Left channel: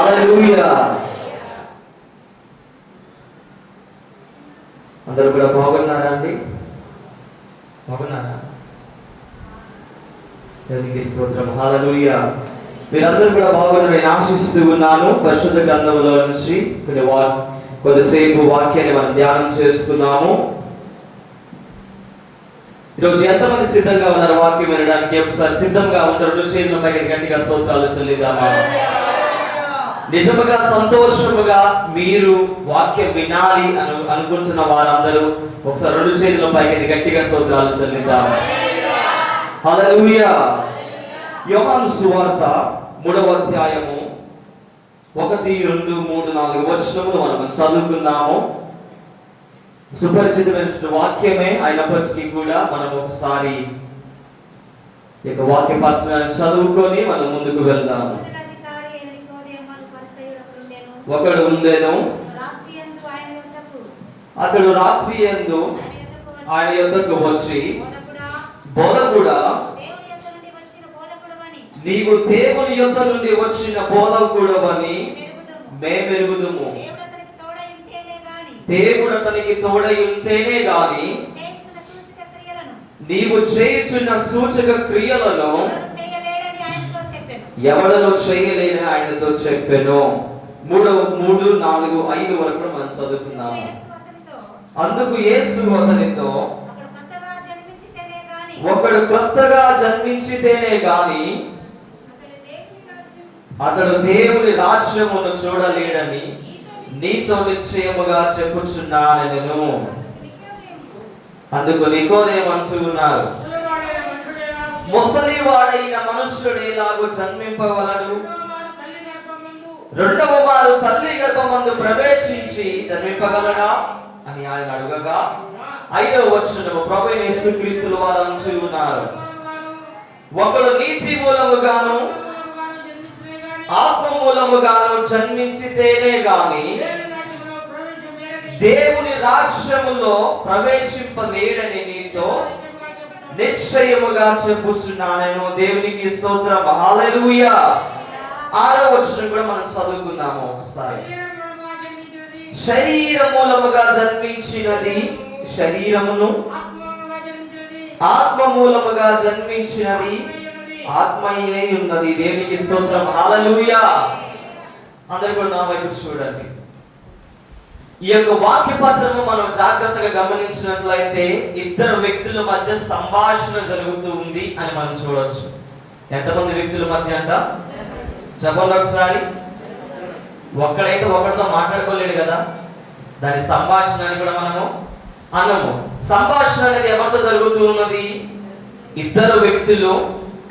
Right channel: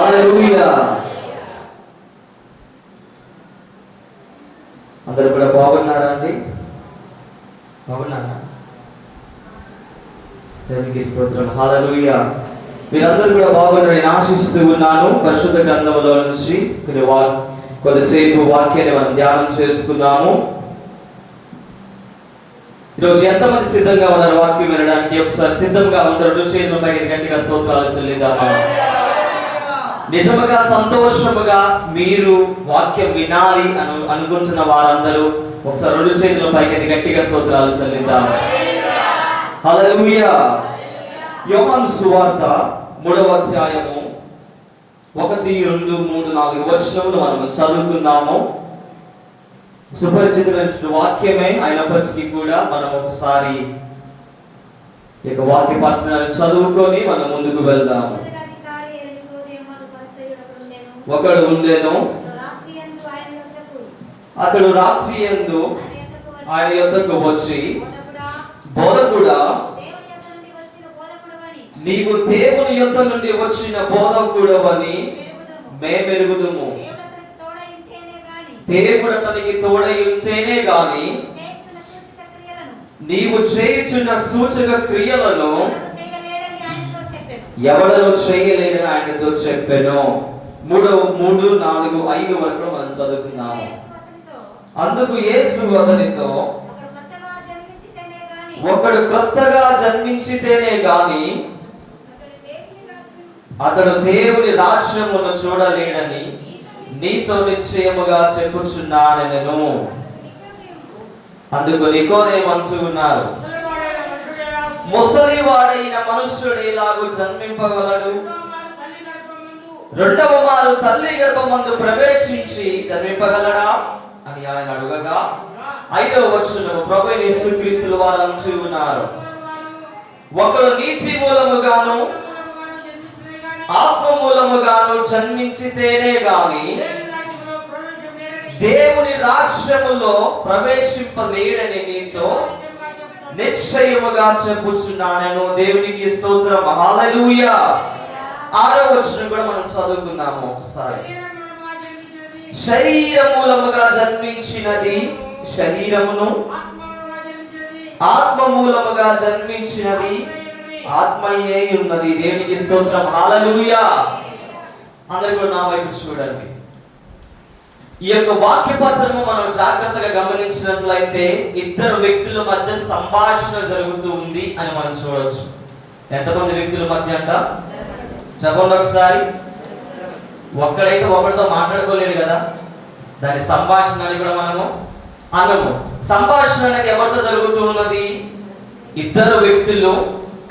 హల్లెలూయా. అందరూ కూడా బాగున్నారా అండి? బాగున్నారా? దేవునికి స్తోత్రం. హల్లెలూయా. మీరందరూ కూడా బాగున్నారని నేను ఆశిస్తూ ఉన్నాను. పరిశుద్ధ గ్రంథంలో నుంచి కొద్దిసేపు వాక్యాన్ని మనం ధ్యానం చేసుకున్నాము. ఈరోజు ఎంతమంది సిద్ధంగా ఉన్నారు వాక్యం వినడానికి? ఒకసారి సిద్ధంగా ఉంటారు. రుచి గట్టిగా స్తోత్రాలు చెల్లిద్దామా? నిజముగా సంతోషముగా మీరు వాక్యం వినాలి అనుకుంటున్న వారందరూ ఒకసారి రెండు చేతుల పైకి గట్టిగా స్తోత్రాలు చెల్లిద్దామా? హల్లెలూయా. యోహాను సువార్త 3వ అధ్యాయము 1, 2, 3, 4 వచనములు మనం చదువుకుందాము. సుపరిచితమైన వాక్యమే అయినప్పటికీ కూడా మనం ఒకసారి ఈ వాక్య పట్టణాన్ని చదువుకొని మనం ముందుకు వెళ్దాము. ఒకడు ఉండెను, అతడు రాత్రి యందు ఆయన యొద్దకు వచ్చి, బోధకుడా, నీవు దేవుని యొద్ద నుండి వచ్చిన బోధకుడవని మేమెరుగుదుము. దేవుడు అతనికి తోడై ఉంటేనే గాని నీవు చేయుచున్న సూచక క్రియలను ఎవడను చేయలేదని ఆయనతో చెప్పెను. 3, 4, 5 వరకు మనం చదువుకున్నాము. అందుకు యేసు అతనితో, ఒకడు క్రొత్తగా జన్మించితేనే గాని అతడు దేవుని రాజ్యమును చూడలేడని నీతో నిశ్చయముగా చెప్పుచున్నానెను. అందుకు నికోదేము అంటూ ఉన్నారు, ముసలివాడైన మనుష్యుడు ఎలాగూ జన్మింపగలడు? రెండవ మారు తల్లి గర్భమందు ప్రవేశించి జన్మింపగలడా అని ఆయన అడగగా 5వ వచనము ప్రభువైన యేసుక్రీస్తు వారు అంటూ ఉన్నారు, ఒకడు నీతి మూలముగాను ఆత్మ మూలముగాను జన్మించితేనే గాని దేవుని రాజ్యములో ప్రవేశింపలేడని నీతో నిశ్చయముగా చెప్పుచున్నాను. దేవునికి స్తోత్రం. హల్లెలూయా. 6వ వచనం కూడా మనం చదువుకుందాము ఒకసారి. శరీర మూలముగా జన్మించినది శరీరమును, ఆత్మ మూలముగా జన్మించినది ఆత్మయే ఉన్నది. దేవునికి స్తోత్రం. హల్లెలూయా. అందరూ కూడా నా వైపు చూడండి. ఈ యొక్క వాక్య పఠనము మనం జాగ్రత్తగా గమనించినట్లయితే ఇద్దరు వ్యక్తుల మధ్య సంభాషణ జరుగుతూ ఉంది అని మనం చూడవచ్చు. ఎంతమంది వ్యక్తుల మధ్య అంట? చెప్పండి ఒకసారి. ఒక్కడైతే ఒకరితో మాట్లాడుకోలేదు కదా, దాని సంభాషణ అని కూడా మనము అనము. సంభాషణ అనేది ఎవరితో జరుగుతూ ఉన్నది? ఇద్దరు వ్యక్తులు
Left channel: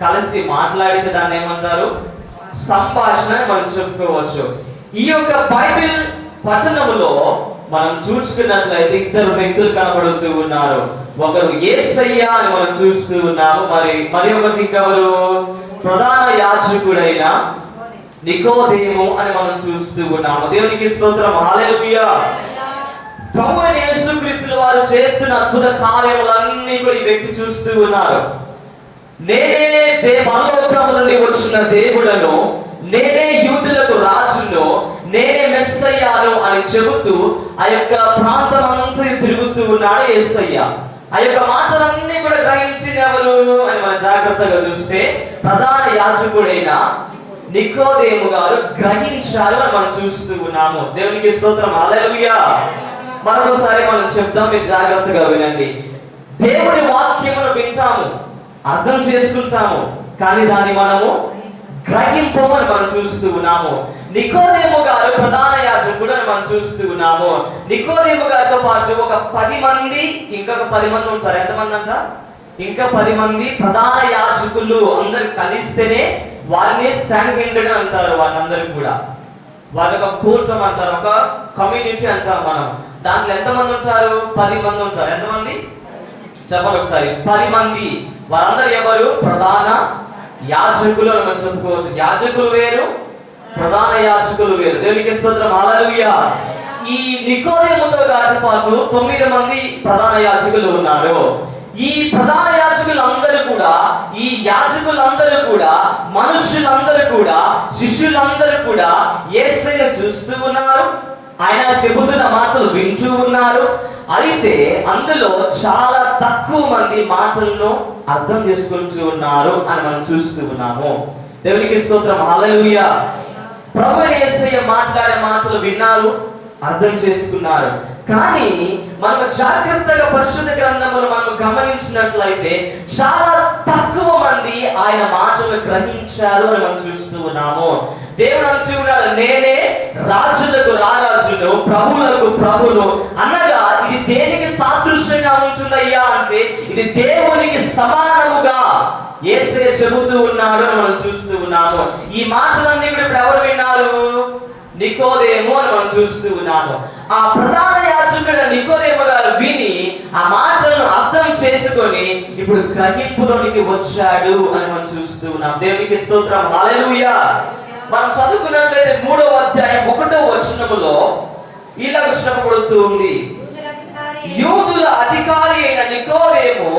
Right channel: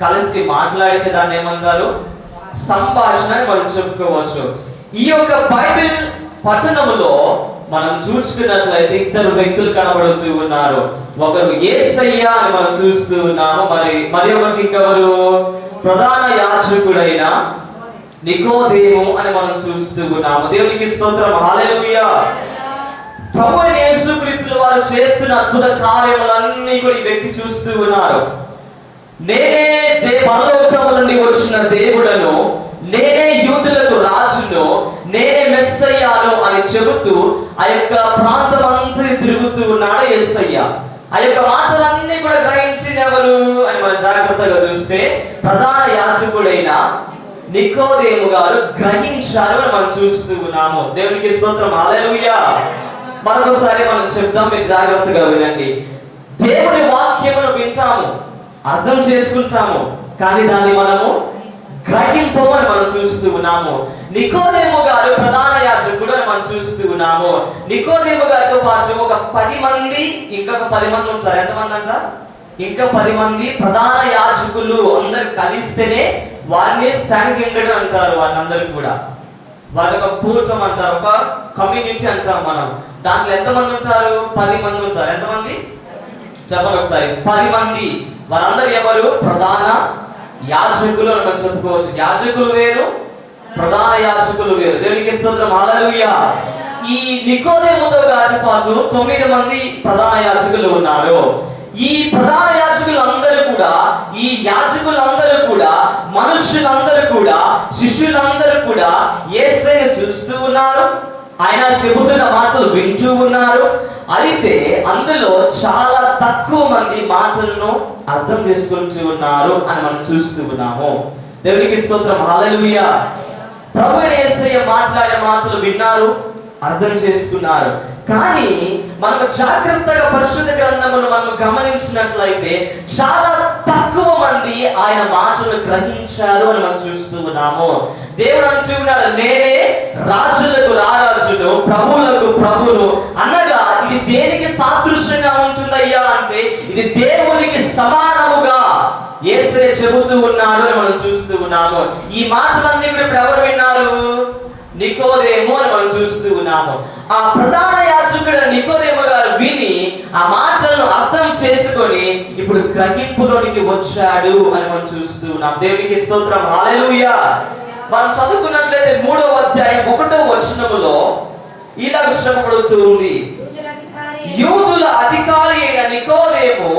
కలిసి మాట్లాడితే దాన్ని ఏమంటారు? సంభాషణ అని మనం చెప్పుకోవచ్చు. ఈ యొక్క బైబిల్ పఠనములో మనం చూసుకున్నట్లయితే ఇద్దరు వ్యక్తులు కనబడుతూ ఉన్నారు. ఒకరు యేసయ్య అని మనం చూస్తూ ఉన్నాము. మరి ఒకటి ఇంకెవరు? ప్రధాన యాజకుడైన నికోదేము అని మనం చూస్తూ ఉన్నాము. దేవునికి స్తోత్రం. హల్లెలూయా. ప్రభువైన యేసుక్రీస్తు వారు చేస్తున్న అద్భుత కార్యములన్నీ కూడా ఈ వ్యక్తి చూస్తూ ఉన్నారు. నేనే పరలోకము నుండి వచ్చిన దేవుడను, నేనే యూదులకు రాజును, నేనే మెస్సయ్యాను అని చెబుతూ ఆ యొక్క ప్రాంతం అంతా తిరుగుతూ ఉన్నాడు యేసయ్య. ఆ యొక్క మాటలన్నీ కూడా గ్రహించింది ఎవరు అని మనం జాగ్రత్తగా చూస్తే ప్రధాన యాజకుడైన నికోదేము గారు గ్రహించారు అని మనం చూస్తూ ఉన్నాము. దేవునికి స్తోత్రం. హల్లెలూయా. మరొకసారి మనం చెప్తాం, మీరు జాగ్రత్తగా వినండి. దేవుని వాక్యమును వింటాము, అర్థం చేసుకుంటాము, కానీ దాన్ని మనము గ్రహింపమని మనం చూస్తూ ఉన్నాము. నికోదేము గారు ప్రధాన యాజకుడు అని మనం చూస్తూ ఉన్నాము. నికోదేము గారితో పాటు ఒక 10 మంది, ఇంకొక 10 మంది ఉంటారు. ఎంతమంది అంట? ఇంకా 10 మంది ప్రధాన యాజకులు అందరు కలిస్తేనే వారిని శాంక్షన్ అంటారు. వారందరూ కూడా వారి ఒక కూటం అంటారు, ఒక కమ్యూనిటీ అంటారు మనం. దాంట్లో ఎంతమంది ఉంటారు? 10 మంది ఉంటారు. ఎంతమంది చెప్పండి ఒకసారి. 10 మంది. వారందరూ ఎవరు? ప్రధాన యాజకులు అని మనం చెప్పుకోవచ్చు. యాజకులు వేరు, ప్రధాన యాజకులు వేరు. దేవునికి స్తోత్రం. హల్లెలూయా. ఈ నికోదేముతో గారి పాటు 9 మంది ప్రధాన యాజకులు ఉన్నారు. ఈ ప్రధాన యాజకులందరూ కూడా, ఈ యాజకులందరూ కూడా, మనుషులందరూ కూడా, శిష్యులందరూ కూడా యేసయ్యను చూస్తూ ఉన్నారు, ఆయన చెబుతున్న మాటలు వింటూ ఉన్నారు. అయితే అందులో చాలా తక్కువ మంది మాటలను అర్థం చేసుకుంటూ ఉన్నారు అని మనం చూస్తూ ఉన్నాము. దేవునికి స్తోత్రం, హల్లెలూయా. ప్రభువైన యేసయ్య మాట్లాడే మాటలు విన్నారు, అర్థం చేసుకున్నారు. కానీ మనకు జాగ్రత్తగా పరిశుద్ధ గ్రంథమును మనం గమనించినట్లయితే చాలా తక్కువ మంది ఆయన మాటలను గ్రహించారు అని మనం చూస్తూ ఉన్నాము. దేవుడు అంటూ ఉన్నాడు, నేనే రాజులకు రారాజును, ప్రభువులకు ప్రభును అనగా ఇది దేనికి సాదృశ్యంగా ఉంటుందయ్యా అంటే ఇది దేవునికి సమానముగా యేసయ్య చెబుతూ ఉన్నాడు అని మనం చూస్తూ ఉన్నాము. ఈ మాటలన్నీ ఇప్పుడు ఎవరు విన్నారు? నికోదేము అని మనం చూస్తూ ఉన్నాము. ఆ ప్రధాన యాజకుడైన నికోదేము గారు విని ఆ మాటలను అర్థం చేసుకొని ఇప్పుడు గ్రహింపులోనికి వచ్చాడు అని మనం చూస్తూ ఉన్నాం. దేవునికి స్తోత్రం, హల్లెలూయా. మనం చదువుకున్నట్లయితే 3వ అధ్యాయం 1వ వచనములో ఇలా చెప్పబడుతూ ఉంది, యూదుల అధికారి అయిన నికోదేము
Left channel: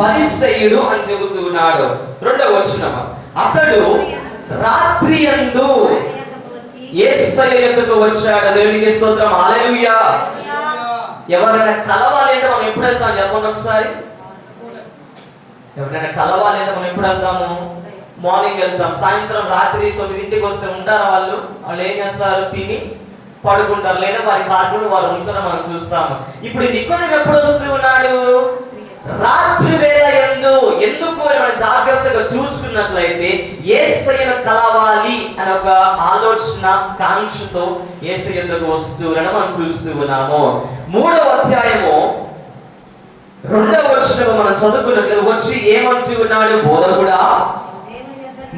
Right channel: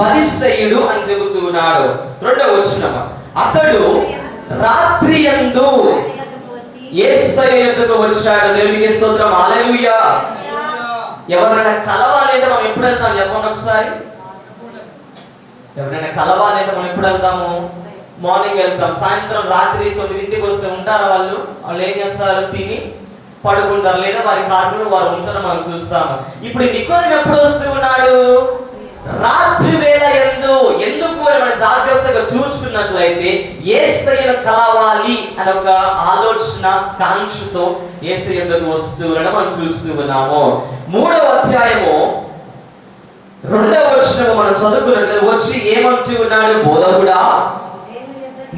పరిసయ్యుడు అని చెబుతూ ఉన్నాడు. 2వ వచనం, అతడు రాత్రియందు యేసయ్య యొద్దకు వచ్చాడు. దేవునికి స్తోత్రం, హల్లెలూయా. ఎవరైనా కలవాలంటే మనం ఎప్పుడు వెళ్తాం చెప్పండి ఒకసారి. ఎవరైనా కలవాలంటే మనం ఎప్పుడు వెళ్తాము? మార్నింగ్ వెళ్తాం. సాయంత్రం రాత్రి 9ంటికి వస్తే ఉంటారు వాళ్ళు. వాళ్ళు ఏం చేస్తారు? తిని పడుకుంటారు, లేదా వారి కార్డులు వారు ఉంచడం మనం చూస్తాము. ఇప్పుడు నికోదేము ఎప్పుడు వస్తూ ఉన్నాడు? రాత్రి వేళ ఎందుకు అని మనం జాగ్రత్తగా చూసుకున్నట్లయితే యేసయ్యను కలవాలి అని ఒక ఆలోచన, కాంక్షతో యేసయ్య యొద్దకు వస్తూ మనం చూస్తూ ఉన్నాము. 3వ అధ్యాయము 2వ వచనం మనం చదువుకున్నట్లయితే వచ్చి ఏమంటూ ఉన్నాడు? బోధకుడా,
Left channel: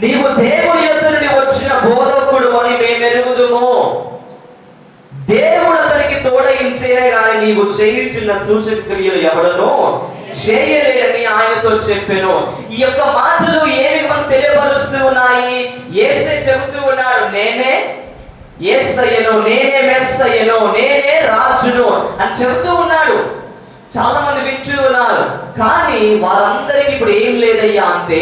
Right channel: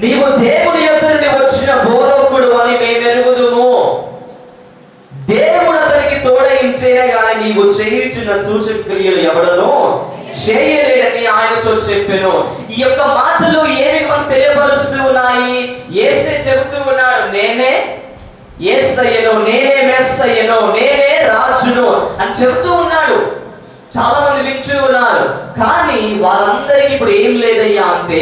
నీవు దేవుని యొద్ద నుండి వచ్చిన బోధకుడు అని మేము ఎరుగుదుము. దేవుడు అతనికి తోడైంటే గాని నీవు చేయుచున్న సూచక క్రియలు ఎవడనో చేయలేడని ఆయనతో చెప్పాను. ఈ యొక్క మాటలు ఏమి మనకు తెలియపరుస్తూ ఉన్నాయి? యేసయ్య చెబుతూ ఉన్నాడు, నేనే యేసయ్యను, నేనే మెస్సయ్యను, నేనే రాజును అని చెబుతూ ఉన్నాడు. చాలా మంది వింటూ ఉన్నారు, కానీ వారందరికీ ఇప్పుడు ఏం లేదయ్యా అంటే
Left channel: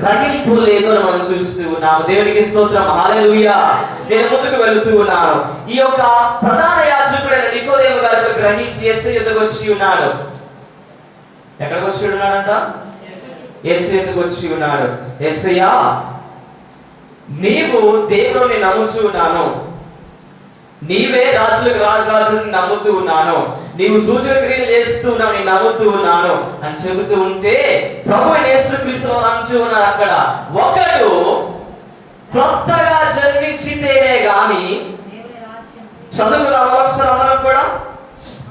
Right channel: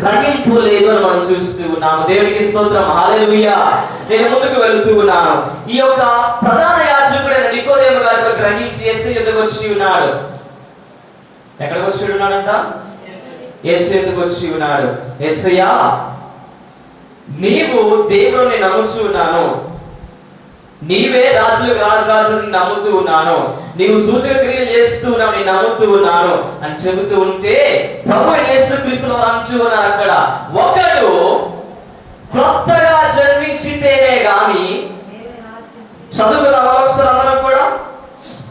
గ్రహింపు లేదు అని మనం చూస్తూ ఉన్నాము. దేవునికి స్తోత్రం, హల్లెలూయా. నేను ముందుకు వెళుతూ ఉన్నాను. ఈ యొక్క ప్రధాన యాజకుడైన నికోదేము గారు గ్రహించి యేసయ్య యొద్దకు వచ్చి ఉన్నాడు. ఎక్కడికి వచ్చి ఉన్నాడంట? యేసయ్య యొద్దకు వచ్చి ఉన్నాడు. యేసయ్యా, నీవు దేవుని నమ్ముతూ ఉన్నాను, నీవే రాజులకు రాజుని నమ్ముతూ ఉన్నాను, నీవు సూచక క్రియలు చేస్తూ ఉన్నావు, నేను నమ్ముతూ ఉన్నాను అని చెబుతూ ఉంటే ప్రభువు యేసుక్రీస్తు వారు అంటూ ఉన్నారు అక్కడ, ఒకడు క్రొత్తగా జన్మించితేనే గాని, చదువుకుందాం ఒకసారి అందరం కూడా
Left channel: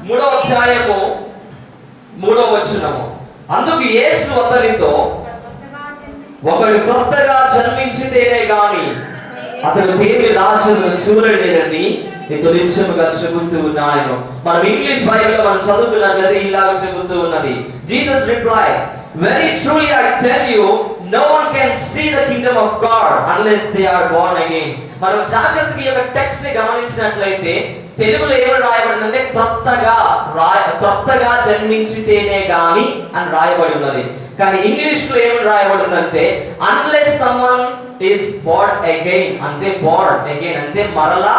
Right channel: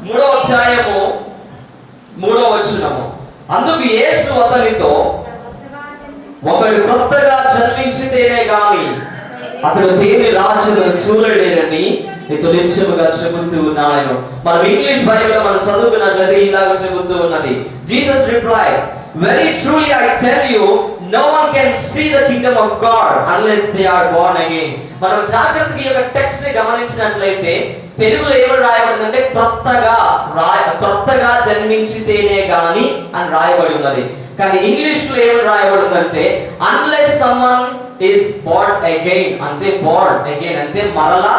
3వ అధ్యాయము 3వ వచనము, అందుకు యేసు అతనితో, ఒకడు క్రొత్తగా జన్మించితేనే గాని అతడు దేవుని రాజ్యమును చూడలేడని నీతో నిశ్చయముగా చెబుతూ ఉన్నాను. మనం ఇంగ్లీష్ బైబిల్ మనం చదువుకున్నట్లయితే ఇలాగ చెబుతూ ఉన్నది, Jesus reply, very truly I tell you, no one can see the kingdom of God unless they are born again. మనం జాగ్రత్తగా ఈ యొక్క టెక్స్ట్ ని గమనించినట్లయితే తెలుగులో ఏమని రాయబడిందంటే క్రొత్తగా జన్మించితేనే గాని అని రాయబడి ఉన్నది. కానీ ఇంగ్లీష్ లో ఏమని రాయబడిందంటే unless someone is born again, అంటే born again అంటే మరలా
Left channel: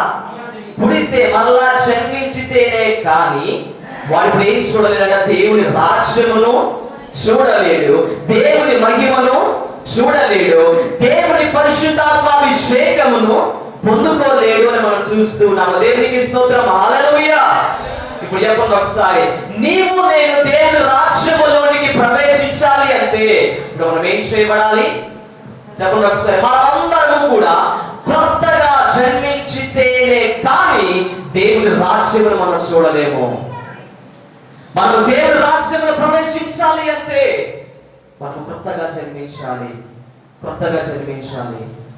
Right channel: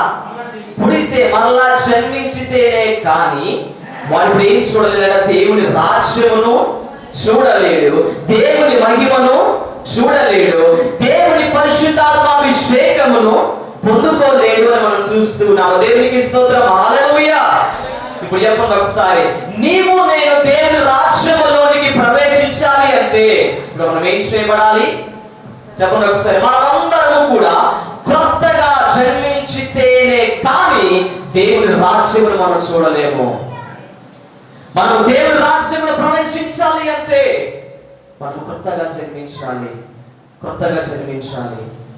పుడితే, మరలా జన్మించితేనే కానీ వాడు ఏం చూడలేట? దేవుని రాజ్యమును చూడలేడు, దేవుని మహిమను చూడలేడు, దేవుని పరిశుద్ధాత్మాభిషేకమును పొందుకోలేడు అని మనం చూస్తూ ఉన్నాము. దేవునికి స్తోత్రం, హల్లెలూయా. ఇప్పుడు చెప్పండి ఒకసారి, నీవు నేను దేవుని రాజ్యములోనికి ప్రవేశించాలి అంటే ఇప్పుడు మనం ఏం చేయబడాలి? చెప్పండి ఒకసారి. మనమందరము కూడా క్రొత్తగా జన్మించితేనే కానీ దేవుని రాజ్యమును మనం చూడలేము. మనం దేవుని రాజ్యములో ప్రవేశించాలి అంటే మనం క్రొత్తగా జన్మించాలి.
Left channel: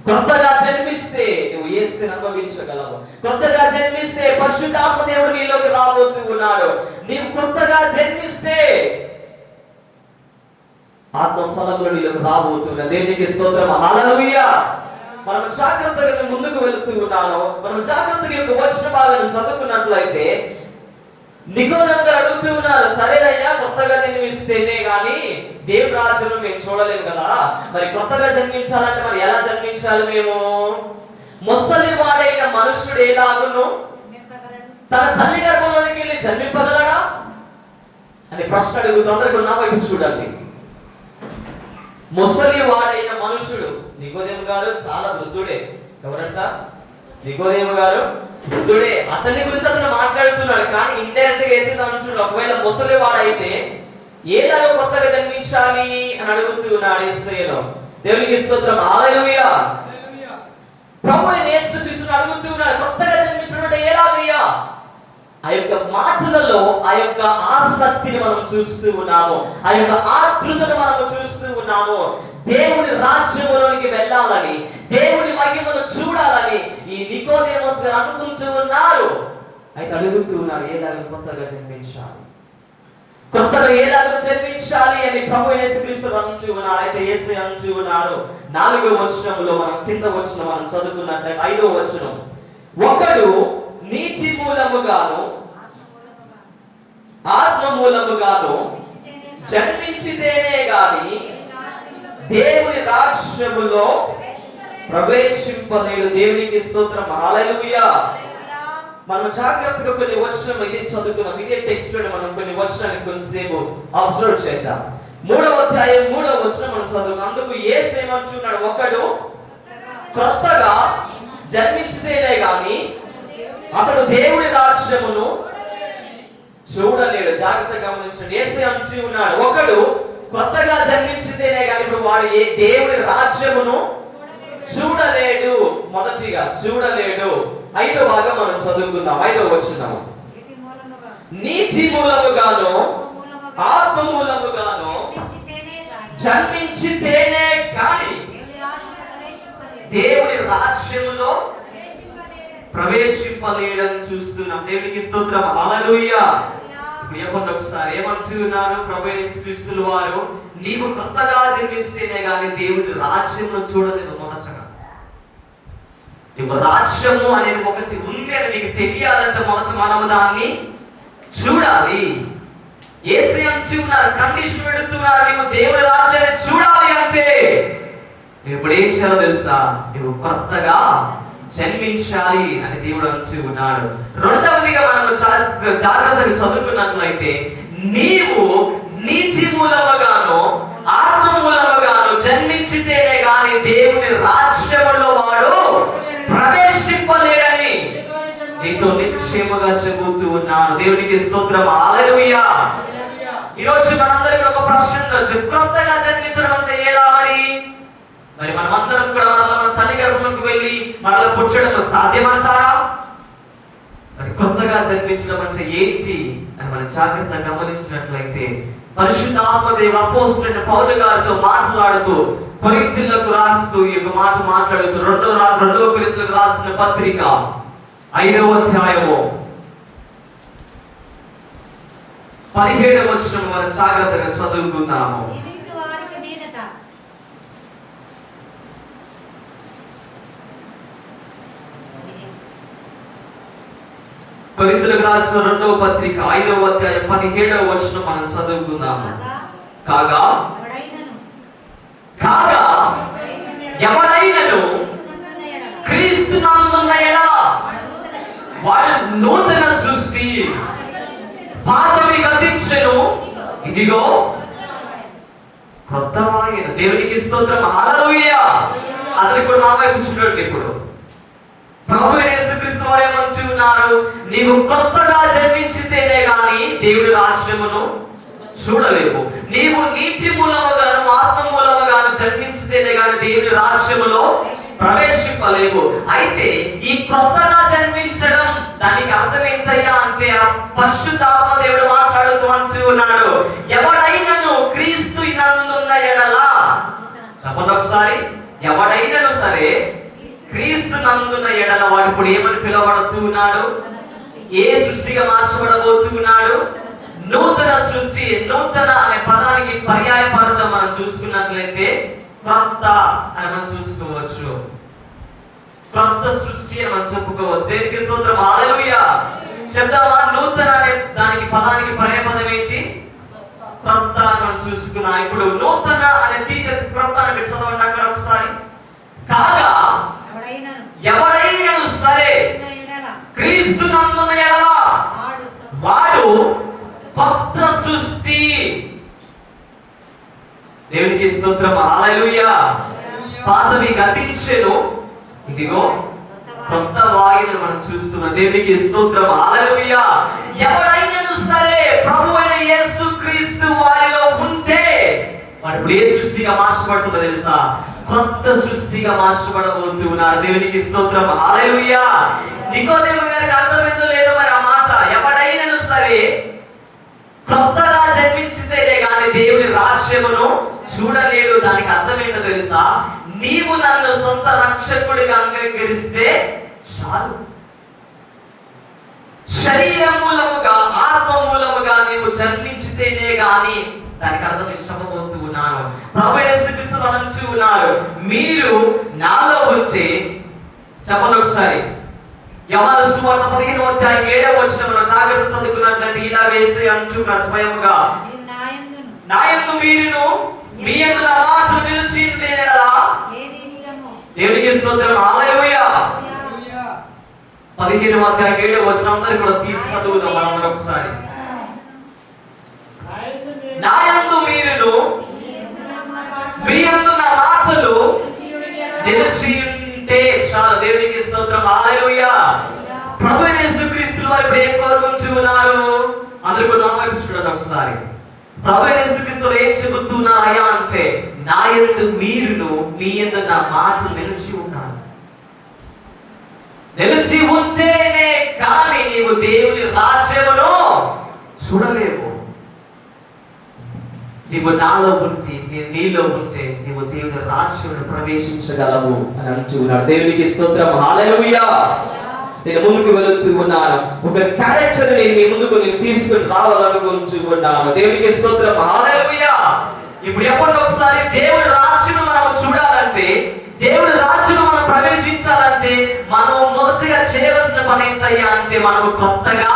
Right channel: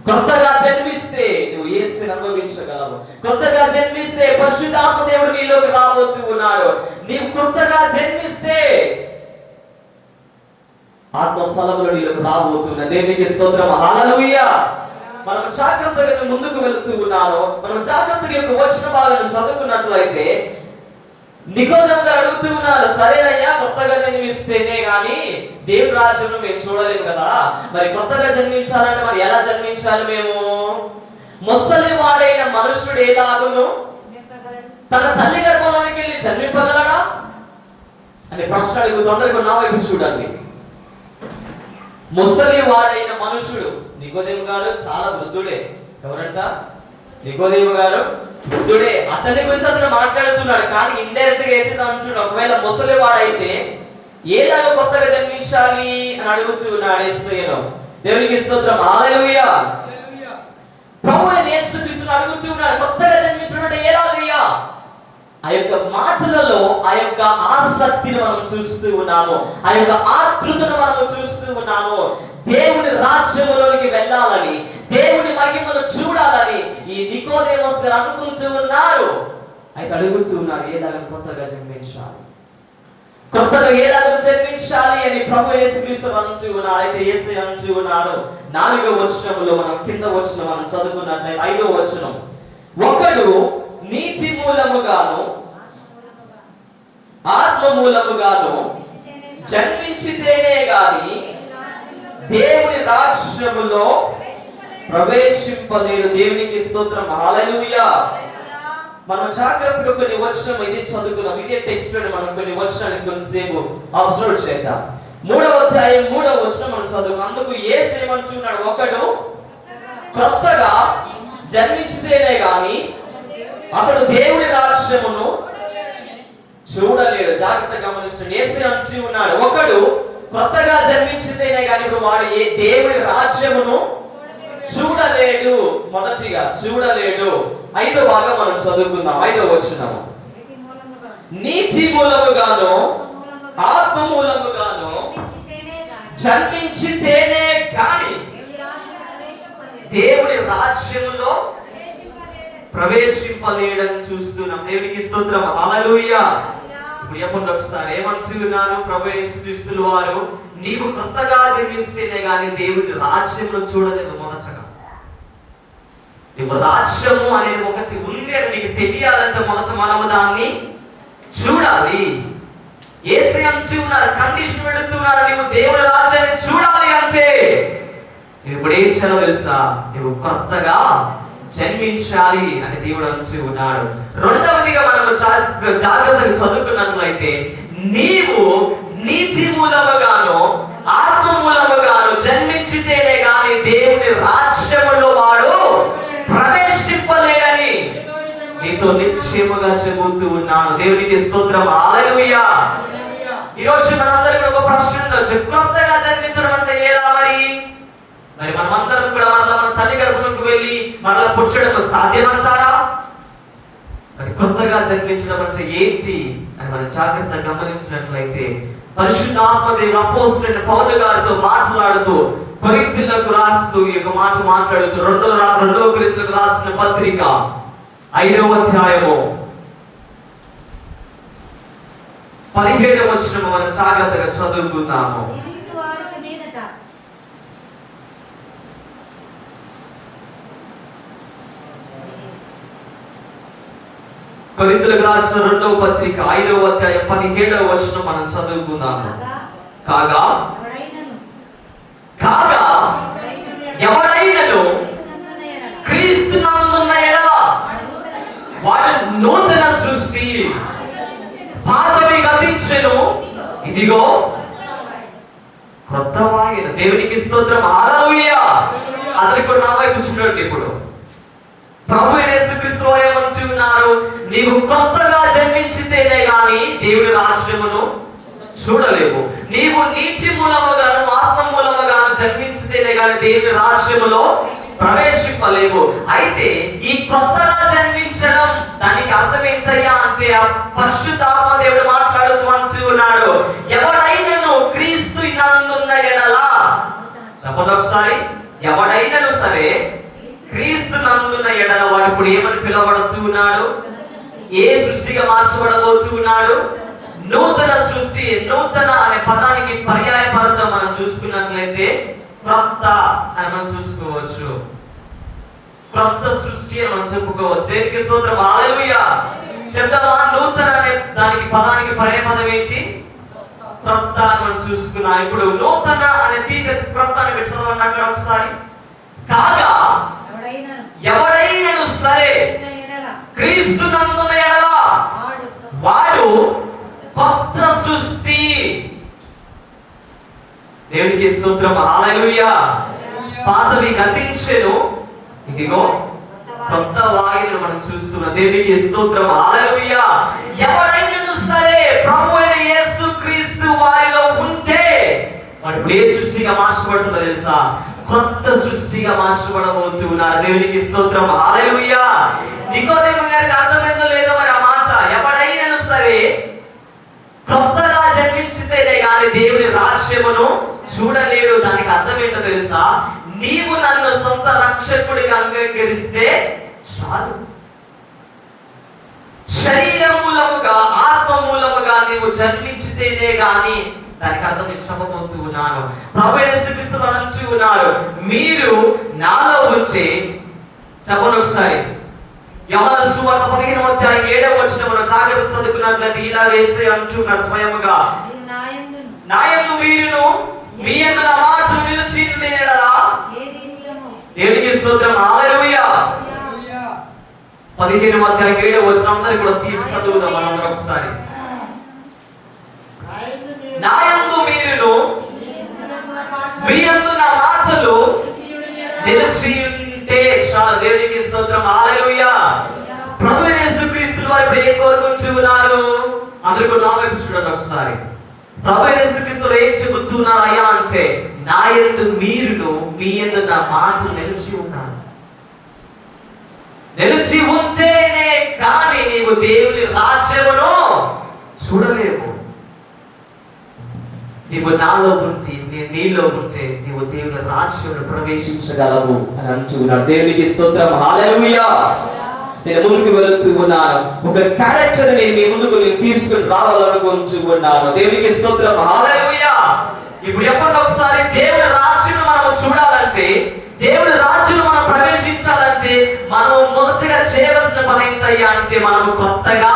క్రొత్తగా జన్మిస్తే నువ్వు యేసుని అనుభవించగలవు. క్రొత్తగా జన్మిస్తే పరిశుద్ధాత్మ దేవుడు నీలోకి రాబోతూ ఉన్నాడు. నీవు క్రొత్తగా జన్మిస్తే ఆత్మ ఫలములు నీలోకి రాబోతున్నా. దేవునికి స్తోత్రం, హల్లెలూయా. మనం జాగ్రత్తగా ముందుకు వెళుతూ ఉన్నాను. మనం జాగ్రత్తగా యొక్క వచన భాగాలను చదువుకున్నట్లయితే నికోదేము గారు అడుగుతూ ఉన్నారు, సరేనయ్యా కొత్తగా జన్మిస్తేనే గాని దేవుడి రాజ్యంలో మేము చూడలేము కదా, మరి కొత్తగా జన్మించాలంటే మరి ఎలా జన్మించాలి మేము? ముసలి వాడైన మనుషుడు ఎలాగును తన తల్లి గర్భంలోనికి వెళ్ళి జన్మింపగలడా అని ప్రశ్న అడుగుతూ అందరికీ నా వైపు చూడండి. ముసలి వాడైన మనుషుడు నికోదేము గారు చాలా వృద్ధుడే. ఎవరంట? నికోదేము గారు వృద్ధుడే. అతని గురించి అతను మాట్లాడుతున్నాడు, కానీ ఇండైరెక్ట్ గా వేసేది అంటున్నాడు, ఒకవేళ ముసలి వాడైతే ఏలాగా కొత్తగా జన్మించాలి అని అడుగుతున్నాడు యేసయ్యను. దేవునికి స్తోత్రం, హల్లెలూయా. ప్రభువైన యేసుక్రీస్తును అడుగుతున్నాడు, కొత్తగా జన్మించడం అంటే ఎలాగయ్యా? ఆ యొక్క మాటలలో ఆ యొక్క ఆసక్తిని మనం చూస్తూ ఉన్నాము, ఆ యొక్క ఆతృతను మనం చూస్తూ ఉన్నాము. దేవుని రాజ్యములోనికి వెళ్ళాలని, దేవుని మహిమను చూడాలని ఈ నికోదేమస్ గారు అనుకుంటూ ఉన్నారు. అయితే అడుగుతూ ఉన్నారు, ఏలాగా కొత్తగా జన్మించాలి, కొత్తగా ఏలాగా జన్మించాలి అని ప్రభు యేసుక్రీస్తు అంటూ ఉన్నారు. అయితే యేసు అంటూ ఉన్నారు 4వ వచనంలో, మనం కింద వచనం మనం చదువుకున్నట్లయితే 5వ వచనం, ఒకడు నీటి మూలముగాను ఆత్మ మూలముగాను జన్మించితేనే గాని దేవుని రాజ్యములో ప్రవేశింపలేడు. దేవునికి స్తోత్రం, హల్లెలూయా. మనం జాగ్రత్తగా కొన్ని వచనం ఇది చదువుకున్నాం, ఇదే టెక్స్ట్ లో మనం కొన్ని వచనాలు కొంచెంసేపు అబ్జర్వ్ చేద్దాం. 3వ అధ్యాయం 3వ వచనం మనం చదువుకున్నాం. అందుకు యేసు ఏమంటున్నాడు, ఒకడు కొత్తగా జన్మించితేనే గాని అతడు దేవుని రాజ్యమును చూడలేడు. జాగ్రత్తగా గమనించండి, యేసు అంటూ ఉన్నాడు, ఒకడు కొత్తగా జన్మించితేనే గాని ఇప్పుడు వాడు దేవుని రాజ్యమును చూడలేడు. మొదటిగా చూడలేడు. 5వ భాగం మనం చదువుకుందాం. 5వ వచనం, నీటి మూలముగాను ఆత్మ మూలముగాను జన్మించితేనే గాని దేవుని రాజ్యములో ప్రవేశింపలేడని చూస్తున్నాం. దేవునికి స్తోత్రం, హల్లెలూయా. చెప్పండి ఒకసారి, ఏమంటున్నాను? ప్రభు యేసుక్రీస్తు వారు, నీవు కొత్తగా జన్మిస్తేనే గాని దేవుని రాజ్యంలో చూడలేదు. మొదటగా రాజ్యము అనేది ఒకటి ఉంది అని నీకు తెలియాలంటే మొదట మనము దాన్ని చూడాలి. యేసు అంటున్నారు, కండిషన్ పెడుతున్నారు, నీవు దేవుని రాజ్యాన్ని చూడాలి అంటే ఇప్పుడు ఏం చేయాలో తెలుసా? నువ్వు కొత్తగా జన్మించాలి అని దేవుడు అంటూ ఉన్నాడు. రెండవదిగా మనము జాగ్రత్తగా చదువుకున్నట్లయితే, నీవు నీటి మూలముగాను ఆత్మ మూలముగాను జన్మించితేనే గాని దేవుని రాజ్యములో వాడు ప్రవేశింపలేడని నీతో నిశ్చయముగా చెబుతూ ఉన్నాను. దేవునికి స్తోత్రం, హల్లెలూయా. ఈరోజు మనందరికీ ఒక ప్రశ్న ఉండొచ్చు, కొత్తగా జన్మించడం అంటే ఎలా? మరి మనమందరం కూడా మన తల్లి గర్భంలోకి వెళ్ళి మనల్ని పుట్టడం సాధ్యమంటారా? మరి కొత్తగా జన్మించడం అంటే ఏంటి అని మనం జాగ్రత్తగా గమనించినట్లయితే, పరిశుద్ధాత్మ దేవుడు అపోస్తలుడైన పౌలు గారితో మాట్లాడుతూ కొరింథీయులకు రాస్తూ ఈ యొక్క మాట మాట్లాడుతూ 2వ కొరింథీయులకు రాసిన పత్రిక 5వ అధ్యాయము 17వ వచనం మనం జాగ్రత్తగా చదువుకుందాము. కొరింథీయులకు రాసిన 2వ పత్రిక 5వ అధ్యాయం 17వ వచనం మనం చదువుకుందాము. కాగా ఎవడైనను క్రీస్తునందున్న ఎడల వాడు నూతన సృష్టి, పాతవి గతించెను, ఇదిగో క్రొత్తవాయెను. దేవునికి స్తోత్రం, హల్లెలూయా. అతనికి కూడా నా వైపు చూడండి. ఇప్పుడు ప్రభు యేసుక్రీస్తు వారు ఏమంటున్నారు? నీవు కొత్తగా జన్మించితేనే గాని దేవుని రాజ్యమును చూడలేవు. నీవు నీటి మూలముగాను ఆత్మ మూలముగాను జన్మించితేనే గాని దేవుని రాజ్యములో ప్రవేశింపలేవు. అయితే ఈ కొత్తగా జన్మించడం దానికి అర్థం ఏంటయ్యా అంటే, పరిశుద్ధాత్మ దేవుడు మాట్లాడుతూ అంటూ ఉన్నాడు, ఎవడైనను క్రీస్తు నందున్న ఎడల, చెప్పండి ఒకసారి, ఎవడైనను సరే క్రీస్తు నందున్న ఎడల వాడు ఇప్పుడు ఏమని పిలవబడుతూ ఉన్నాడు? ఏ సృష్టిగా మార్చబడబోతూ ఉన్నాడు? నూతన సృష్టి. నూతన అనే పదానికి పర్యాయ పదం మనం చూసుకున్నట్లయితే క్రొత్త అని మనం చూసుకోవచ్చు. క్రొత్త సృష్టి అని మనం చెప్పుకోవచ్చు. దేవునికి స్తోత్రం, హల్లెలూయా. చెప్తామా? నూతన అనే దానికి పదానికి పర్యాయపదం ఏంటి? క్రొత్త అని మనం చూసుకున్నాం. ఇప్పుడు నూతన అనే తీసేసి క్రొత్త అని పెట్టి చదవండి అక్కడ ఒకసారి. కాగా ఎవడైనను సరే క్రీస్తునందున్న ఎడల వాడు కొత్త సృష్టి. దేవునికి స్తోత్రం. హల్లెలూయా. పాతవి గతించెను, ఇదిగో కొత్త వాయువును మనం చూస్తున్నాం. దేవునికి స్తోత్రం. హల్లెలూయా. ఎవడైనను సరే ప్రభు అయిన యేసుక్రీస్తు వారిలో ఉంటే వాడు ఏ సృష్టిగా మార్చబడుతుందో తెలుసా? కొత్త సృష్టిగా మార్చబడబోతున్నారు. దేవునికి స్తోత్రం. హల్లెలూయా. నికోదేము గారికి అర్థమైందో లేదో మరి ఆ మాట, ఎవడైనను సరే కొత్తగా జన్మించితేనే కానీ దేవుని రాజ్యమును చూడలేడు. దానికి అర్థం ఏంటో తెలుసా? నీవు నన్ను సొంత రక్షకుడిగా అంగీకరిస్తే చాలు. శరీర మూలముగా ఆత్మ మూలముగా నీవు జన్మించితేనే గాని దానికి అర్థం చెప్పబోతూ ఉన్నాను. ప్రభువు యేసుక్రీస్తు అంటూ ఉన్నారు, మీరు నాలో ఉంటే, చెప్పండి ఒకసారి, యోహాను సువార్త 15వ అధ్యాయం 7వ వచనం మనం జాగ్రత్త చదువుకున్నట్లయితే ఇలా వేసి అంటున్నారు స్వయముగా, నా యందు మీరును మీ యందు నా మాట నిలిచి ఉంటే ఎడల దేవునికి స్తోత్రం. హల్లెలూయా. 15వ అధ్యాయం 7వ వచనం అందరూ కూడా తీసి చదువుదాం మనం ఒకసారి. నా యందు మీరును మీ యందు నా మాటలు నిలిచి ఉంటే చాలు. దేవునికి స్తోత్రం. హల్లెలూయా. ప్రభువు యేసుక్రీస్తు వారు ఏం కోరుకుంటున్నారు? అందరూ కూడా నా వైపు చూడండి ఒకసారి. ప్రభువు యేసుక్రీస్తు ఏం చెబుతున్నారు అయ్యా అంటే, నా యందు మీరును మీ యందు నా మాటలు నిలిచి ఉండాలి. నిలిచి ఉంటేనే కానీ నీవు దేవుని రాజ్యమును చూడలేవు. నీవు నాలో ఉంటే, నేను నీలో ఉంటే నీవు దేవుని రాజ్యమును ప్రవేశించగలవు అని అంటున్నాడు. దేవునికి స్తోత్రం. హల్లెలూయా. నేను ముందుకు వెళుతూ ఉన్నాను. ఒక క్యారెక్టర్ ని మీ ముందుకు నేను తీసుకుని రావాలనుకుంటూ ఉన్నాను. దేవునికి స్తోత్రం. హల్లెలూయా. ఇప్పుడు ఎప్పుడు ఒకసారి దేవుని రాజ్యం మనం చూడాలంటే, దేవుని రాజ్యం మనం ప్రవేశించాలంటే మనం మొదటిగా చేయవలసిన పని ఏంటయ్యా అంటే, మనం కొత్తగా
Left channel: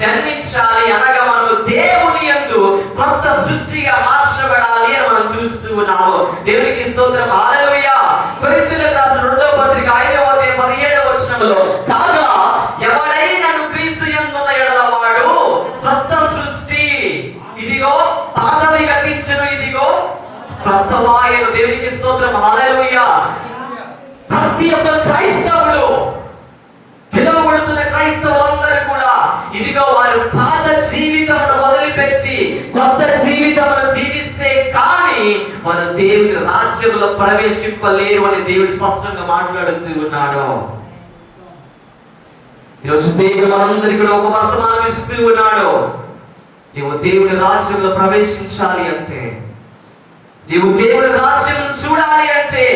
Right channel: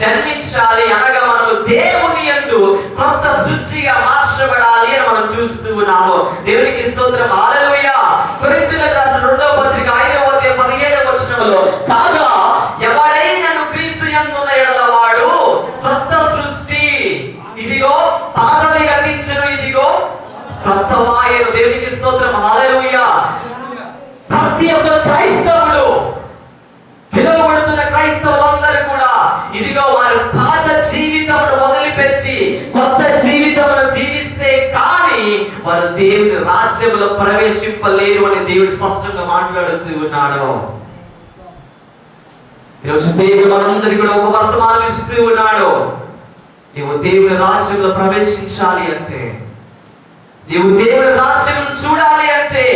జన్మించాలి. అనగా మనము దేవుని యందు కొత్త సృష్టిగా మార్చబడాలి అని మనం చూస్తూ ఉన్నాము. దేవునికి స్తోత్రం. హల్లెలూయా. కొరింథీయులకు రాసిన 2వ పత్రిక 5వ అధ్యాయం 17వ వచనంలో, కాగా ఎవడైనను క్రీస్తు యందున్న ఎడల వాడు కొత్త సృష్టి, ఇదిగో పాతవి గతించెను, ఇదిగో కొత్త వాయువు. దేవునికి స్తోత్రం. హల్లెలూయా. ప్రతి ఒక్క క్రైస్తవుడు, పిలువబడుతున్న క్రైస్తవులందరూ కూడా ఇదిగో వారు పాత జీవితమును మొదలుపెట్టి కొత్త జీవితమును జీవిస్తే కానీ వారు దేవుని రాజ్యములో ప్రవేశింపలేరు అని దేవుడు స్పష్టంగా మాట్లాడుతూ ఉన్నాడు. ఈరోజు దేవుడు మనందరికీ కూడా ఒక వర్తమానం ఇస్తూ ఉన్నాడు. నీవు దేవుని రాజ్యంలో ప్రవేశించాలి అంటే, నీవు దేవుని రాజ్యం చూడాలి అంటే,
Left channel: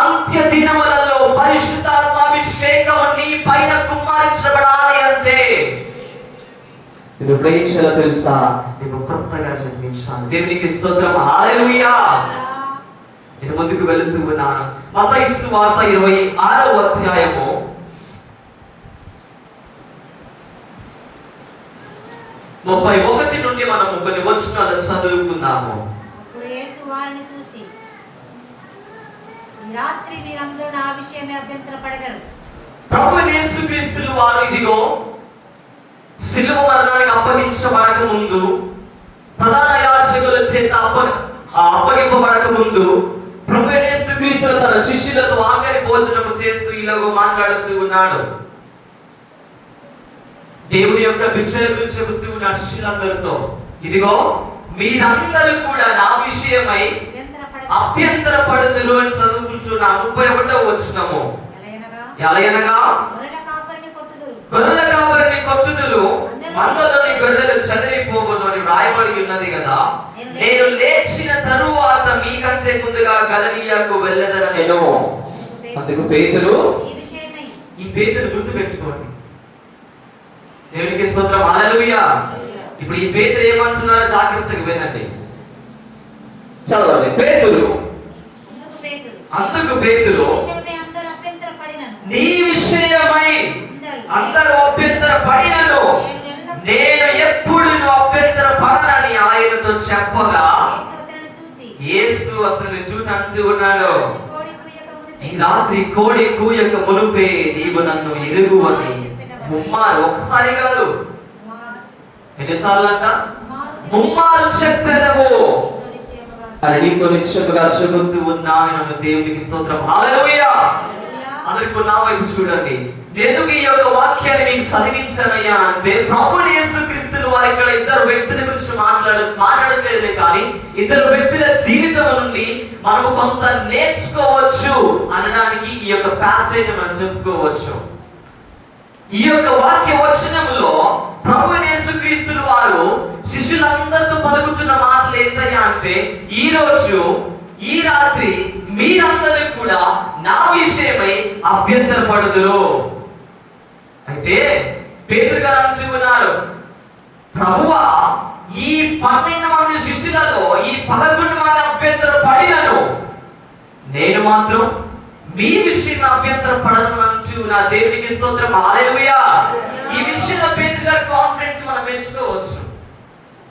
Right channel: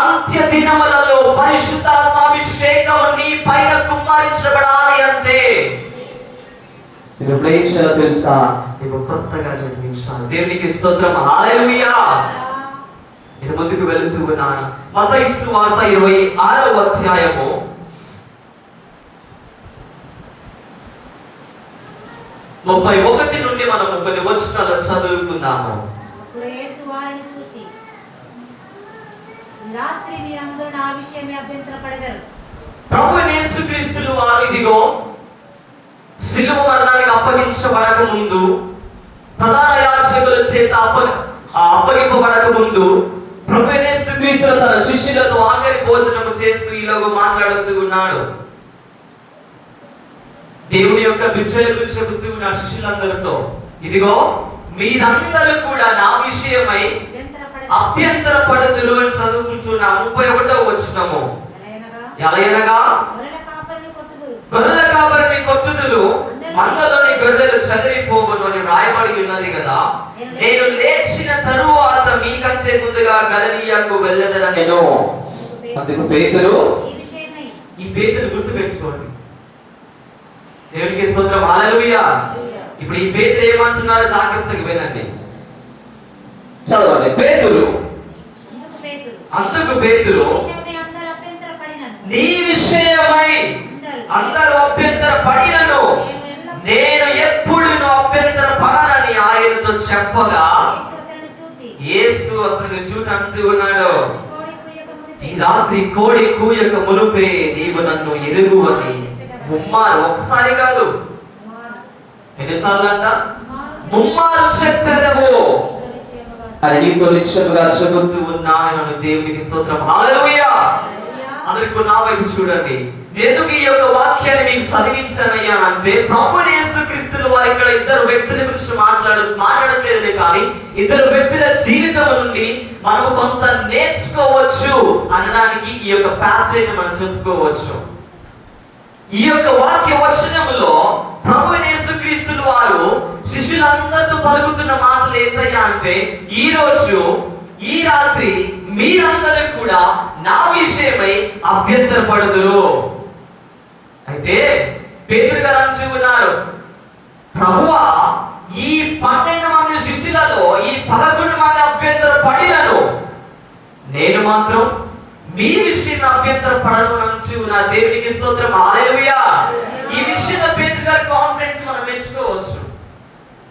అంత్య దినములలో పరిశుద్ధాత్మ అభిషేకం నీ పైన కుమ్మరించబడాలి అంటే నువ్వు ఏం చేయాలో తెలుసా? నీవు కొత్తగా జన్మించాలి. దేవునికి స్తోత్రం. హల్లెలూయా. నేను ముందుకు వెళుతూ ఉన్నాను. మత్తయి సువార్త 26వ అధ్యాయము 31 నుండి మనం కొన్ని వచనాలు చదువుకుందాము. ప్రభు యేసుక్రీస్తు వారు ఇదిగో సిలువ మరణానికి అప్పగించబడక ముందు, ప్రధాన యాజకుల చేత అప్పగింపబడక ముందు ప్రభు యేసుక్రీస్తు తన శిష్యులతో ఆఖరి భోజనం చేస్తూ ఇలాగ మాట్లాడుతూ ఉన్నాడు. దేవుని యొక్క బిడ్డలకు చెబుతూ నా శిష్యులందరితో, ఇదిగో మీరందరూ కూడా నా విషయమై అభ్యంతరపడుదురు అని చదువుకుంటున్నా. 31వ వచనము, ఎలయనగా గొర్రెల కాపరిని కొట్టుదురు, మందలోని గొర్రెలు చెదిరిపోవును అని రాయబడి ఉన్నది కదా. నేను లేచిన తరువాత మీకంటే ముందుగా గలిలయకు వెళ్ళదన నేను. అందుకు పేతురు, ఈ పేతురు గుర్తు పెట్టుకోండి. దేవునికి స్తోత్రం. హల్లెలూయా. ఇప్పుడు ఈ పేతురు ఏమంటున్నారో జాగ్రత్తగా వినండి, చదవండి. పేతురు, అందుకు పేతురు, నీ విషయమై అందరూ అభ్యంతర పడినను నేను ఎప్పుడు అభ్యంతర పడనని ఆయనతో చెప్పగా యేసు అతన్ని చూసి అంటూ ఉన్నాడు, ఈ రాత్రి కోడి కూయక మునుపే నీవు నన్ను ఎరుగువని ముమ్మారు, ఒకసారి కాదు ఎన్నిసార్లు అంట, ముమ్మారు చెప్పెదవు అని నీతో నిశ్చయముగా చెబుతూ ఉన్నాను. దేవునికి స్తోత్రం, హల్లెలూయా. అందరికీ నా వైపు చూడండి. ఎందుకు ఈ యొక్క వాక్యాన్ని నేను చదివించానయ్యా అంటే, ప్రభువైన యేసుక్రీస్తు వారు ఇక్కడ ఇద్దరు వ్యక్తుల గురించి మాట్లాడట్లేదు, కానీ ఇద్దరు వ్యక్తుల జీవితం నుండి మనము కొంత నేర్చుకోవచ్చు అనడానికి ఈ యొక్క ప్యాసేజ్ మనం చెప్పుకోవచ్చు. ఈ యొక్క వాక్య వచనంలో ప్రభువైన యేసుక్రీస్తు వారు శిష్యులందరితో పలుకుతున్న మాటలు ఏంటయ్యా అంటే, ఈ రోజు ఈ రాత్రి మీరందరూ కూడా నా విషయమై అభ్యంతరపడదురు. అయితే పేతురు గారు అంటూ ఉన్నారు, ప్రభువా ఈ 12 మంది శిష్యులలో ఈ 11 మంది అభ్యంతరపడినను నేను మాత్రం మీ విషయంలో అభ్యంతరపడను అంటూ నా దేవునికి స్తోత్రం, హల్లెలూయా. ఈ విషయంలో పేతురు గారి కాన్ఫిడెన్స్ మనం మెచ్చుకోవచ్చు.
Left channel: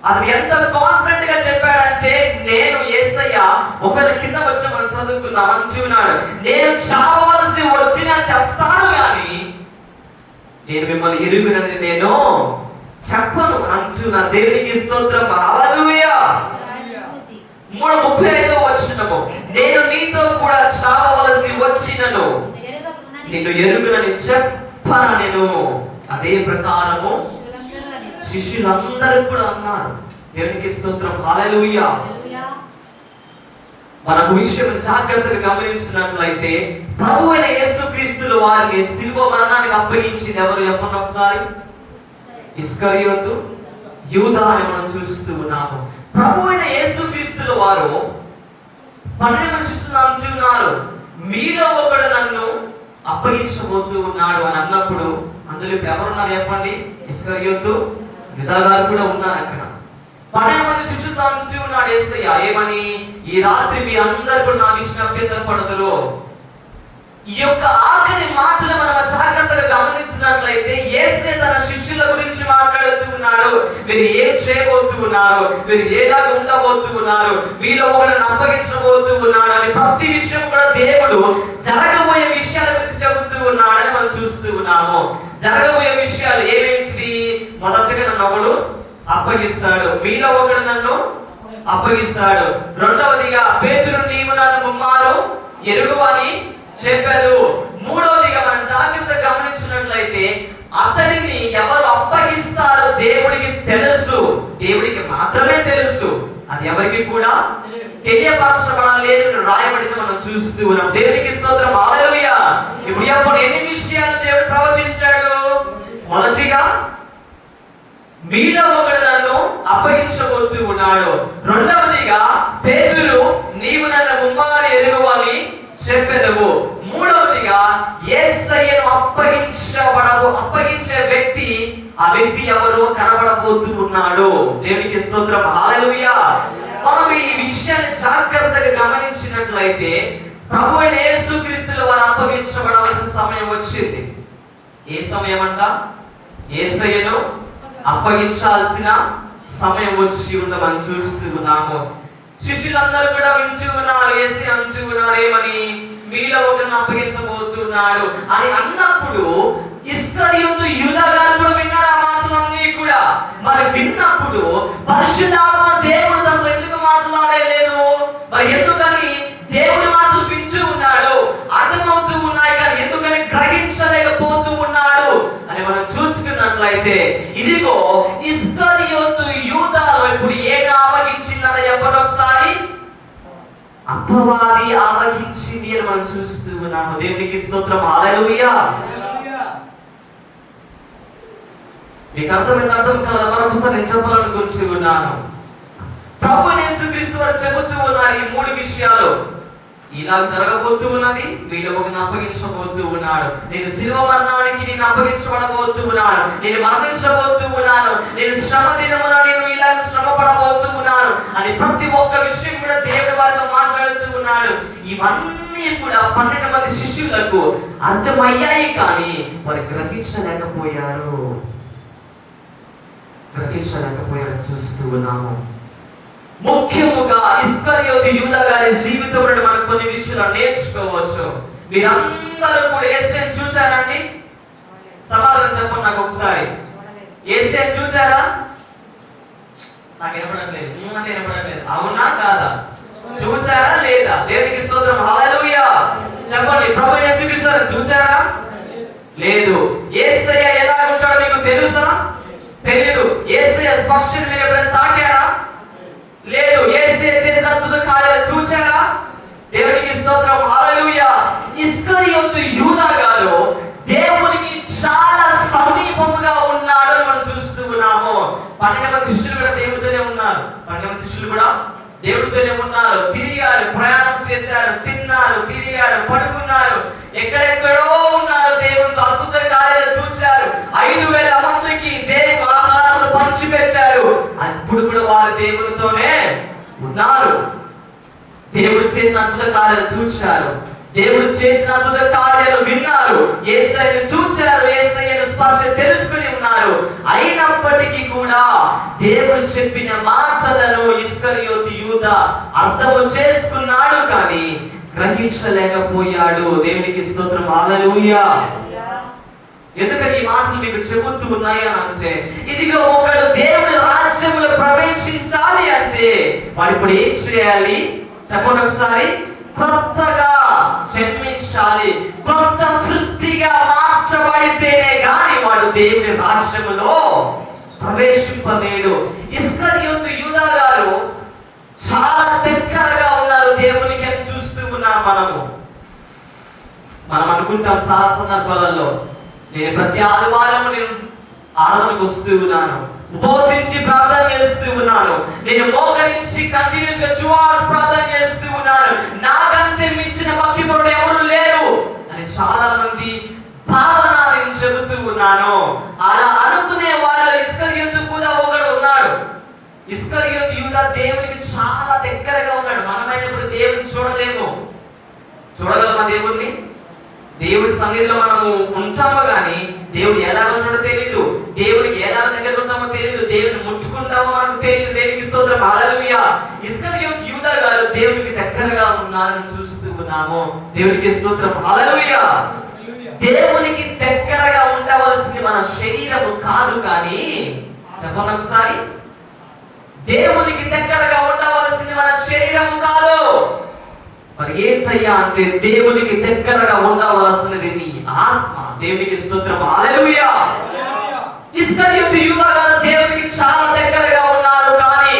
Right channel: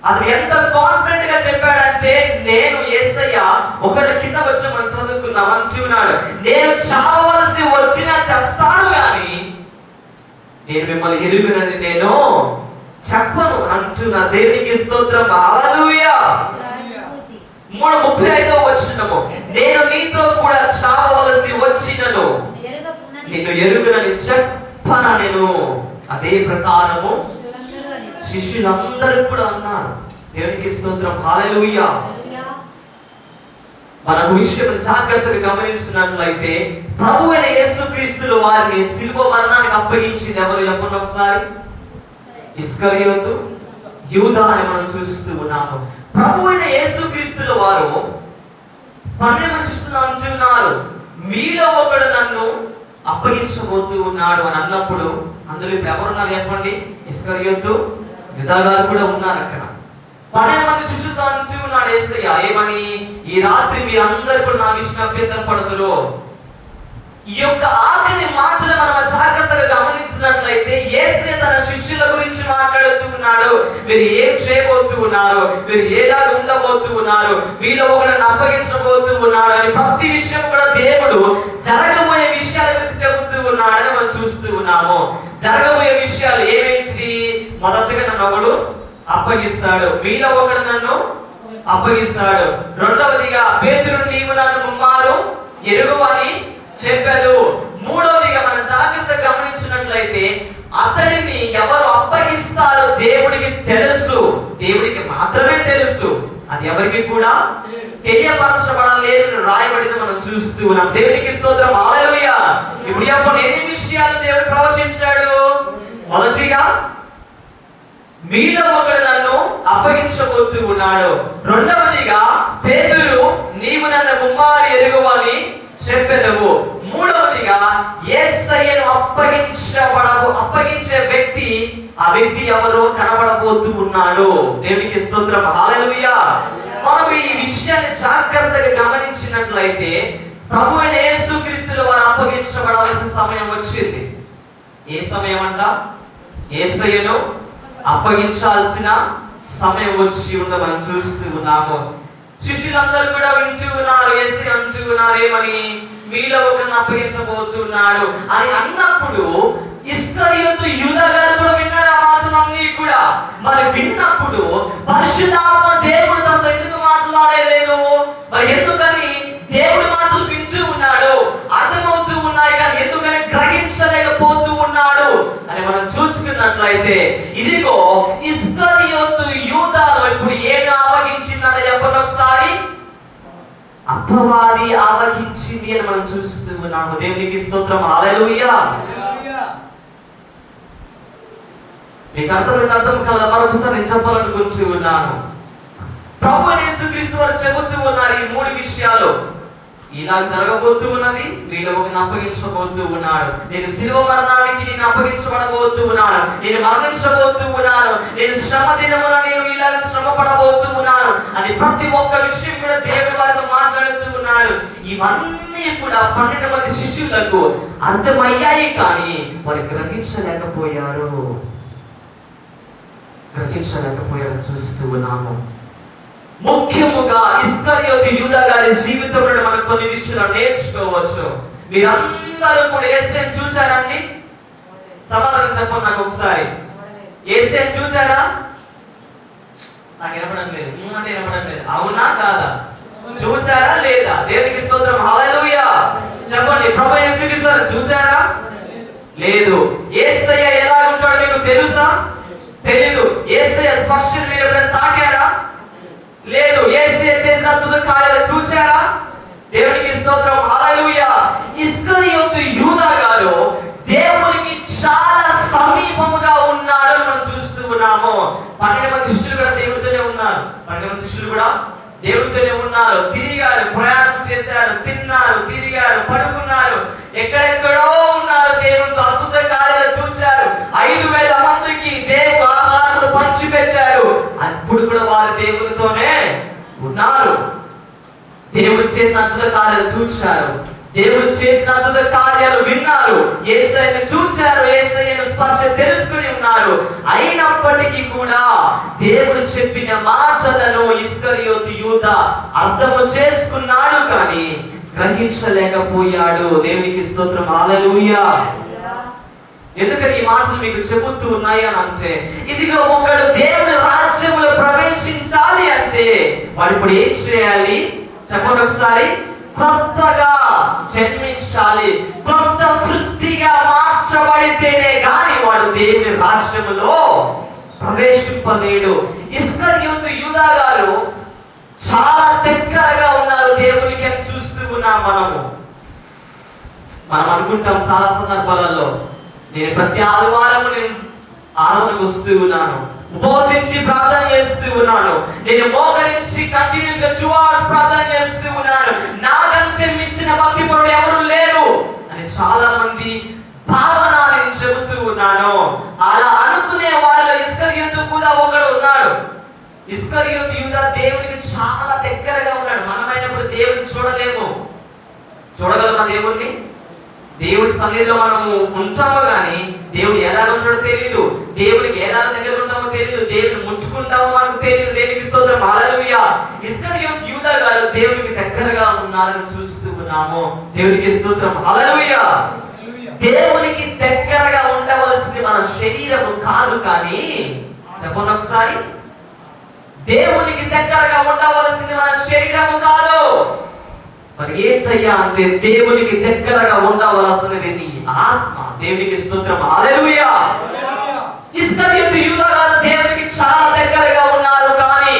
అది ఎంత కాన్ఫిడెంట్ గా చెప్పాడంటే, నేను యేసయ్య ఒకరి కింద వచ్చిన మనం చదువుకుందాం అంటున్నాడు, నేను చావవలసి వచ్చినా చేస్తాను కానీ నేను మిమ్మల్ని ఎరుగునని నేను చెప్పను అంటున్నా. దేవునికి స్తోత్రం, హల్లెలూయా. 3:35 వచనము, నేను నీతో కూడా చావవలసి వచ్చినను నిన్ను ఎరుగునని చెప్పనా నేను. అదే ప్రకారము శిష్యులందరూ కూడా అన్నారు. దేవునికి స్తోత్రం, హల్లెలూయా. మనకు విషయం జాగ్రత్తగా గమనించినట్లయితే, ప్రభువైన యేసుక్రీస్తు వారిని శిలువ మరణానికి అప్పగించింది ఎవరు చెప్పండి ఒకసారి? ఇస్కరియోతు, యూదా అని మనం చూస్తూ ఉన్నాము. ప్రభువైన యేసుక్రీస్తు వారు 12 శిష్యులు అంటున్నారు, మీలో ఒకడు నన్ను అప్పగించబోతూ ఉన్నాడు అని అన్నప్పుడు అందులో ఎవరున్నారు చెప్పండి? ఇస్కరియోతు, యూదా గారు కూడా ఉన్నారు అక్కడ. 12 మంది శిష్యులతో అంటూ ఉన్నాడు యేసయ్య ఏమని, ఈ రాత్రి మీరందరూ కూడా నా విషయం అభ్యంతరపడదురు. ఈ యొక్క ఆఖరి మాటలు మనం జాగ్రత్తగా గమనించినట్లయితే, యేసయ్య తన శిష్యుల గురించి మాట్లాడుతూ ఉన్నాడు. మీరు ఏం చేయబోతూ ఉన్నారు, మీరు ఎలాగ ఉండబోతూ ఉన్నారు, వీళ్ళు ఒకరిని అప్పగించబోతూ ఉన్నారు అని ప్రతి విషయం కూడా దేవుడు జరగబోయే విషయాల గురించి చెబుతూ ఉన్నాడని మనం చూస్తూ ఉన్నాము. జరగబోయే విషయాలు ఏమేంటిది? మొదటగా నన్ను ఒకడు అప్పగిస్తాడు, వీళ్ళ ఒకడు నన్ను అప్పగిస్తాడు. రెండవదిగా పేతురు నీవు నన్ను ముమ్మారు ఎరుగువని చెప్పాడు. మూడవదిగా మనం జాగ్రత్తగా గమనించినట్లయితే, అతడిని ఎవరు అప్పగిస్తారో దేవుడికి తెలుసు, దేవుడికి మాత్రమే తెలుసు, అది ఎవరికి కూడా తెలియపరచబడలేదు రాయబడింది మనం చూస్తూ ఉన్నాం. దేవునికి స్తోత్రం, హల్లెలూయా. ఇప్పుడు అప్పుడు ఎన్ని విషయాలు దేవుడు ప్రవచించాడు? మొదటిగా మీలో ఒకడు నన్ను అప్పగించబోతూ ఉన్నాడు. రెండవదిగా పేతురు నీవు నన్ను ముమ్మారు ఎరుగువని చెప్పెదవు. మూడవదిగా యేసయ్యను అప్పగించే వ్యక్తి, ఆ వ్యక్తి ఎవరో కనబడబోతూ ఉన్నాడు. దేవునికి స్తోత్రం, హల్లెలూయా. మనం ఈ విషయాన్ని జాగ్రత్తగా గమనించినట్లయితే, ప్రభువైన యేసుక్రీస్తు వారు అప్పగించబడాల్సిన సమయం వచ్చింది. ఏ సమయం అంట? యేసయ్యను అప్పగించాల్సిన సమయం వచ్చి ఉందో మనం చూస్తూ ఉన్నాము. శిష్యులందరూ కూడా వింటూ ఉన్నారు, యేసు అంటూ ఉన్నారు ఏమని, మీలో ఒకరిని అప్పగించబోతున్నాడు అని అన్నప్పుడు ఇస్కరియోతు యూదా గారు కూడా విన్నారు ఆ మాటలన్నీ కూడా. మరి విన్నప్పుడు పరిశుద్ధాత్మ దేవుడు తనతో ఎందుకు మాట్లాడలేదు? మరి ఎందుకని దేవుడి మాటలు వింటూ ఉన్నాడు, అర్థమవుతూ ఉన్నాయి కానీ ఎందుకని గ్రహించలేకపోతూ ఉన్నాడు అని మనం చూసుకున్నట్లయితే, ఇదిగో ఇస్కరియోతు యూదాలో ఇప్పుడు ఏమి ఆవగించిందని చెప్పండి ఒకసారి? అపవాది ఆవగించింది అని మనం చూస్తూ ఉన్నాము. దేవునికి స్తోత్రం, హల్లెలూయా. మీకు అర్థం కదా? మరొకసారి నేను చెప్పాలనుకుంటూ ఉన్నాను. ప్రభువైన యేసుక్రీస్తు వారు చెబుతూ ఉన్నారు ఈ 3 విషయాలు. ఇలా జరగబోతూ ఉన్నది, వీళ్ళు ఒకరిని అప్పగించబోతూ ఉన్నాడు, నేను శిలువ మరణానికి నేను అప్పగించబడబోతూ ఉన్నాను, నేను మరణించబోతూ ఉన్నాను, నేను శ్రమ దినమున నేను ఇలా శ్రమ పడబోతూ ఉన్నాను అని ప్రతి ఒక్క విషయం కూడా దేవుడి వారితో మాట్లాడుతూ ఉన్నాడు. ఇవన్నీ కూడా 12 మంది శిష్యులకు అర్థమయ్యాయి కానీ వారు గ్రహించలేకపోయారు. గ్రహించలేకపోయారని చూస్తూ ఉన్నాము. ముఖ్యముగా ఇస్కరియోతు యూదా గారి జీవితంలో మనం కొన్ని విషయాలు నేర్చుకోవచ్చు. మీరందరూ కూడా యేసుని చూశారండి? సమాధానం చెప్పండి నాకు ఒకసారి. యేసుని చూశారా? నాకు వినపడట్లేదు. అంటే వినపడట్లేదు. అవునా కాదా? చూశారా లేదా? దేవునికి స్తోత్రం, హల్లెలూయా. చెప్పండి, ప్రభు యేసు క్రీస్తుని చూశారా? లేదు. యేసయ్య ఎలా ఉంటాడో మీకు తెలుసా? తెలియదు. యేసయ్య స్పర్శను మీరు ఎప్పుడైనా తాకారా? లేదు. యేసయ్య చేసిన అద్భుత కార్యాలు చూశారా? దేవునికి స్తోత్రం, హల్లెలూయా. ఇస్కరియోతు యూదా గారు దేవునికి చాలా సమీపముగా ఉన్నాడు మనం చూస్తూ ఉన్నాము. 12 మంది శిష్యులు కూడా దేవుడితోనే ఉన్నారు. 12 మంది శిష్యులు కూడా దేవుడితోనే ఉన్నారు. తిరిగారు, ప్రయాణం చేశారు, తిన్నారు, తిరిగారు, పడుకున్నారు, ఎక్కడెక్కడో ఉన్నారు. దేవుడితో అద్భుత కార్యాలు చూశారు. 5,000 మందికి దేవుడు ఆహారం పంచిపెట్టారు. అప్పుడు కూడా వారు దేవుడితోనే ఉన్నారు. దేవుడు చేసిన అద్భుత కార్యాలు చూశారు. దేవుడు చేసిన అద్భుత కార్యాలు విన్నారు. యేసయ్యను చూశారు. యేసయ్యను స్పర్శ తెలుసుకుని ఉన్నారు. అయినప్పటికీ కూడా దేవుడు చెప్పిన మాటలను ఇస్కరియోతు యూదా అర్థము చేసుకున్నాడు, కానీ గ్రహించలేకపోయాడు. దేవునికి స్తోత్రం, హల్లెలూయా. ఎందుకంటే ఈ మాటలు మీకు చెబుతూ ఉన్నాయి అని అంటే, ఇదిగో ఒకడు దేవుని రాజ్యములో ప్రవేశించాలి అంటే వాడు ఇప్పుడు ఏం చేయాలి చెప్పండి ఒకసారి? కొత్తగా జన్మించాలి. కొత్త సృష్టిగా మార్చబడితేనే గాని వాడు దేవుని రాజ్యములో ప్రవేశింపలేడు. ఇస్కరియోతు యూదా గారు చాలా దగ్గరగా ఉన్నారు దేవునికి అని చూస్తూ ఉన్నాం. మనం అనుకుంటాం చాలా సందర్భాలలో, నేను ప్రతి ఆదివారం ఆరాధనకు వస్తూ ఉన్నాను, ఉపవసించి ప్రార్థన చేస్తూ ఉన్నాను, నేను మోకరించి కంటిన్యూస్ గా 2 hours ప్రార్థన చేస్తూ ఉన్నాను, నాకంటే మించిన భక్తిపరుడు ఎవరు లేరు అని చాలా మంది భావన నేను చెబుతూ ఉన్నాను. అలా అనుకునే వాళ్ళు ఇస్కరియోతు కూడా ఒకడు ఉన్నాడు. ఇస్కరియోతు యూదా దేవునికి చాలా దగ్గరగా ఉన్నాడు. మనమైనప్పుడు దేవుని చూడలేము. చూడగలమా దేవుణ్ణి? దేవుడి సన్నిధిలో మనము ఉంటామో కానీ దేవుడు ఎలా ఉంటాడో తెలియదు. దేవుడికి ఎలా దగ్గర ఉంటామో తెలియదు. దేవుడిని ముట్టుకుంటామో మనకు తెలియదు. దేవునికి స్తోత్రం, హల్లెలూయా. ఇస్కరియోతు యూదా గారు దేవునికి దగ్గరగా ఉన్నారని చూస్తూ ఉన్నాము. దేవునికి స్తోత్రం, హల్లెలూయా. దేవునికి దగ్గరగా ఉండవలసింది మన శరీరము కాదు, కానీ చెప్పండి ఒకసారి, దేవునికి దగ్గరగా ఉండవలసింది మన శరీరము కాదు. మరి ఏంటయ్యా అంటే దేవునికి దగ్గరగా ఉండవలసినది నీ ఆత్మ. దేవునికి స్తోత్రం, హల్లెలూయా. ఇస్కరియోతు యూదా గారు దేవునికి చాలా దగ్గరగా ఉన్నారు, కానీ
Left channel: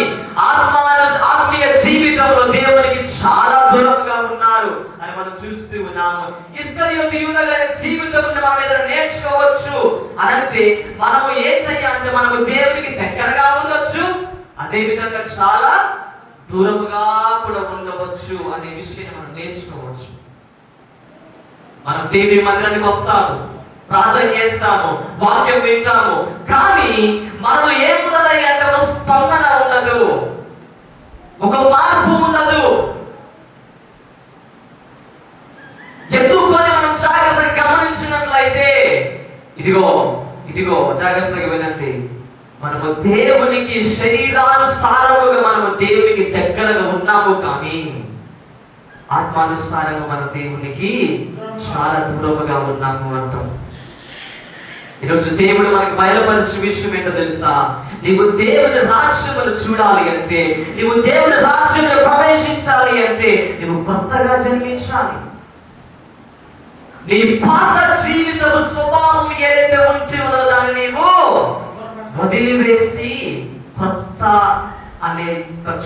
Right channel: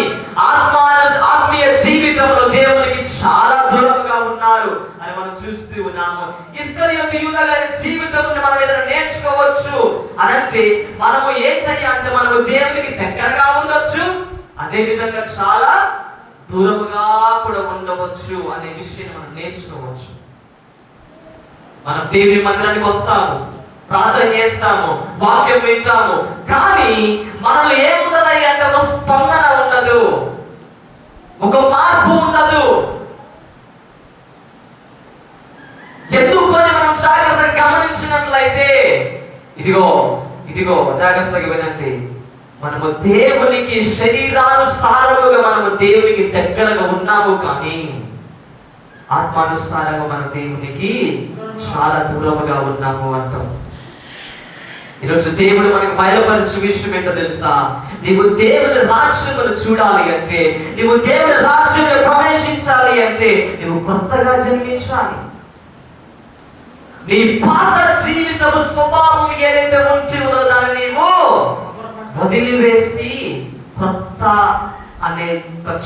ఆత్మీయ జీవితంలో దేవునికి చాలా దూరంగా ఉన్నారు అని మనం చూస్తూ ఉన్నాము. ఇస్కరియోతు యూదా గారి జీవితంలో మనం ఏదైనా నేర్చుకోవచ్చు అనంటే మనము ఏం చేయాలంటే మనము దేవునికి దగ్గరగా ఉండొచ్చు, అదే విధంగా చాలా దూరముగా కూడా ఉండవచ్చు అనే విషయం మనం నేర్చుకోవచ్చు. మనం దేవుని మందిరానికి వస్తాము, ప్రార్థన చేస్తాము, వాక్యం వింటాము, కానీ మనలో ఏముండదు అంటే ఒక స్పందన ఉండదు, ఒక మార్పు ఉండదు. ఎందుకు అని మనం జాగ్రత్తగా గమనించినట్లయితే ఇదిగో జాగ్రత్తగా వినండి. మనము దేవునికి శరీరానుసారముగా మనము దేవునికి దగ్గరగా ఉన్నాము, కానీ ఆత్మానుసారంగా మన దేవునికి చాలా దూరముగా ఉన్నాము అంటాం. ఈరోజు దేవుడు మనకి బయలుపరిచిన విషయం ఏంటో తెలుసా? నీవు దేవుని రాజ్యమును చూడాలి అంటే, నీవు దేవుని రాజ్యంలో ప్రవేశించాలి అంటే నువ్వు కొత్తగా జన్మించాలి. నీ పాత జీవితము స్వభావం ఏదైతే ఉంచి ఉన్నదో దాన్ని నీవు వదిలివేసి కొత్త అనే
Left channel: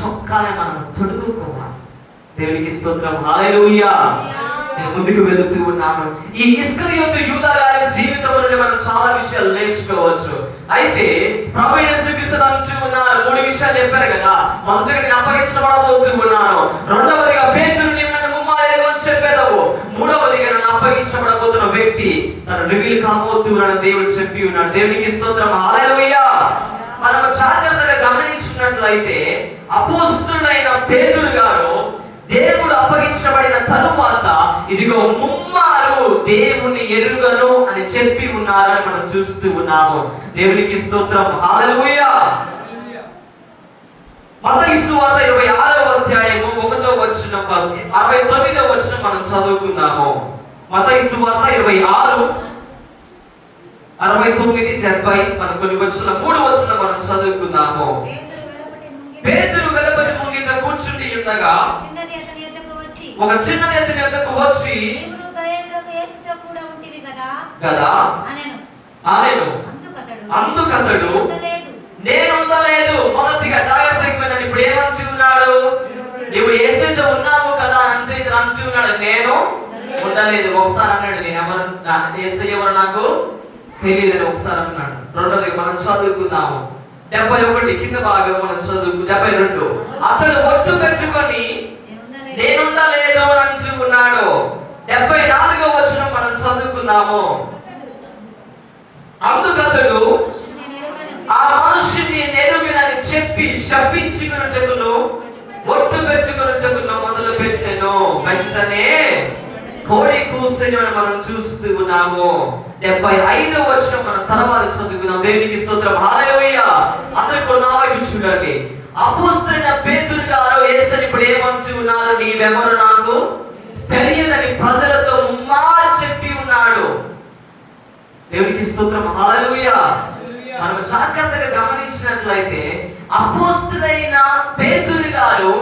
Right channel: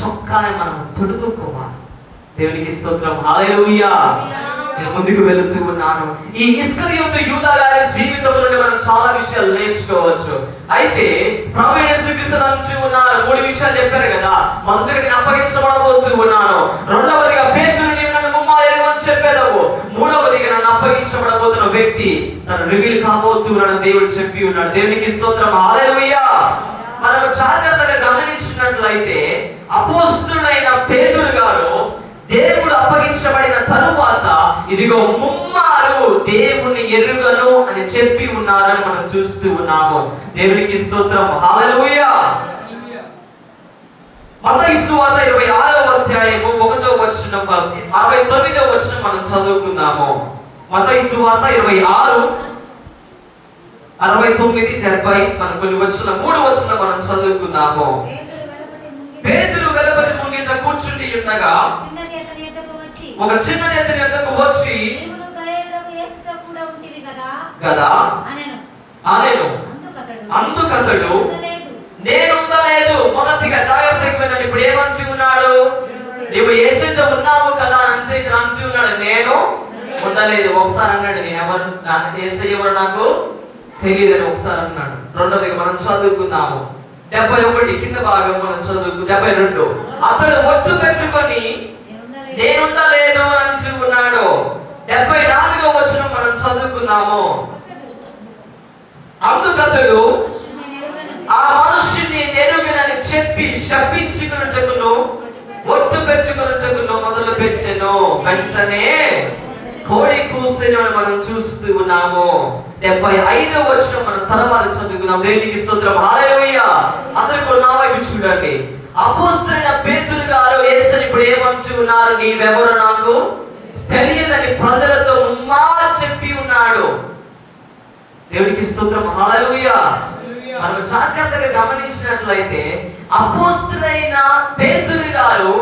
చొక్కాని మనం తొడుగుకోవాలి. దేవునికి స్తోత్రం, హల్లెలూయా. నేను ముందుకు వెళుతూ ఉన్నాను. ఈ ఇస్కరియోతు యూదా గారి జీవితంలో మనం చాలా విషయాలు నేర్చుకోవచ్చు. అయితే ప్రభువు యేసు క్రీస్తు అంటూ ఉన్నారు, 3 విషయాలు చెప్పారు కదా. మొదటిగా నేను అప్పగించబడబోతూ ఉన్నాను, రెండవదిగా పేతురు నీవు నన్ను ముమ్మారు అని చెప్పేదవు, మూడవదిగా నన్ను అప్పగించబడబోతున్న వ్యక్తి తను రివీల్ కాబోతూ ఉన్నాడు దేవుడు చెప్పి ఉన్నాడు. దేవునికి స్తోత్రం, హల్లెలూయా. మనం జాగ్రత్తగా గమనించినట్లయితే అపోస్తలుడైన పేతురు గారు దేవుడు అప్పగించబడిన తరువాత ఇదిగో ముమ్మారు దేవుని ఎరుగను అని చెప్పి ఉన్నారని మనం చూస్తూ ఉన్నాము. దేవునికి స్తోత్రం. హల్లెలూయా. మత్తయి సువార్త 26వ అధ్యాయము 1వ వచనం 69వ వచనం మనం చదువుకుందాము. మత్తయి సువార్త 26 69 70 మన కొన్ని వచనం 3 వచనం మనం చదువుకుందాము. పేతురు వెలుపటి ముంగిట కూర్చుని ఉండగా ఒక చిన్న చేతుని ఎద్దకు వచ్చి కదా అనెను. అందుకతడు నేనుండలేదు. మొదటిగా జాగ్రత్తగా వినండి. ఇప్పుడు ఏమంటూ ఉన్నాడు? నువ్వు యేసుతో ఉన్నావు కదా అంటే అంటూ ఉన్నాడు, నేను ఉండలేదు. ఒకసారి అన్నాడు, నేను ఎవరు యేసు ఎవరు నాకు తెలియదని ఒకసారి అన్నాడు. రెండోది మనం చదువుకుందాము 71 కింద భాగం మనం చదువుకు 72. అతడు ఒట్టు పెట్టుకొని నేనుండలేదు అంటూ ఉన్నాడు. 74వ వచనం మనం చదువుకుందాము. అందుకతడు ఆ మనుషుని నెరుగనని చెప్పి శపించినట్టును ఒట్టు పెట్టుకున్నట్టును మొదలు పెట్టెను. వెంటనే కోడి కూసెను మనం చూస్తూ ఉన్నాము. 75వ వచనం మనం తర్వాత చదువుకుందాం. దేవునికి స్తోత్రం. హల్లెలూయా. అందరూ కూడా నా వైపు చూడండి. అపోస్తలుడైన పేతురు గారు యేసుని ఇప్పుడు ఏమంటూ ఉన్నారు? నీవెవరు నాకు తెలియదని ప్రజలతో ముమ్మారు చెప్పి ఉన్నాడు. దేవునికి స్తోత్రం. హల్లెలూయా. మనం జాగ్రత్తగా గమనించినట్లయితే అపోస్తలుడైన పేతురు గారు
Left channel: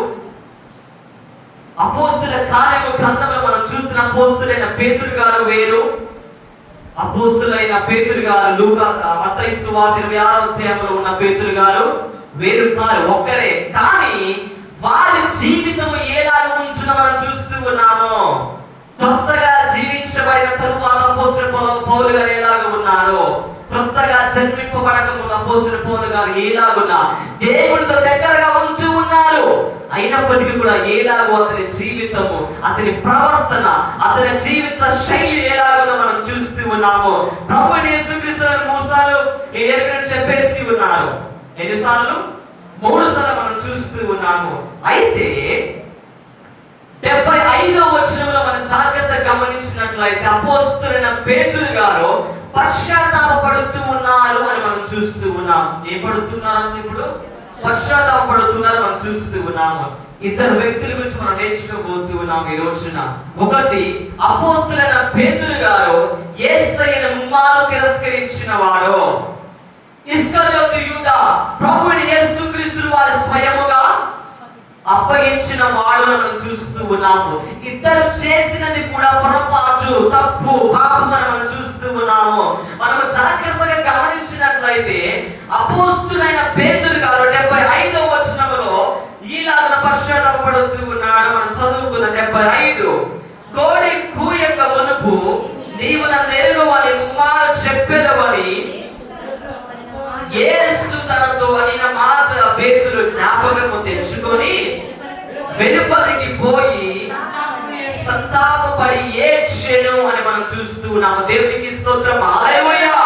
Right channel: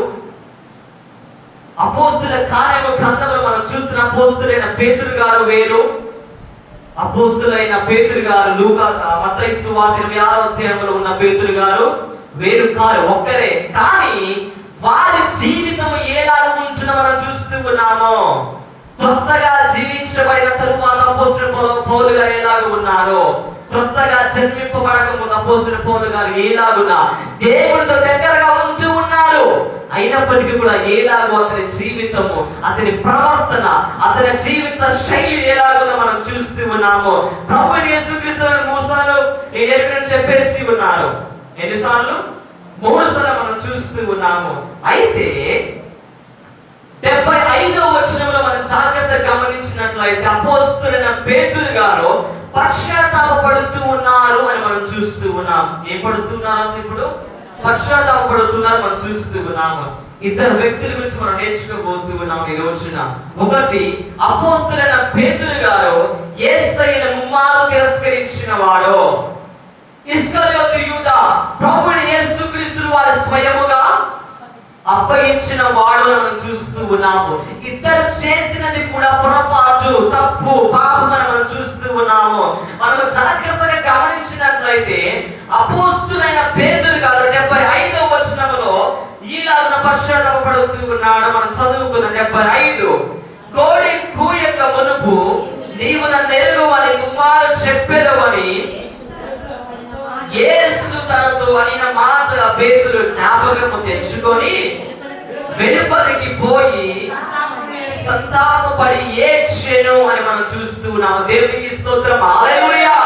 అపోస్తల కార్యము గ్రంథంలో మనం చూస్తున్న అపోస్తలుడైన పేతురు గారు వేరు, అపోస్తలుడైన పేతురు గారు లూకా మత్తయి సువార్త 26వ అధ్యాయంలో ఉన్న పేతురు గారు వేరు కారు, ఒక్కరే. కానీ వారి జీవితం ఎలా ఉంటుందో మనం చూస్తూ ఉన్నాము. కొత్తగా జీవించబడిన తరువాత అపోస్తలుడు పౌలు గారు ఎలాగ ఉన్నారు, కొత్తగా జన్మింపబడక ముందు అపోస్తలుడు పౌలు గారు ఎలాగున్నా దేవుడితో దగ్గరగా ఉంటూ ఉన్నారు. అయినప్పటికీ కూడా ఎలాగో అతని జీవితము, అతని ప్రవర్తన, అతని జీవిత శైలి ఎలాగో మనం చూస్తూ ఉన్నాము. ప్రభువు యేసుక్రీస్తు 3 సార్లు చెప్పేసి ఉన్నారు. ఎన్నిసార్లు? 3 సార్లు మనం చూస్తూ ఉన్నాము. అయితే 75వ వచనంలో మనం జాగ్రత్తగా గమనించినట్లయితే అపోస్తలుడైన పేతురు గారు పశ్చాత్తాపపడుతూ ఉన్నారు అని మనం చూస్తూ ఉన్నాం. ఏం పడుతున్నారు? ఇప్పుడు పశ్చాత్తాపపడుతున్నారు మనం చూస్తూ ఉన్నాము. ఇద్దరు వ్యక్తుల గురించి మనం నేర్చుకోబోతూ ఉన్నాం ఈ రోజున. ఒకటి, అపోస్తలుడైన పేతురు గారు యేసయ్యను ముమ్మారు తిరస్కరించిన వాడు. ఇస్కరియోతు యూదా ప్రభువు యేసుక్రీస్తును వారు స్వయముగా అప్పగించిన వాడు మనం చూస్తూ ఉన్నాము. ఇద్దరు చేసినది కూడా పొరపాటు, తప్పు, పాపం అని మనం చూస్తూ ఉన్నాము. మనం జాగ్రత్తగా గమనించినట్లయితే అపోస్తలుడైన పేతురు గారు 75వ వచనంలో ఈలాగ పశ్చాత్తాపపడుతూ ఉన్నాడు. మనం చదువుకున్న 75 కోడి కూయక మునుపు నీవు నన్ను ఎరుగవని కుమారు చెప్పేదవని యేసు తనతో అనిన మాట పేతురు జ్ఞాపకము తెచ్చుకొని వెలుపలికి పోయి సంతాపపడి ఏడ్చెను అని మనం చూస్తూ ఉన్నాము. దేవునికి స్తోత్రం. హల్లెలూయా.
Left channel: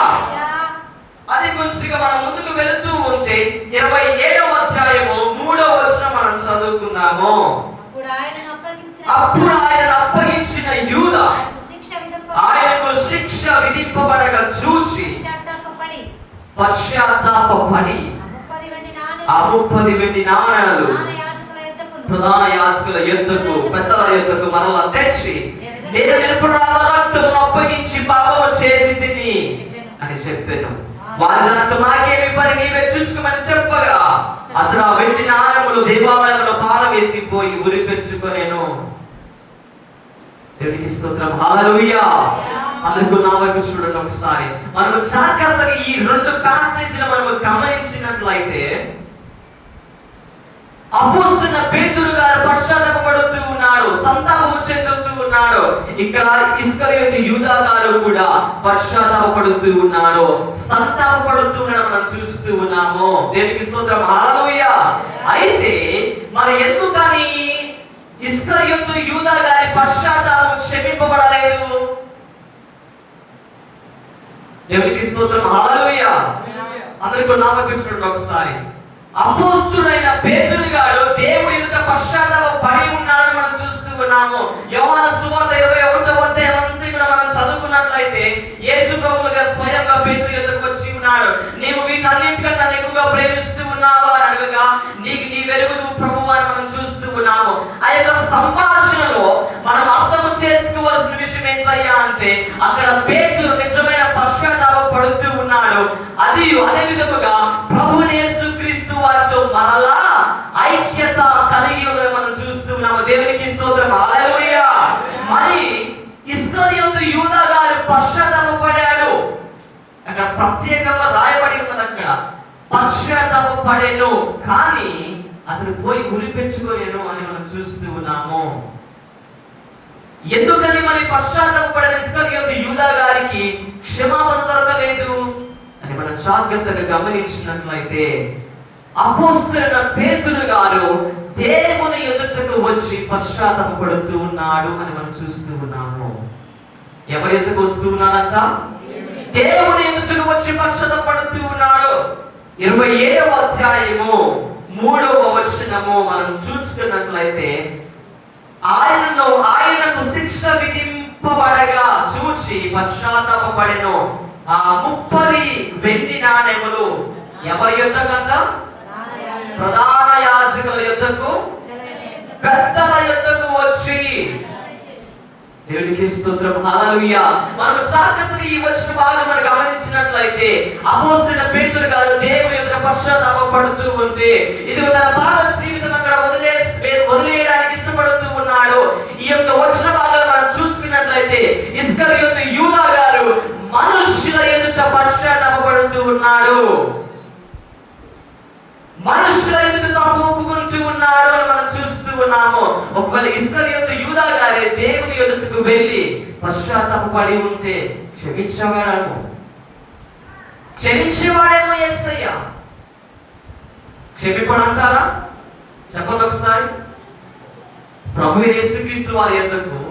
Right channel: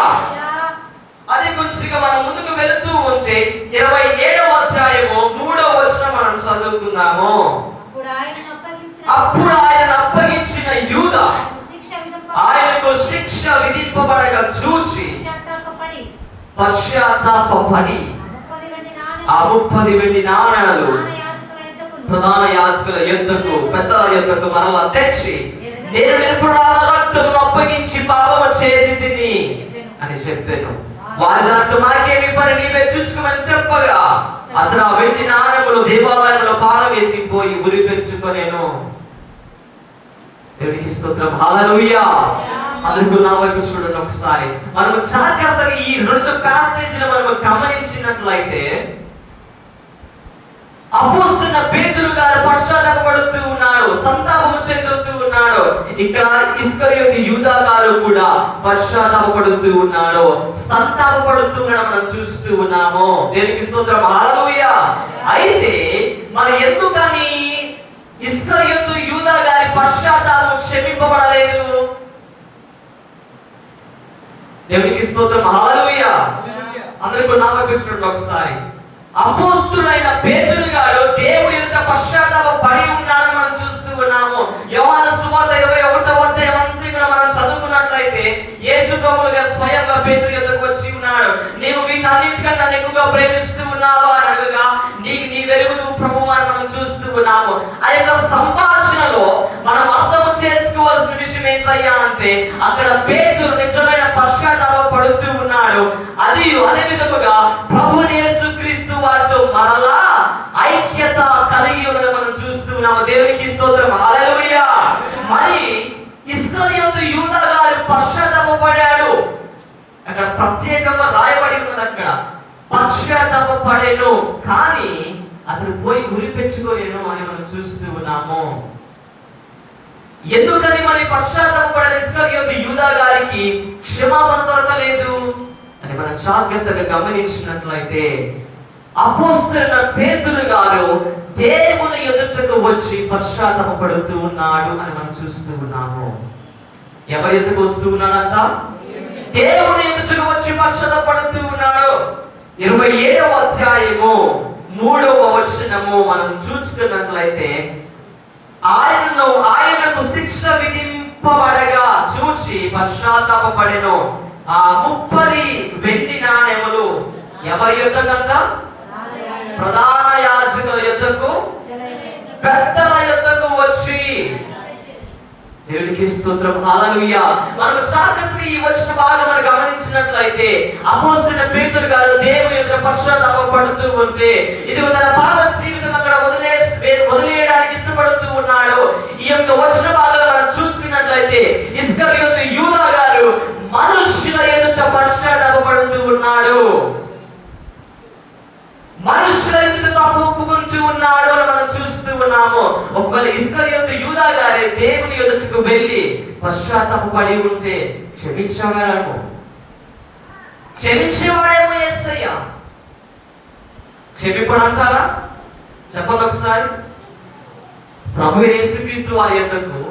అది కొంచెంగా మనం ముందుకు వెళుతూ ఉంటే 27వ అధ్యాయము 3వ వచనం మనం చదువుకుందాము. అప్పుడు ఆయన అప్పగించిన యూదా ఆయనకు శిక్ష విధింపబడగా చూసి పశ్చాత్తాపపడి ఆ 30 వెండి నాణాలు ప్రధాన యాజకుల యొద్దకు, పెద్దల యొద్దకు మరలా తెచ్చి నేను నిరపరాధ రక్తమును అప్పగించి పాపము చేసితిని అని చెప్పాను. వారి దాంట్లో నాకేమి పని, నీవే చూసుకోమని చెప్పగా అతను ఆ వెండి నాణములు దేవాలయంలో పారవేసి పోయి ఉరి పెట్టుకొనెను. దేవునికి స్తోత్రం. హల్లెలూయా. అందరూ నా వైపు చూడండి ఒకసారి. మనం జాగ్రత్తగా ఈ 2 ప్యాసేజ్లు మనం గమనించినట్లయితే అపోస్తలుడైన పేతురు గారు పశ్చాత్తాపపడుతూ ఉన్నాడు, సంతాపం చెందుతూ ఉన్నాడు. ఇక్కడ ఇస్కరియోతు యూదా గారు కూడా పశ్చాత్తాపపడుతూ ఉన్నాడు, సంతాపపడుతూ ఉన్నాడు మనం చూస్తూ ఉన్నాము. దేవునికి స్తోత్రం. హల్లెలూయా. అయితే మనం ఎందుకని ఇస్కరియోతు యూదా గారి పశ్చాత్తాపం క్షమింపబడలేదు? దేవునికి స్తోత్రం. హల్లెలూయా. అందరూ నా వైపు చూడండి ఒకసారి. అపోస్తుడైన పేతురు గారు దేవుడి ఎదుట పశ్చాత్తాప పడి ఉన్నాడని మనం చూస్తూ ఉన్నాము. యోహాను సువార్త 21వ అధ్యాయం అంతా కూడా మనం చదువుకున్నట్లయితే యేసు ప్రభువుగా స్వయంగా పేతురు ఎదుటకు వచ్చి ఉన్నాడు. నీవు వీటన్నిటికన్నా ఎక్కువగా ప్రేమిస్తూ ఉన్నావా అని అడగగా, నీకు నీ వెలుగు ప్రభువు అని మనం చూస్తూ ఉన్నాము. ఆ యొక్క సంభాషణలో మనం అర్థం చేసుకోవాల్సిన విషయం ఏంటయ్యా అంటే, అక్కడ పేతురు నిజమైన పశ్చాత్తాప పడుతూ ఉన్నాడు. అదే విధముగా ప్రభువుని యేసుక్రీస్తు వారితో మరలా ఐక్యత కలిగి ఉన్నది మనం చూస్తూ ఉన్నాము. దేవునికి స్తోత్రం, హల్లెలూయా. మరి ఇస్కరియోతు యూదా గారు పశ్చాత్తాపపడాడు. అక్కడ ప్రత్యేకంగా రాయబడి ఉన్నది, అక్కడ పశ్చాత్తాపపడెను, కానీ అతను పోయి ఉరి పెట్టుకోలేను అని మనం చూస్తూ ఉన్నాము. ఎందుకని మరి పశ్చాత్తాపపడిన ఇస్కరియోతు యూదా గారికి క్షమాపణ దొరకలేదు అని మనం జాగ్రత్తగా గమనించినట్లయితే, అపోస్తలుడైన పేతురు గారు దేవుని ఎదుటకు వచ్చి పశ్చాత్తాపపడుతూ ఉన్నాడు అని మనం చూస్తూ ఉన్నాము. ఎవరి ఎదుటకు వస్తూ ఉన్నాడంట? దేవుని ఎదుటకు వచ్చి పశ్చాత్తాపడుతూ ఉన్నాడు. 27వ అధ్యాయము 3వ వచనము మనం చూస్తున్నట్లయితే, ఆయనకు శిక్ష విధింపబడగా చూచి పశ్చాత్తాపపడెను. ఆ 30 వెండి నాణెములు ఎవరి యొద్దకంట? ప్రధాన యాజకుల యొద్దకు, పెద్దల యొద్దకు వచ్చి, దేవునికి స్తోత్రం, హల్లెలూయా. మనం జాగ్రత్తగా ఈ వచన భాగం మనం గమనించినట్లయితే, అపోస్తలుడైన పేతురు గారు దేవుని ఎదుట పశ్చాత్తాపపడుతూ ఉంటే, ఇదిగో తన పాత జీవితం అక్కడ వదిలేయడానికి ఇష్టపడుతూ ఉన్నాడు. ఈ యొక్క వచన భాగం మనం చూసుకున్నట్లయితే, ఇస్కరియోతు యూదా గారు మనుషుల ఎదుట పశ్చాత్తాపపడుతూ ఉన్నాడు. మనుషుల ఎదుట తప్పు ఒప్పుకుంటూ ఉన్నాడు అని మనం చూస్తూ ఉన్నాము. ఒకవేళ ఇస్కరియోతు యూదా గారే దేవుని ఎదుటకు వెళ్ళి పశ్చాత్తాపపడి ఉంటే క్షమించేవాడేమో యేసయ్య. క్షమింపడు అంటారా? చెప్పండి ఒకసారి. ప్రభువు యేసుక్రీస్తు వారి యొద్దకు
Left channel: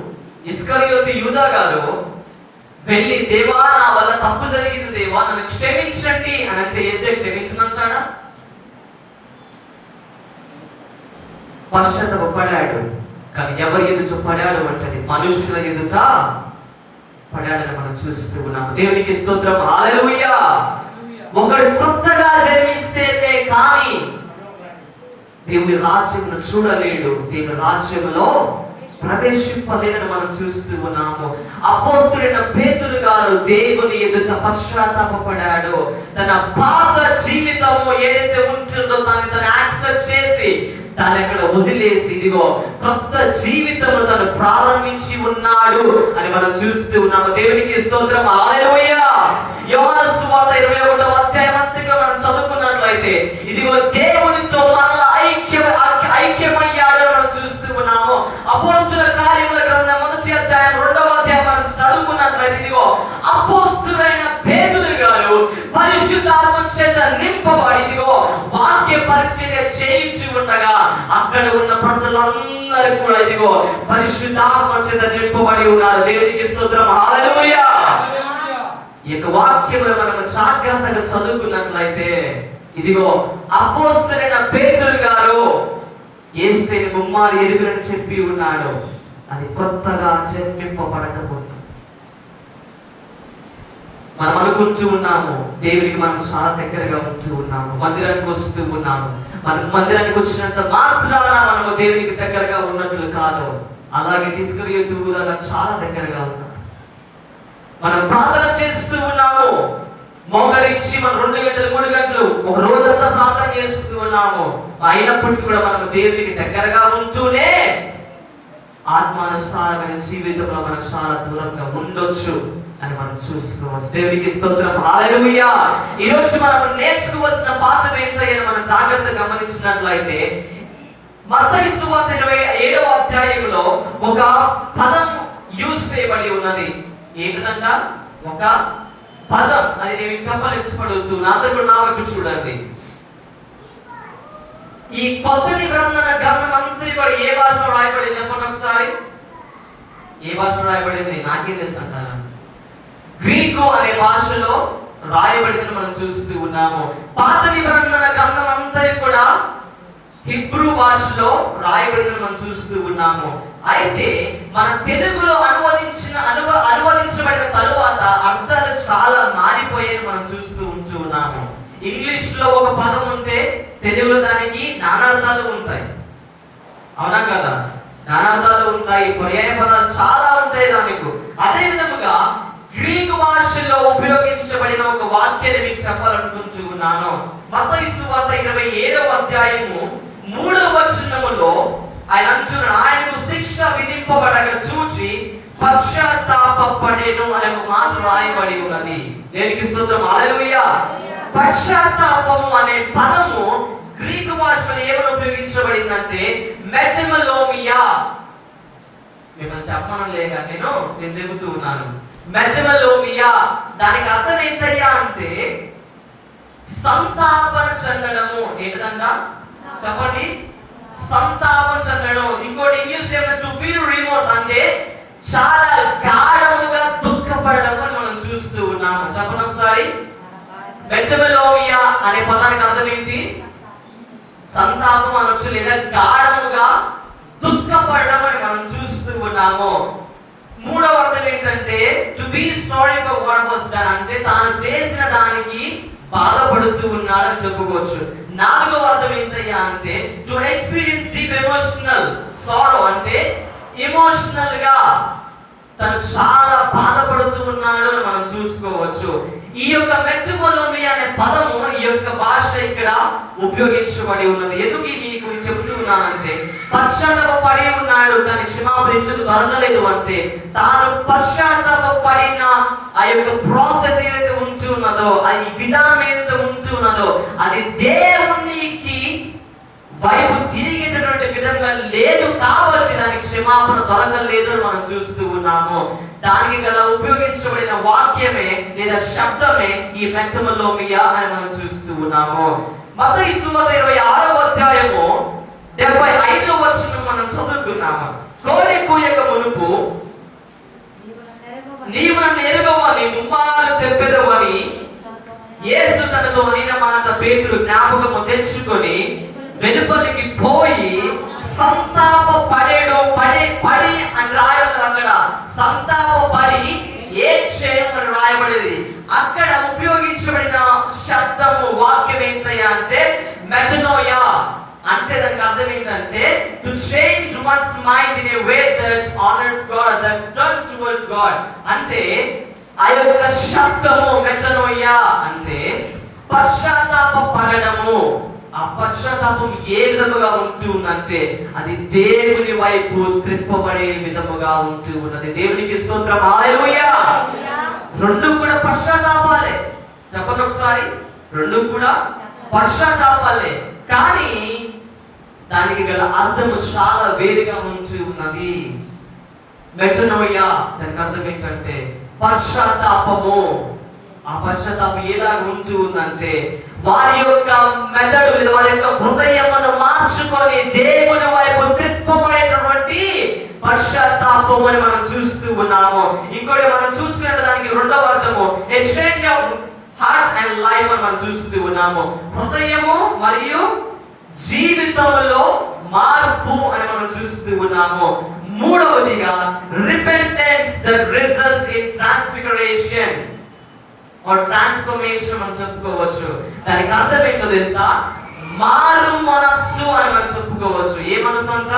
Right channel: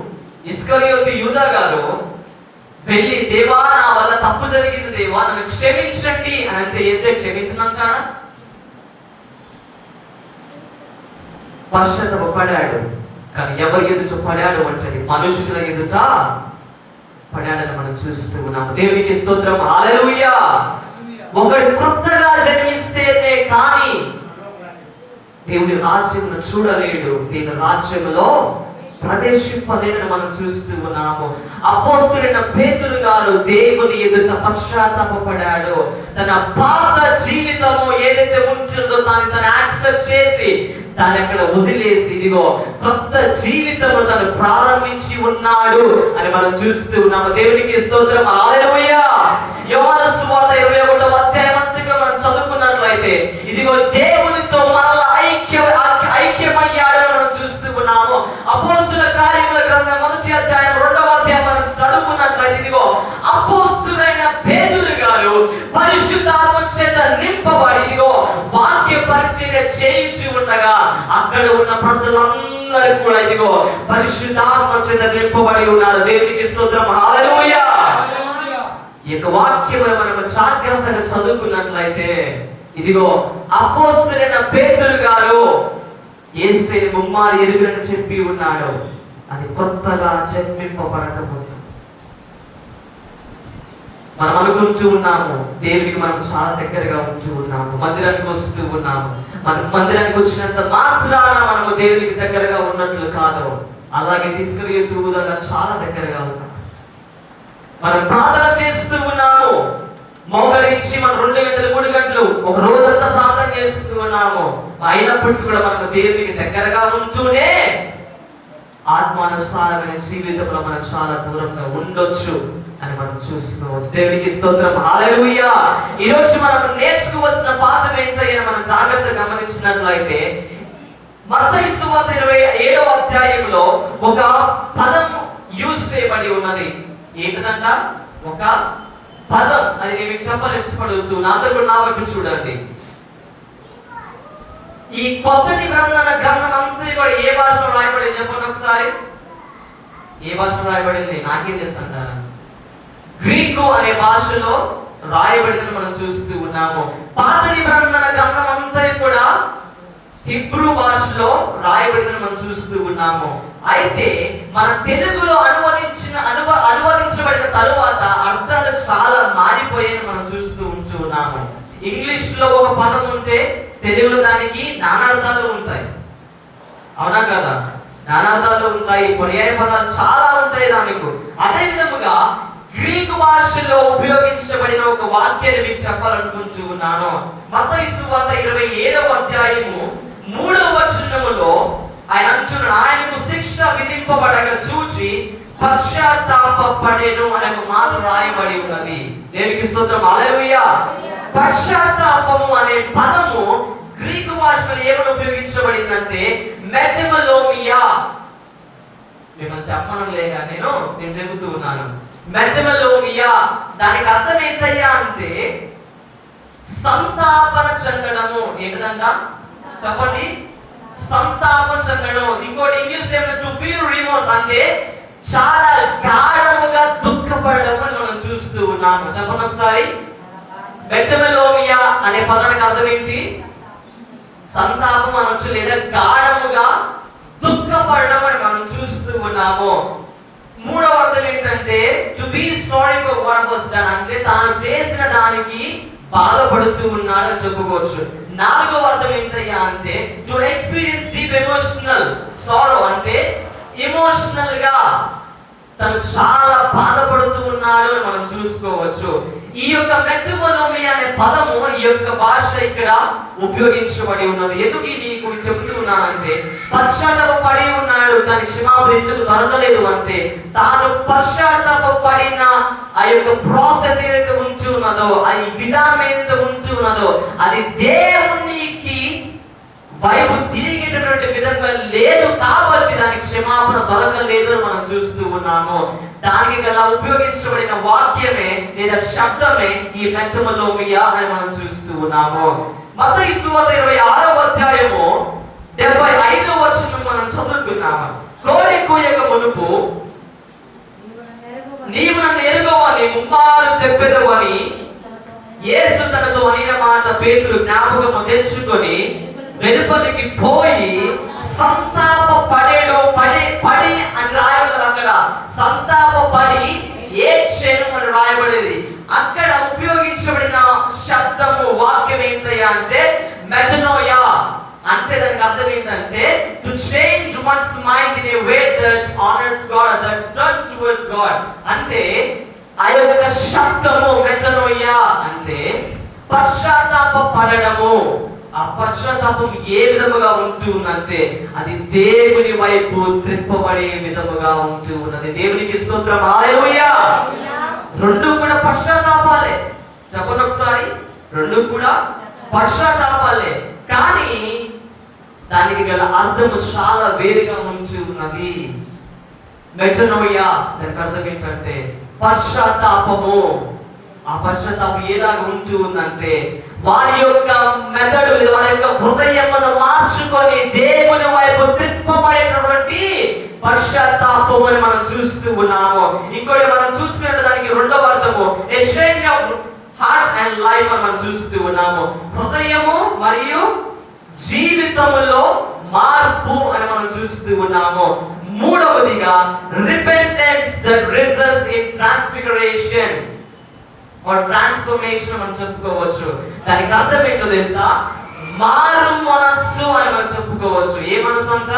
ఇస్కరియోతు యూదా గారు వెళ్ళి, దేవా నా వల్ల తప్పు జరిగింది దేవా, నన్ను క్షమించండి అని అంటే యేసయ్య క్షమించనంటాడా? పశ్చాత్తాపపడాడు. కానీ ఎవరి ఎదుట పడాడు అంటే మనుషుల ఎదుట పడాడని మనం చూస్తూ ఉన్నాము. దేవునికి స్తోత్రం, హల్లెలూయా. ఒకడు కొత్తగా జన్మిస్తేనే కానీ దేవుని రాజ్యమును చూడలేడు, దేవుని రాజ్యములో ప్రవేశింపలేదని మనం చూస్తూ ఉన్నాము. అపోస్తలుడైన పేతురు గారు దేవుని ఎదుట పశ్చాత్తాపపడాడు. తన పాత జీవితము ఏదైతే ఉంటుందో దాన్ని తను యాక్సెప్ట్ చేసి దాన్ని అక్కడ వదిలేసి ఇదిగో కొత్త జీవితము తను ప్రారంభించి ఉన్నాడు అని మనం చూస్తూ ఉన్నాము. దేవునికి స్తోత్రం, హల్లెలూయా. యోహాను సువార్త 21వ అధ్యాయం అంతా మనం చదువుకున్నట్లయితే, ఇదిగో దేవునితో మరలా ఐక్యమయ్యాడు మనం చూస్తూ ఉన్నాము. అపోస్తుల కార్యముల గ్రంథం 1వ అధ్యాయం 2వ అధ్యాయం మనం చదువుకున్నట్లయితే, ఇదిగో అపోస్తులైన పేతురు గారు పరిశుద్ధాత్మ చేత నింపబడి ఇదిగో వాక్య పరిచర్య చేయించి ఉండగా అక్కడ ఉన్న ప్రజలందరూ కూడా ఇదిగో పరిశుద్ధాత్మ చేత నింపబడి ఉన్నారు. దేవునికి స్తోత్రం, హల్లెలూయా. ఈ యొక్క వాక్యమును మనం జాగ్రత్తగా చదువుకున్నట్లయితే, ఇదిగో అపోస్తలుడైన పేతురు గారు యేసుని ముమ్మారు ఎరుగునని చెప్పి ఉన్నాడు. అది కొత్తగా జన్మింపబడకపోతే మనం అనుకుంటూ ఉన్నాము దేవునికి మనం చాలా దగ్గరగా ఉంటూ ఉన్నాము, మందిరానికి వస్తూ ఉన్నాము. మనం మందిరానికి వచ్చినంత మాత్రాన మనము దేవునికి దగ్గరగా ఉన్నట్లు కాదు. అలాగే తీసుకెళ్ళి చాలా దగ్గరగా ఉన్నాం. మనం ప్రార్థన చేస్తూ ఉన్నాము, మోకరించి మనం 2 గంటలు 3 గంటలు ఒక రోజంతా ప్రార్థన చేస్తూ ఉన్నాము. అయినప్పటికీ కూడా మనము దేవునికి దగ్గరగా ఉంటూనే ఆత్మానుసారమైన జీవితంలో మనం చాలా దూరంగా ఉండొచ్చు అని మనం చూసుకోవచ్చు. దేవునికి స్తోత్రం, హల్లెలూయా. ఈ రోజు మనం నేర్చుకోవాల్సిన పాఠం ఏంటని మనం జాగ్రత్తగా గమనించినట్లయితే, మత్తయి సువార్త 27వ అధ్యాయంలో ఒక పదం యూజ్ చేయబడి ఉన్నది. ఏంటంట? ఒక పదం. అది నేను చెప్పాలని ఇష్టపడుతూ నాతో నా వైపు చూడండి. ఈ కొత్త నిబంధన గ్రంథం అంతా కూడా ఏ భాషలో రాయబడింది చెప్పండి ఒకసారి. ఏ భాషలో రాయబడింది? నాకేం తెలుసు అంటారా? గ్రీకు అనే భాషలో రాయబడిందని మనం చూస్తూ ఉన్నాము. పాత నిబంధన గ్రంథం అంతా కూడా హిబ్రూ భాషలో రాయబడిందని మనం చూస్తూ ఉన్నాము. అయితే మన తెలుగులో అనువదించబడిన తరువాత అర్థాలు చాలా మారిపోయాయని మనం చూస్తూ ఉన్నాము. ఇంగ్లీష్ లో ఒక పదం ఉంటే తెలుగులో దానికి నానార్థాలు ఉంటాయి. అవునా కదా? నానార్థాలు ఉంటాయి, పర్యాయ పదాలు చాలా ఉంటాయి దానికి. అదే విధముగా గ్రీకు భాషలో ఉపయోగించబడిన ఒక వాక్యాన్ని మీకు చెప్పాలనుకుంటూ ఉన్నాను. మత్తయి సువార్త 27వ అధ్యాయము 3వ వచనములో ఆయన అంటున్నాడు, ఆయనకు శిక్ష విధింపబడగా చూచి పశ్చాత్తాపపడెను అనే ఒక మాట రాయబడి ఉన్నది. దేవునికి స్తోత్రం, హల్లెలూయా. పశ్చాత్తాపము అనే పదము గ్రీకు భాషలో ఏమని ఉపయోగించబడిందంటే మెటనోమియా. మిమ్మల్ని చెప్పడం లేక నేను చెబుతూ ఉన్నాను. మెటనోమియా దానికి అర్థం ఏంటయ్యా అంటే సంతాపన చెందడము. ఏంటంట చెప్పండి? సంతాపన చెందడం. ఇంకోటి ఇంగ్లీష్ లో టు ఫీల్ రిమోర్స్ అంటే చాలా గాఢముగా దుఃఖపడడం అని మనం చూస్తూ ఉన్నాము. చెప్పండి ఒకసారి. మెటనోమియా అనే పదానికి అర్థం ఏంటి? సంతాపం అనొచ్చు, లేదా గాఢముగా దుఃఖపడడం అని మనం చూస్తూ ఉన్నాము. మూడవ అర్థం ఏంటంటే to be sorry for what was done అంటే తాను చేసిన దానికి బాధపడుతూ ఉన్నాడని చెప్పుకోవచ్చు. నాలుగవ అర్థం ఏంటయ్యా అంటే టు ఎక్స్పీరియన్స్ డీప్ ఎమోషనల్ సారో అంటే ఎమోషనల్ గా తను చాలా బాధపడుతూ ఉన్నాడు అని మనం చూసుకోవచ్చు. ఈ యొక్క మెటనోమియా అనే పదము ఈ యొక్క భాష ఇక్కడ ఉపయోగించబడి ఉన్నది. ఎందుకు మీకు చెబుతూ ఉన్నానంటే పశ్చాత్తాపడి ఉన్నాడు కానీ క్షమాపణ ఎందుకు దొరకలేదు అంటే తాను పశ్చాత్తాపడిన ఆ యొక్క ప్రాసెస్ ఏదైతే ఉంటున్నదో, ఆ విధానం ఏదైతే ఉంటున్నదో అది దేవునికి వైపు తిరిగేటటువంటి విధంగా లేదు కాబట్టి దానికి క్షమాపణ దొరకలేదు అని మనం చూస్తూ ఉన్నాము. దానికి గల ఉపయోగించబడిన వాక్యమే లేదా శబ్దమే ఈ మెటనోమియా అని మనం చూస్తూ ఉన్నాము. మత్తయి సువార్త 26వ అధ్యాయము 75వ వచనం మనం చదువుకున్నాము. కోడి కూయక మునుపు నీవు నన్ను ఎరుగవని ముమ్మారు చెప్పెదవని యేసు తనతో అనిన మాట పేతురు జ్ఞాపకము తెచ్చుకొని వెలుపలికి పోయి సంతాప పడేడు పడి అని రాయబడింది. అక్కడ సంతాప పడి ఏడ్చెను అని రాయబడేది. అక్కడ ఉపయోగించబడిన శబ్దము వాక్యం ఏంటయ్యా అంటే మెటనోయా. అంటే దానికి అర్థం ఏంటంటే to change once mind in a way that honours God, that turns towards God. అంటే ఆ యొక్క శబ్దము మెటనోయా అంటే పశ్చాత్తాప పడడము. ఆ పశ్చాత్తాపం ఏ విధముగా ఉంటుందంటే అది దేవుని వైపు త్రిప్పబడే విధముగా ఉంటూ ఉన్నది. దేవునికి స్తోత్రం, హల్లెలూయా. రెండు కూడా పశ్చాత్తాపాలే. చెప్పండి ఒకసారి. రెండు కూడా పశ్చాత్తాపాలే, కానీ దానికి గల అర్థము చాలా వేరుగా ఉంటూ ఉన్నది. మెటనోమియా దానికి అర్థం ఏంటంటే పశ్చాత్తాపము. ఆ పశ్చాత్తాపం ఎలాగ ఉంటూ ఉందంటే వారి యొక్క మెదడు, వారి యొక్క హృదయమును మార్చుకొని దేవుని వైపు త్రిప్పబడేటటువంటి పశ్చాత్తాపం అని మనం చూస్తూ ఉన్నాము. ఇంకోటి మనం చూసుకున్నట్టు దానికి రెండవ అర్థము a change of heart and life అని మనం చూస్తూ ఉన్నాము. హృదయము మరియు జీవితంలో మార్పు అని మనం చూస్తూ ఉన్నాము. మూడవదిగా repentance that results in transfiguration or transformation మనం చెప్పుకోవచ్చు. దానికి అర్థం ఏంటో తెలుసా? మారు మనస్సు అని మనం చెప్పుకోవచ్చు. ఏ మనస్సు అంట?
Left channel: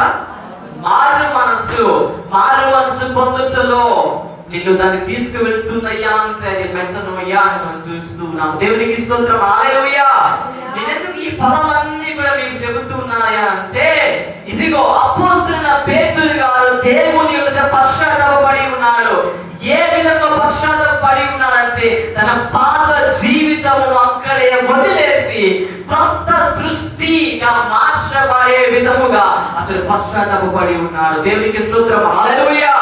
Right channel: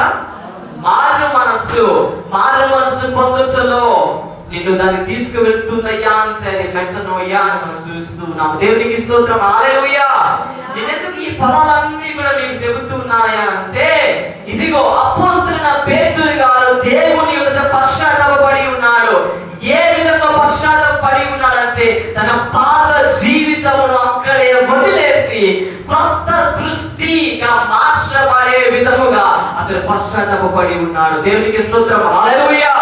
మారు మనస్సు. మారు మనస్సు పొందుటలో నిన్ను దాన్ని తీసుకువెళ్తుందయ్యా అంటే మెటనోమియా అని మనం చూస్తున్నాం. దేవునికి స్తోత్రం, హల్లెలూయా. నేను ఎందుకు ఈ పదాలన్నీ కూడా మీకు చెబుతున్నాయా అంటే ఇదిగో అపోస్తలుడైన పేతురు గారు దేవుని యొద్ద పశ్చాత్తాపపడి ఉన్నాడు. ఏ విధంగా పశ్చాత్తాపపడి ఉన్నాడంటే తన పాత జీవితమును అక్కడే వదిలేసి కొత్త సృష్టిగా మార్చబడే విధముగా అతను పశ్చాత్తాపపడి ఉన్నాడు. దేవునికి స్తోత్రం, హల్లెలూయా.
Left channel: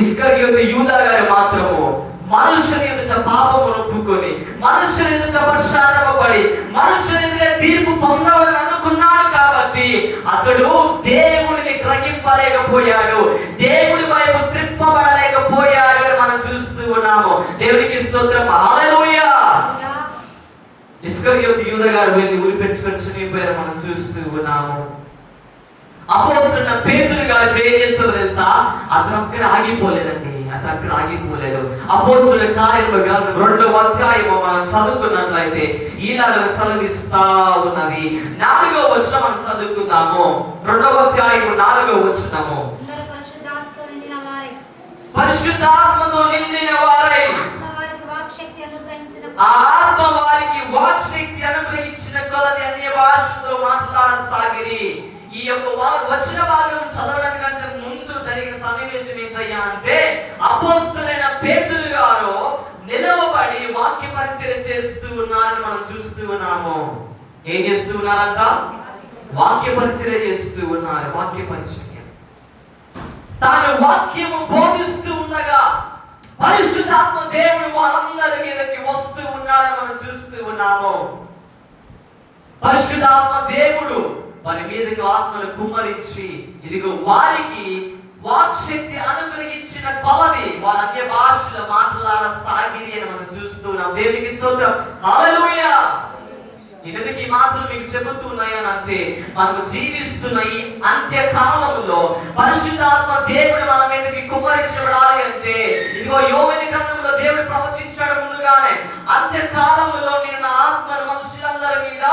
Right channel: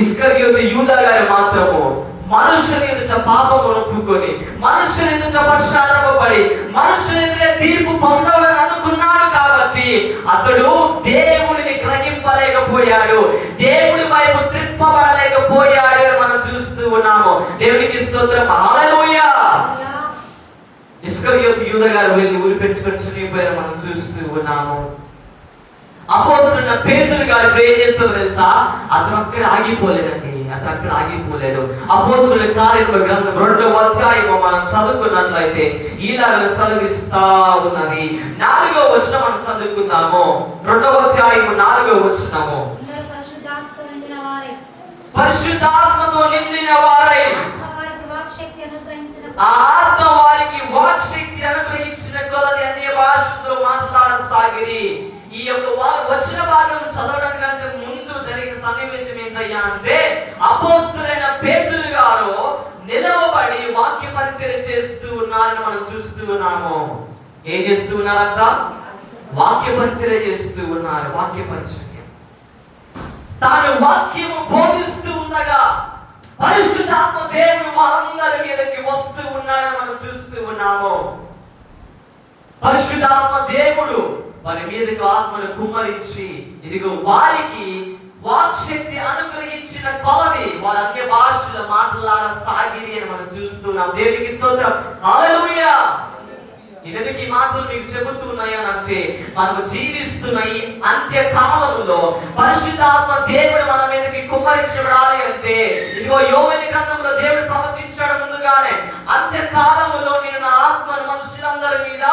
ఇస్కరియోతు యూదా గారు మాత్రము మనుషుని ఎదుట పాపమును ఒప్పుకొని మనుషుని ఎదుట పశ్చాత్తాపపడి మనుషుని ఎదుట తీర్పు పొందాలని అనుకున్నాడు కాబట్టి అతడు దేవుడిని గ్రహింపలేకపోయాడు, దేవుడి వైపు త్రిప్పబడలేకపోయాడు అని మనం చూస్తూ ఉన్నాము. దేవునికి స్తోత్రం. హల్లెలూయా. ఇస్కరియోతు యూదా గారు వెళ్ళి ఊరి పెట్టుకొని చనిపోయారు మనం చూస్తూ ఉన్నాము. అపోస్తలుడైన పేతురు గారు ఏం చేస్తారో తెలుసా? అతను అక్కడ ఆగిపోలేదండి. అతను అక్కడ ఆగిపోలేదు. అపోస్తలుల కార్యముల గ్రంథం 2వ అధ్యాయము మనం చదువుకున్నట్లయితే ఇలాగ సెలవిస్తా ఉన్నది. 4వ వచనం మనం చదువుకుందాము. 2వ అధ్యాయము 4వ వచనము. పరిశుద్ధాత్మతో నిండిన వారై ఆత్మ వారికి వాక్శక్తి అనుగ్రహించిన కొలది అన్య భాషలతో మాట్లాడసాగిరి. ఈ యొక్క వచన భాగం చదవడానికి ముందు జరిగిన సన్నివేశం ఏంటయ్యా అంటే, అపోస్తలుడైన పేతురు గారు నిలవబడి వాక్య పరిచయం చేస్తూ ఉన్నారని మనం చూస్తూ ఉన్నాము. ఏం చేస్తూ ఉన్నారంట? వాక్య పరిచయం చేస్తూ ఉన్నారు. వాక్య పరిచయం. తాను వాక్యము బోధిస్తూ ఉండగా పరిశుద్ధాత్మ దేవుడు వారందరి మీదకి వస్తూ ఉన్నాడని మనం చూస్తూ ఉన్నాము. పరిశుద్ధాత్మ దేవుడు వారి మీదకి ఆత్మను కుమ్మరించి ఇదిగో వారికి వాక్శక్తి అనుగ్రహించిన కొలది వారు అన్య భాషలో మాట్లాడసాగిరి అని మనం చూస్తున్నాం. దేవునికి స్తోత్రం. హల్లెలూయా. ఎందుకు ఈ మాటలు మీకు చెబుతూ ఉన్నాయనంటే, మనము జీవిస్తున్న ఈ అంత్యకాలంలో పరిశుద్ధాత్మ దేవుడు మన మీదకి కుమ్మరించబడాలి అంటే, ఇదిగో యోవేలు గ్రంథంలో దేవుడు ప్రవచించాడు ముందుగానే, అంత్యకాలంలో నేను నా ఆత్మను మనుషులందరి మీద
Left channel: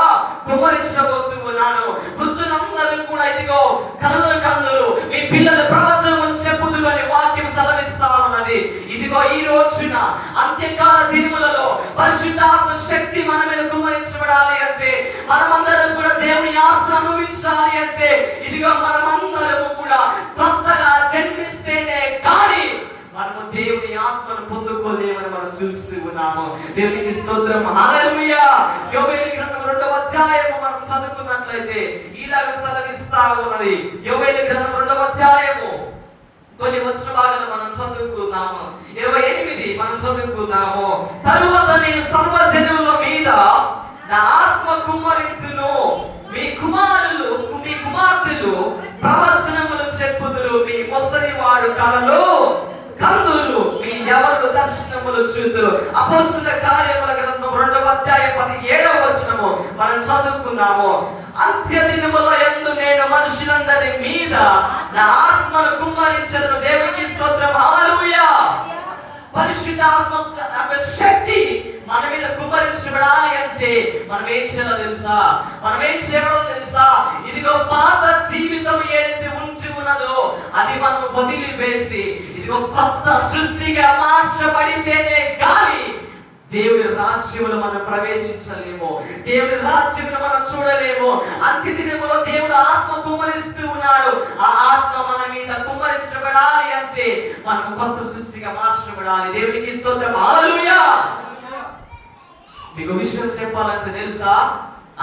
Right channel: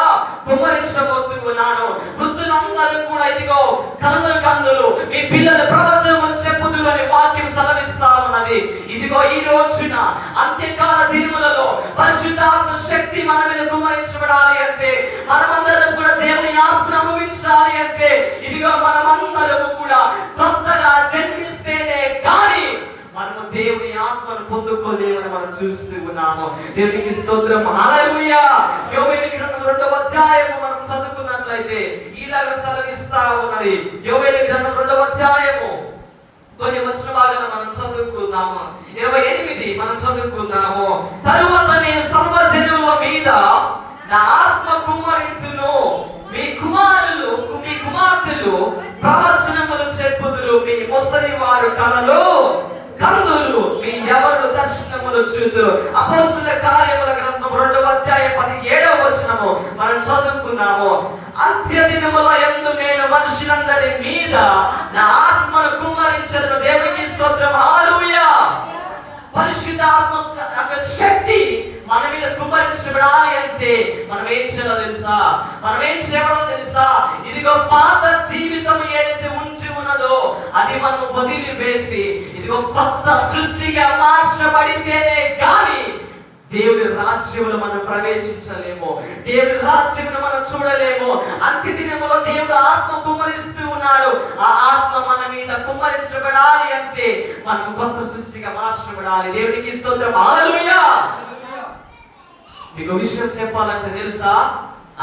కుమ్మరించబోతూ ఉన్నాను. వృద్ధులందరూ కూడా ఇదిగో కన్నులు మీ పిల్లల ప్రవచనములు చెప్పుదురు అని వాక్యం సెలవిస్తా ఉన్నది. ఇదిగో ఈ రోజున అంత్యకాల దినములలో పరిశుద్ధాత్మ శక్తి మన మీద కుమ్మరించబడాలి అంటే, మనమందరం కూడా దేవుని ఆత్మను అనుభవించాలి అంటే, ఇదిగో మనమందరం కూడా కొత్తగా జన్మిస్తేనే కానీ మనము దేవుని ఆత్మను పొందుకోలేమని మనం చూస్తూ ఉన్నాము. దేవునికి స్తోత్రం. హల్లెలూయా. యోవేలు గ్రంథం 2వ అధ్యాయము మనం చదువుకున్నట్లయితే ఇలాగ సెలవిస్తా ఉన్నది. యోవేలు గ్రంథం 2వ అధ్యాయము కొన్ని వచన భాగాలు మనం చదువుకుందాము. 28 మనం చదువుకుందాము. తరువాత నేను సర్వజనుల మీద నా ఆత్మ కుమ్మరింతును, మీ కుమారులు మీ కుమార్తెలు ప్రవచనములు చెప్పుదురు, మీ ముసలి వారు కలలు కందులు, మీ యవనులు దర్శనములు చూదురు. అపోస్తలుల కార్యముల గ్రంథం 2వ అధ్యాయం 17వ వచనము మనం చదువుకుందాము. అంత్య దినముల యందు నేను మనుషులందరి మీద నా ఆత్మను కుమ్మరించెదను. దేవునికి స్తోత్రం. హల్లెలూయా. పరిశుద్ధాత్మ శక్తి మన మీద కుమ్మరించబడాలి అంటే మనం ఏం చేయాలో తెలుసా? ఇదిగో పాత జీవితం ఏదైతే ఉంచి ఉన్నదో అది మనం వదిలివేసి ఇదిగో కొత్త సృష్టిగా మార్చబడితేనే కానీ దేవుడి రాజ్యంలో మనం ప్రవేశించలేము. దేవుడి రాజ్యంలో మనం చూడలేము. అంత్య దినములో దేవుడు ఆత్మ కుమ్మరిస్తూ ఉన్నాడు. ఆ ఆత్మ మన మీద కుమ్మరించబడాలి అంటే మనం కొత్త సృష్టిగా మార్చబడాలి. దేవునికి స్తోత్రం. హల్లెలూయా. మీకు విషయం చెప్పాలంటే తెలుసా,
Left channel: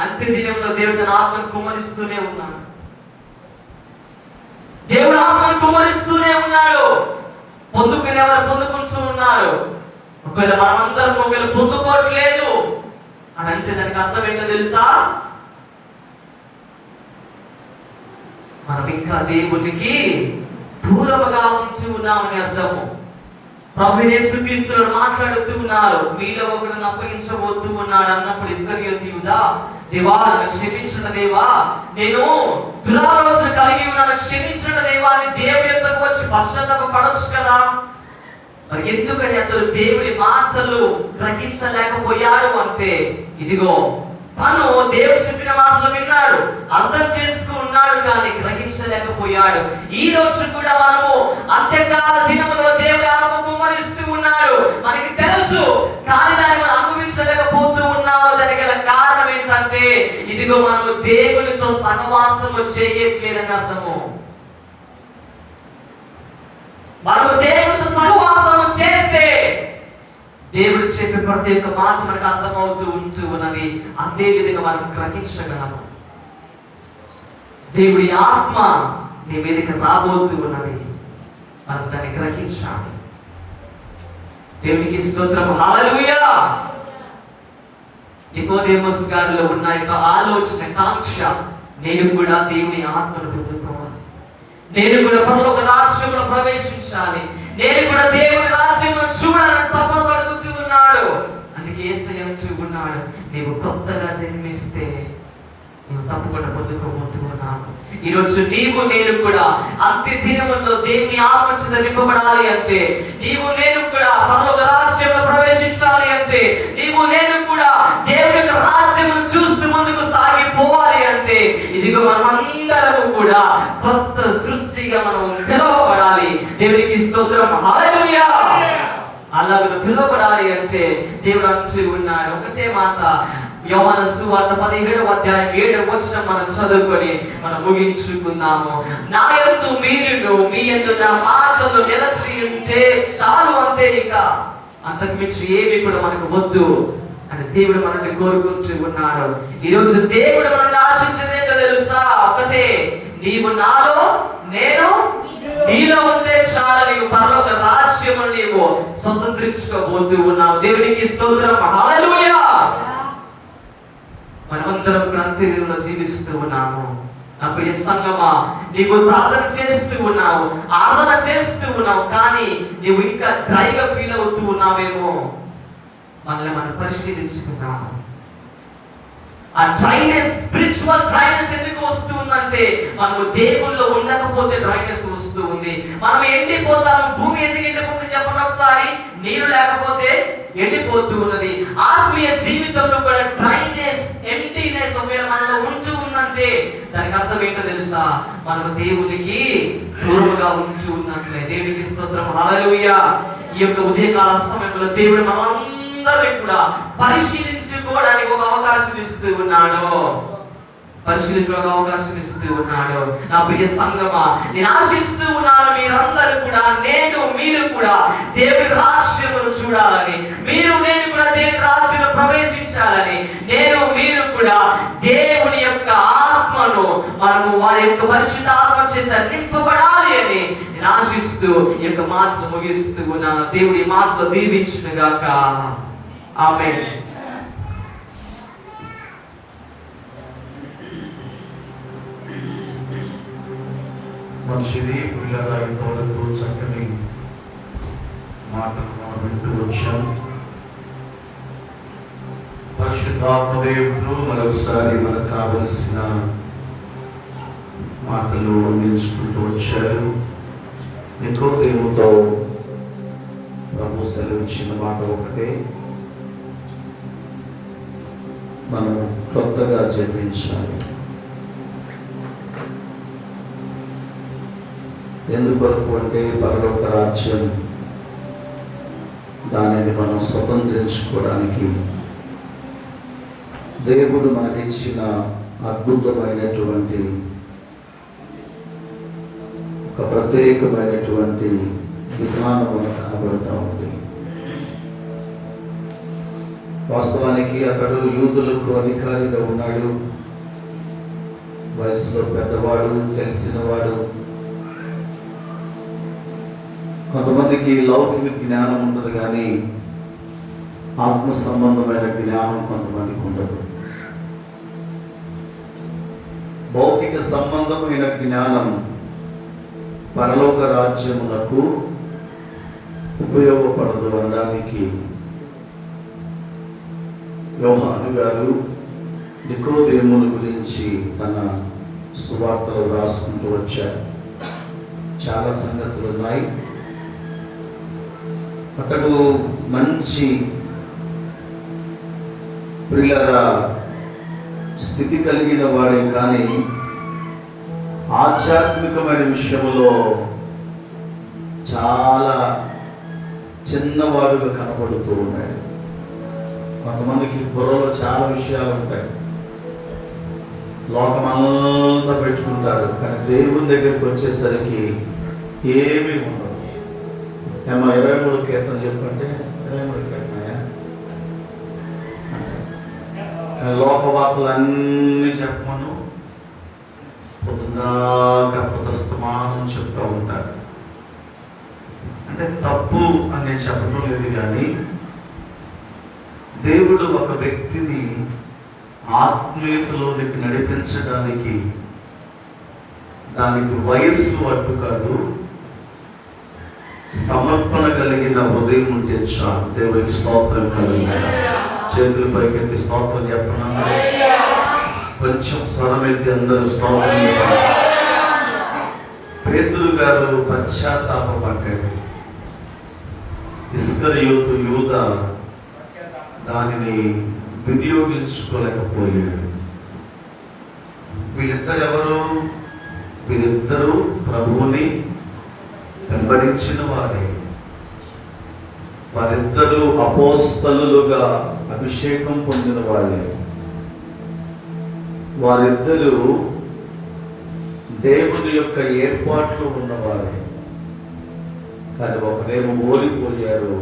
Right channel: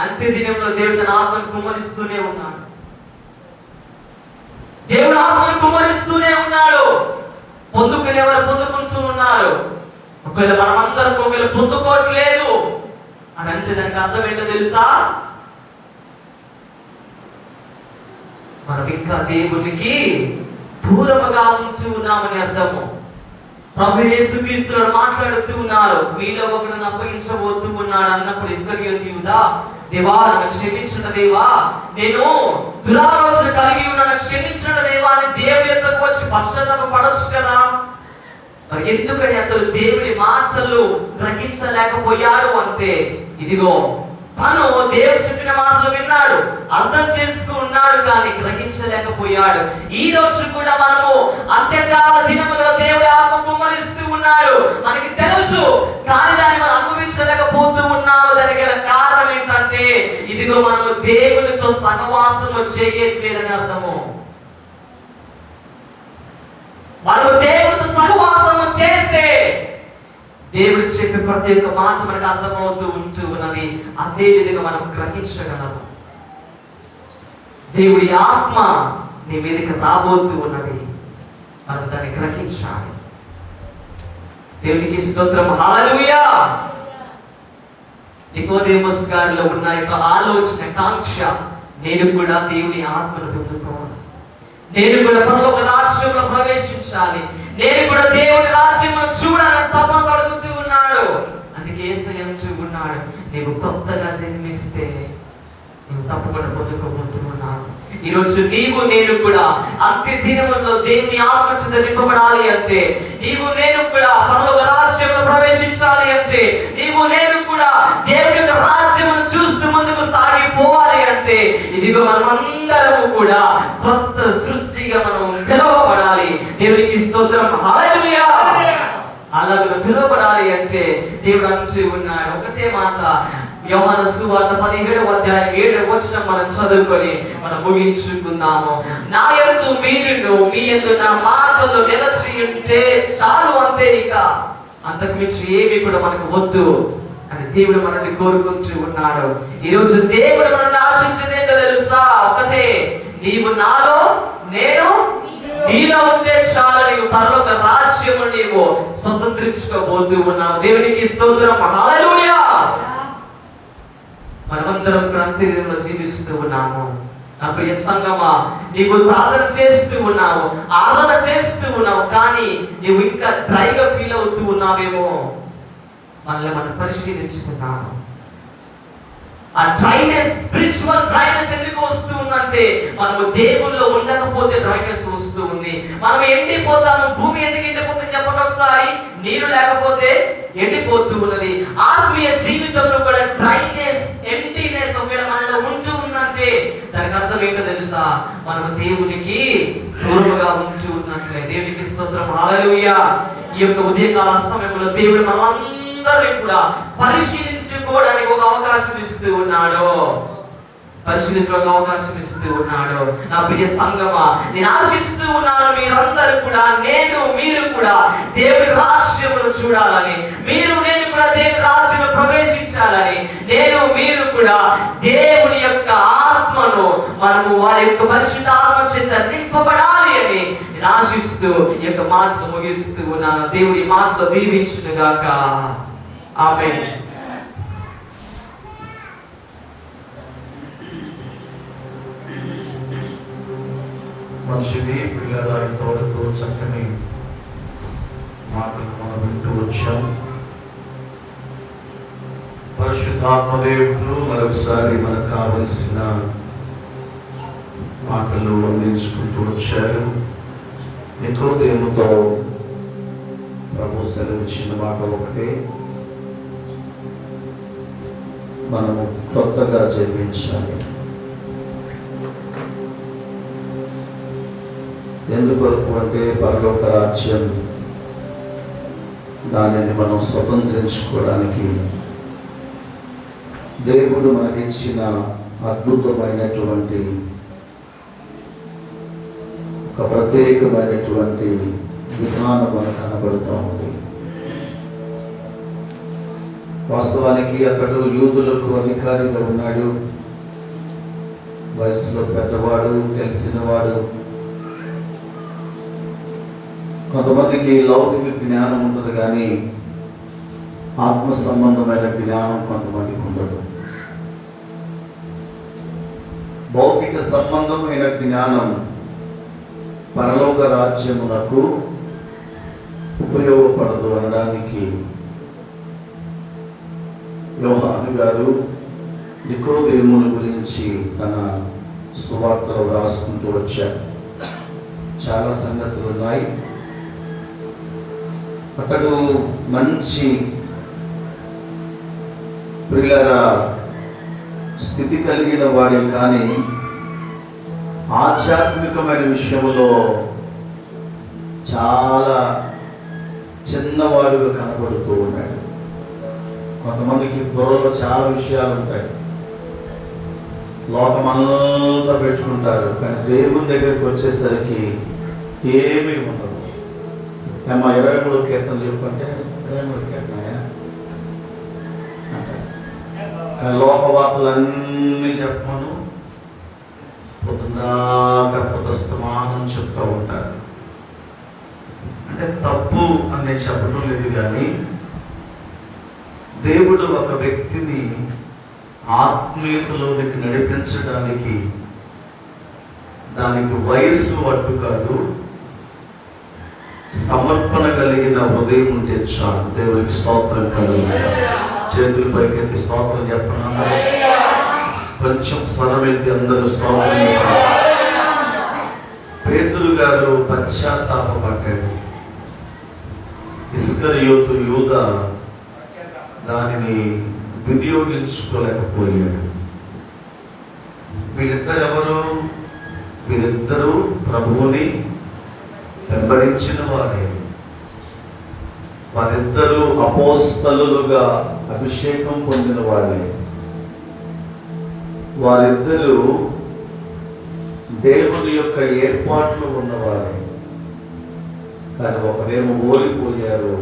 అంత్య దినంలో దేవుడు తన ఆత్మను కుమ్మరిస్తూనే ఉన్నాడు. దేవుడు ఆత్మను కుమ్మరిస్తూనే ఉన్నాడు. పొందుకుని ఎవరు పొందుకుంటూ ఉన్నారు. ఒకవేళ మనమందరం ఒకవేళ పొందుకోవట్లేదు అని అంటే దానికి అర్థం ఏంటో తెలుసా? మనం ఇంకా దేవునికి దూరముగా ఉంటూ ఉన్నామని అర్థము. ప్రభువు యేసుక్రీస్తు మాట్లాడుతూ ఉన్నారు, మీలో ఒకరిని అప్పగించబోతూ ఉన్నాడు అన్నప్పుడు ఇస్కరియోతు యూదా, దేవా నన్ను క్షమించిన దేవా, నేను దురాలోచన కలిగి ఉన్నాను, క్షమించిన దేవా అని దేవుని యొద్దకు వచ్చి పశ్చాత్తాప పడొచ్చు కదా. మరి ఎందుకని అతడు దేవుని మాటలు గ్రహించలేకపోయాడు అంటే, ఇదిగో తను దేవుడు చెప్పిన మాటలు విన్నాడు, అర్థం చేసుకున్నాడు, కానీ గ్రహించలేకపోయాడు. ఈ రోజు కూడా మనము అంత్యకాల దినములలో దేవుడు ఆత్మ కుమ్మరిస్తూ ఉన్నాడు, మనకి తెలుసు, కానీ దాన్ని మనం అనుభవించలేకపోతూ ఉన్నాము. దానికి గల కారణం ఏంటంటే, ఇదిగో మనము దేవునితో సహవాసము చేయట్లేదని అర్థము. మనము దేవునితో సహవాసము చేస్తే దేవుడు చెప్పే ప్రతి ఒక్క మాట మనకు అర్థమవుతూ ఉంటూ ఉన్నది. అదే విధంగా మనం గ్రహించగలము. దేవుడి ఆత్మ మీ మీదకి రాబోతూ ఉన్నది, మనం దాన్ని గ్రహించాలి. దేవునికి స్తోత్రం. హల్లెలూయా. నికోదేమస్ గారిలో ఉన్న యొక్క ఆలోచన, కాంక్ష, నేను కూడా దేవుని ఆత్మను పొందుకోవాలి, నేను కూడా పరలోక రాజ్యంలో ప్రవేశించాలి, నేను కూడా దేవుని రాజ్యంలో చూడాలని తపన కలుగుతూ ఉన్నాడు, నీవు కొత్తగా జన్మిస్తే నువ్వు తప్పకుండా పొందుకోబోతున్నావు. ఈరోజు నీవు నేను కూడా అంత్య దినముల్లో దేవుని ఆత్మచేత నింపబడాలి అంటే, నీవు నేను కూడా పరలోక రాజ్యంలో ప్రవేశించాలి అంటే, నీవు నేను కూడా దేవుని యొక్క రాజ్యమును చూస్తూ ముందుకు సాగిపోవాలి అంటే, ఇదిగో మనమందరము కూడా కొత్త సృష్టిగా మనం పిలువబడాలి. దేవునికి స్తోత్రం, హల్లెలూయా. అలాగే పిలువబడాలి అంటే దేవుడు అంటూ ఉన్నాడు. ఒకటే మాట, యోహాను సువార్త 17వ అధ్యాయం 7వ వచనం మనం చదువుకొని మనం ముగించుకుందాము. నా యందు మీరును మీ యందు నా మాటలు నిలిచి ఉంటే చాలు, అంతే, ఇక అంతకు మించి ఏమి కూడా మనకు వద్దు అని దేవుడు మనల్ని కోరుకుంటూ ఉన్నాడు. ఈరోజు దేవుడు మనల్ని ఆశించేది ఏంటో తెలుసా? ఒకటే, నీవు నాలో నేను నీలో ఉంటే చాలు, నీవు పరలోక రాజ్యము నీవు స్వతంత్రించుకోబోతూ ఉన్నావు. దేవునికి స్తోత్రం, హల్లెలూయా. మనమందరం క్రాంతిలో జీవిస్తూ ఉన్నాము. నా ప్రియ సంగమా, నీవు ప్రార్థన చేస్తూ ఉన్నావు, ఆరాధన చేస్తూ ఉన్నావు, కానీ నీవు ఇంకా డ్రైగా ఫీల్ అవుతూ ఉన్నావేమో. మనల్ని మనం పరిశీలించుకున్నాము. ఆ డ్రైనెస్, స్పిరిచువల్ డ్రైనెస్ ఎందుకు వస్తూ ఉందంటే, మనము దేవుల్లో ఉండకపోతే డ్రైనెస్ వస్తూ ఉంది. మనం ఎండిపోతాము. భూమి ఎందుకు ఎండిపోతుంది చెప్పండి ఒకసారి? నీరు లేకపోతే ఎండిపోతూ ఉన్నది. ఆత్మీయ జీవితంలో కూడా డ్రైనెస్, ఎంటీనెస్ ఒకవేళ మనలో ఉంటూ ఉందంటే దానికి అర్థం ఏంటో తెలుసా? మనము దేవునికి దూరంగా ఉంటూ ఉన్నట్లే. దేవునికి స్తోత్రం, హల్లెలూయా. ఈ యొక్క ఉదయకాల సమయంలో దేవుడు మనందరినీ కూడా పరిశీలించుకోవడానికి ఒక అవకాశం ఇస్తూ ఉన్నాడు. పరిశీలించడానికి అవకాశం ఇస్తూ ఉన్నాడు. నా ప్రియ సంగమా, నేను ఆశిస్తూ ఉన్నాను మీరందరూ కూడా, మీరు కూడా దేవుని రాజ్యమును చూడాలని, నేను కూడా దేవుని రాజ్యంలో ప్రవేశించాలని, మీరు కూడా దేవుని యొక్క ఆత్మను మనము వారి యొక్క పరిశుద్ధాత్మ చేత నింపబడాలి అని నేను ఆశిస్తూ ఈ యొక్క మాటలు ముగిస్తూ ఉన్నాను. దేవుడి మాటలు దీవించును గాక. ఆమేన్. మంచిది పిల్లల ఇంతవరకు చక్కని మాటలు మనం వింటూ వచ్చాం. పరిశుద్ధాత్మదేవుడు మరొకసారి మనకు కావలసిన మాటలు అందించుకుంటూ వచ్చారు. నికోదేముతో ప్రభు సెలవిచ్చిన మాట ఒకటే, మనము కొత్తగా జన్మించాలి. ఎందుకొరకు అంటే పరలోక రాజ్యం, దానిని మనం స్వతంత్రించుకోవడానికి దేవుడు మనకిచ్చిన అద్భుతమైనటువంటి ఒక ప్రత్యేకమైనటువంటి విధానం మనకు కనబడుతూ ఉంది. వాస్తవానికి అతడు యూదులకు అధికారిగా ఉన్నాడు, వయసులో పెద్దవాడు, తెలిసినవాడు. కొంతమందికి లౌకిక జ్ఞానం ఉంటుంది, కానీ ఆత్మ సంబంధమైన జ్ఞానం కొంతమందికి ఉండదు. భౌతిక సంబంధమైన జ్ఞానం పరలోక రాజ్యమునకు ఉపయోగపడదు అనడానికి యోహాను గారు నికోదేముని గురించి తన సువార్తలో రాసుకుంటూ వచ్చారు. చాలా సంగతులు ఉన్నాయి. అతడు మంచి ప్రియుల స్థితి కలిగిన వాడే, కానీ ఆధ్యాత్మికమైన విషయంలో చాలా చిన్నవాడుగా కనబడుతూ ఉన్నాడు. కొంతమందికి బుర్రలో చాలా విషయాలు ఉంటాయి, లోకమంతా పెట్టుకుంటారు, కానీ దేవుని దగ్గరికి వచ్చేసరికి ఏమీ ఉండదు. ఏమో 23 కీర్తన చెప్పుకుంటే 23 కీర్తనయా అంటారు, కానీ లోకవార్తలన్నీ చెప్పమను పొద్దున్నాక పుస్తమానం చెప్తూ ఉంటారు. అంటే తప్పు అని నేను చెప్పడం లేదు, కానీ దేవుడు ఒక వ్యక్తిని ఆత్మీయతలోకి నడిపించడానికి దానికి వయస్సు అడ్డు కాదు, సమర్పణ కలిగిన హృదయం ఉంటే చాలు. దేవునికి స్తోత్రం కలుగును. చేతుల పైకి స్తోత్రం చెప్పడం, కొంచెం స్వరమైతే అందరూ స్తోత్రం చెప్పాలి. పేతురు గారు పశ్చాత్తాపడ్డాడు. ఇస్కరియోతు యూదా దానిని వినియోగించుకోలేకపోయాడు. వీళ్ళిద్దరెవరు? వీరిద్దరూ ప్రభువుని వెంబడించిన వారే. వారిద్దరూ అపోస్తలులుగా అభిషేకం పొందిన వాళ్ళే. వారిద్దరూ దేవుని యొక్క ఏర్పాట్లు ఉన్నవారే. కానీ ఒకరేమో ఓడిపోయారు,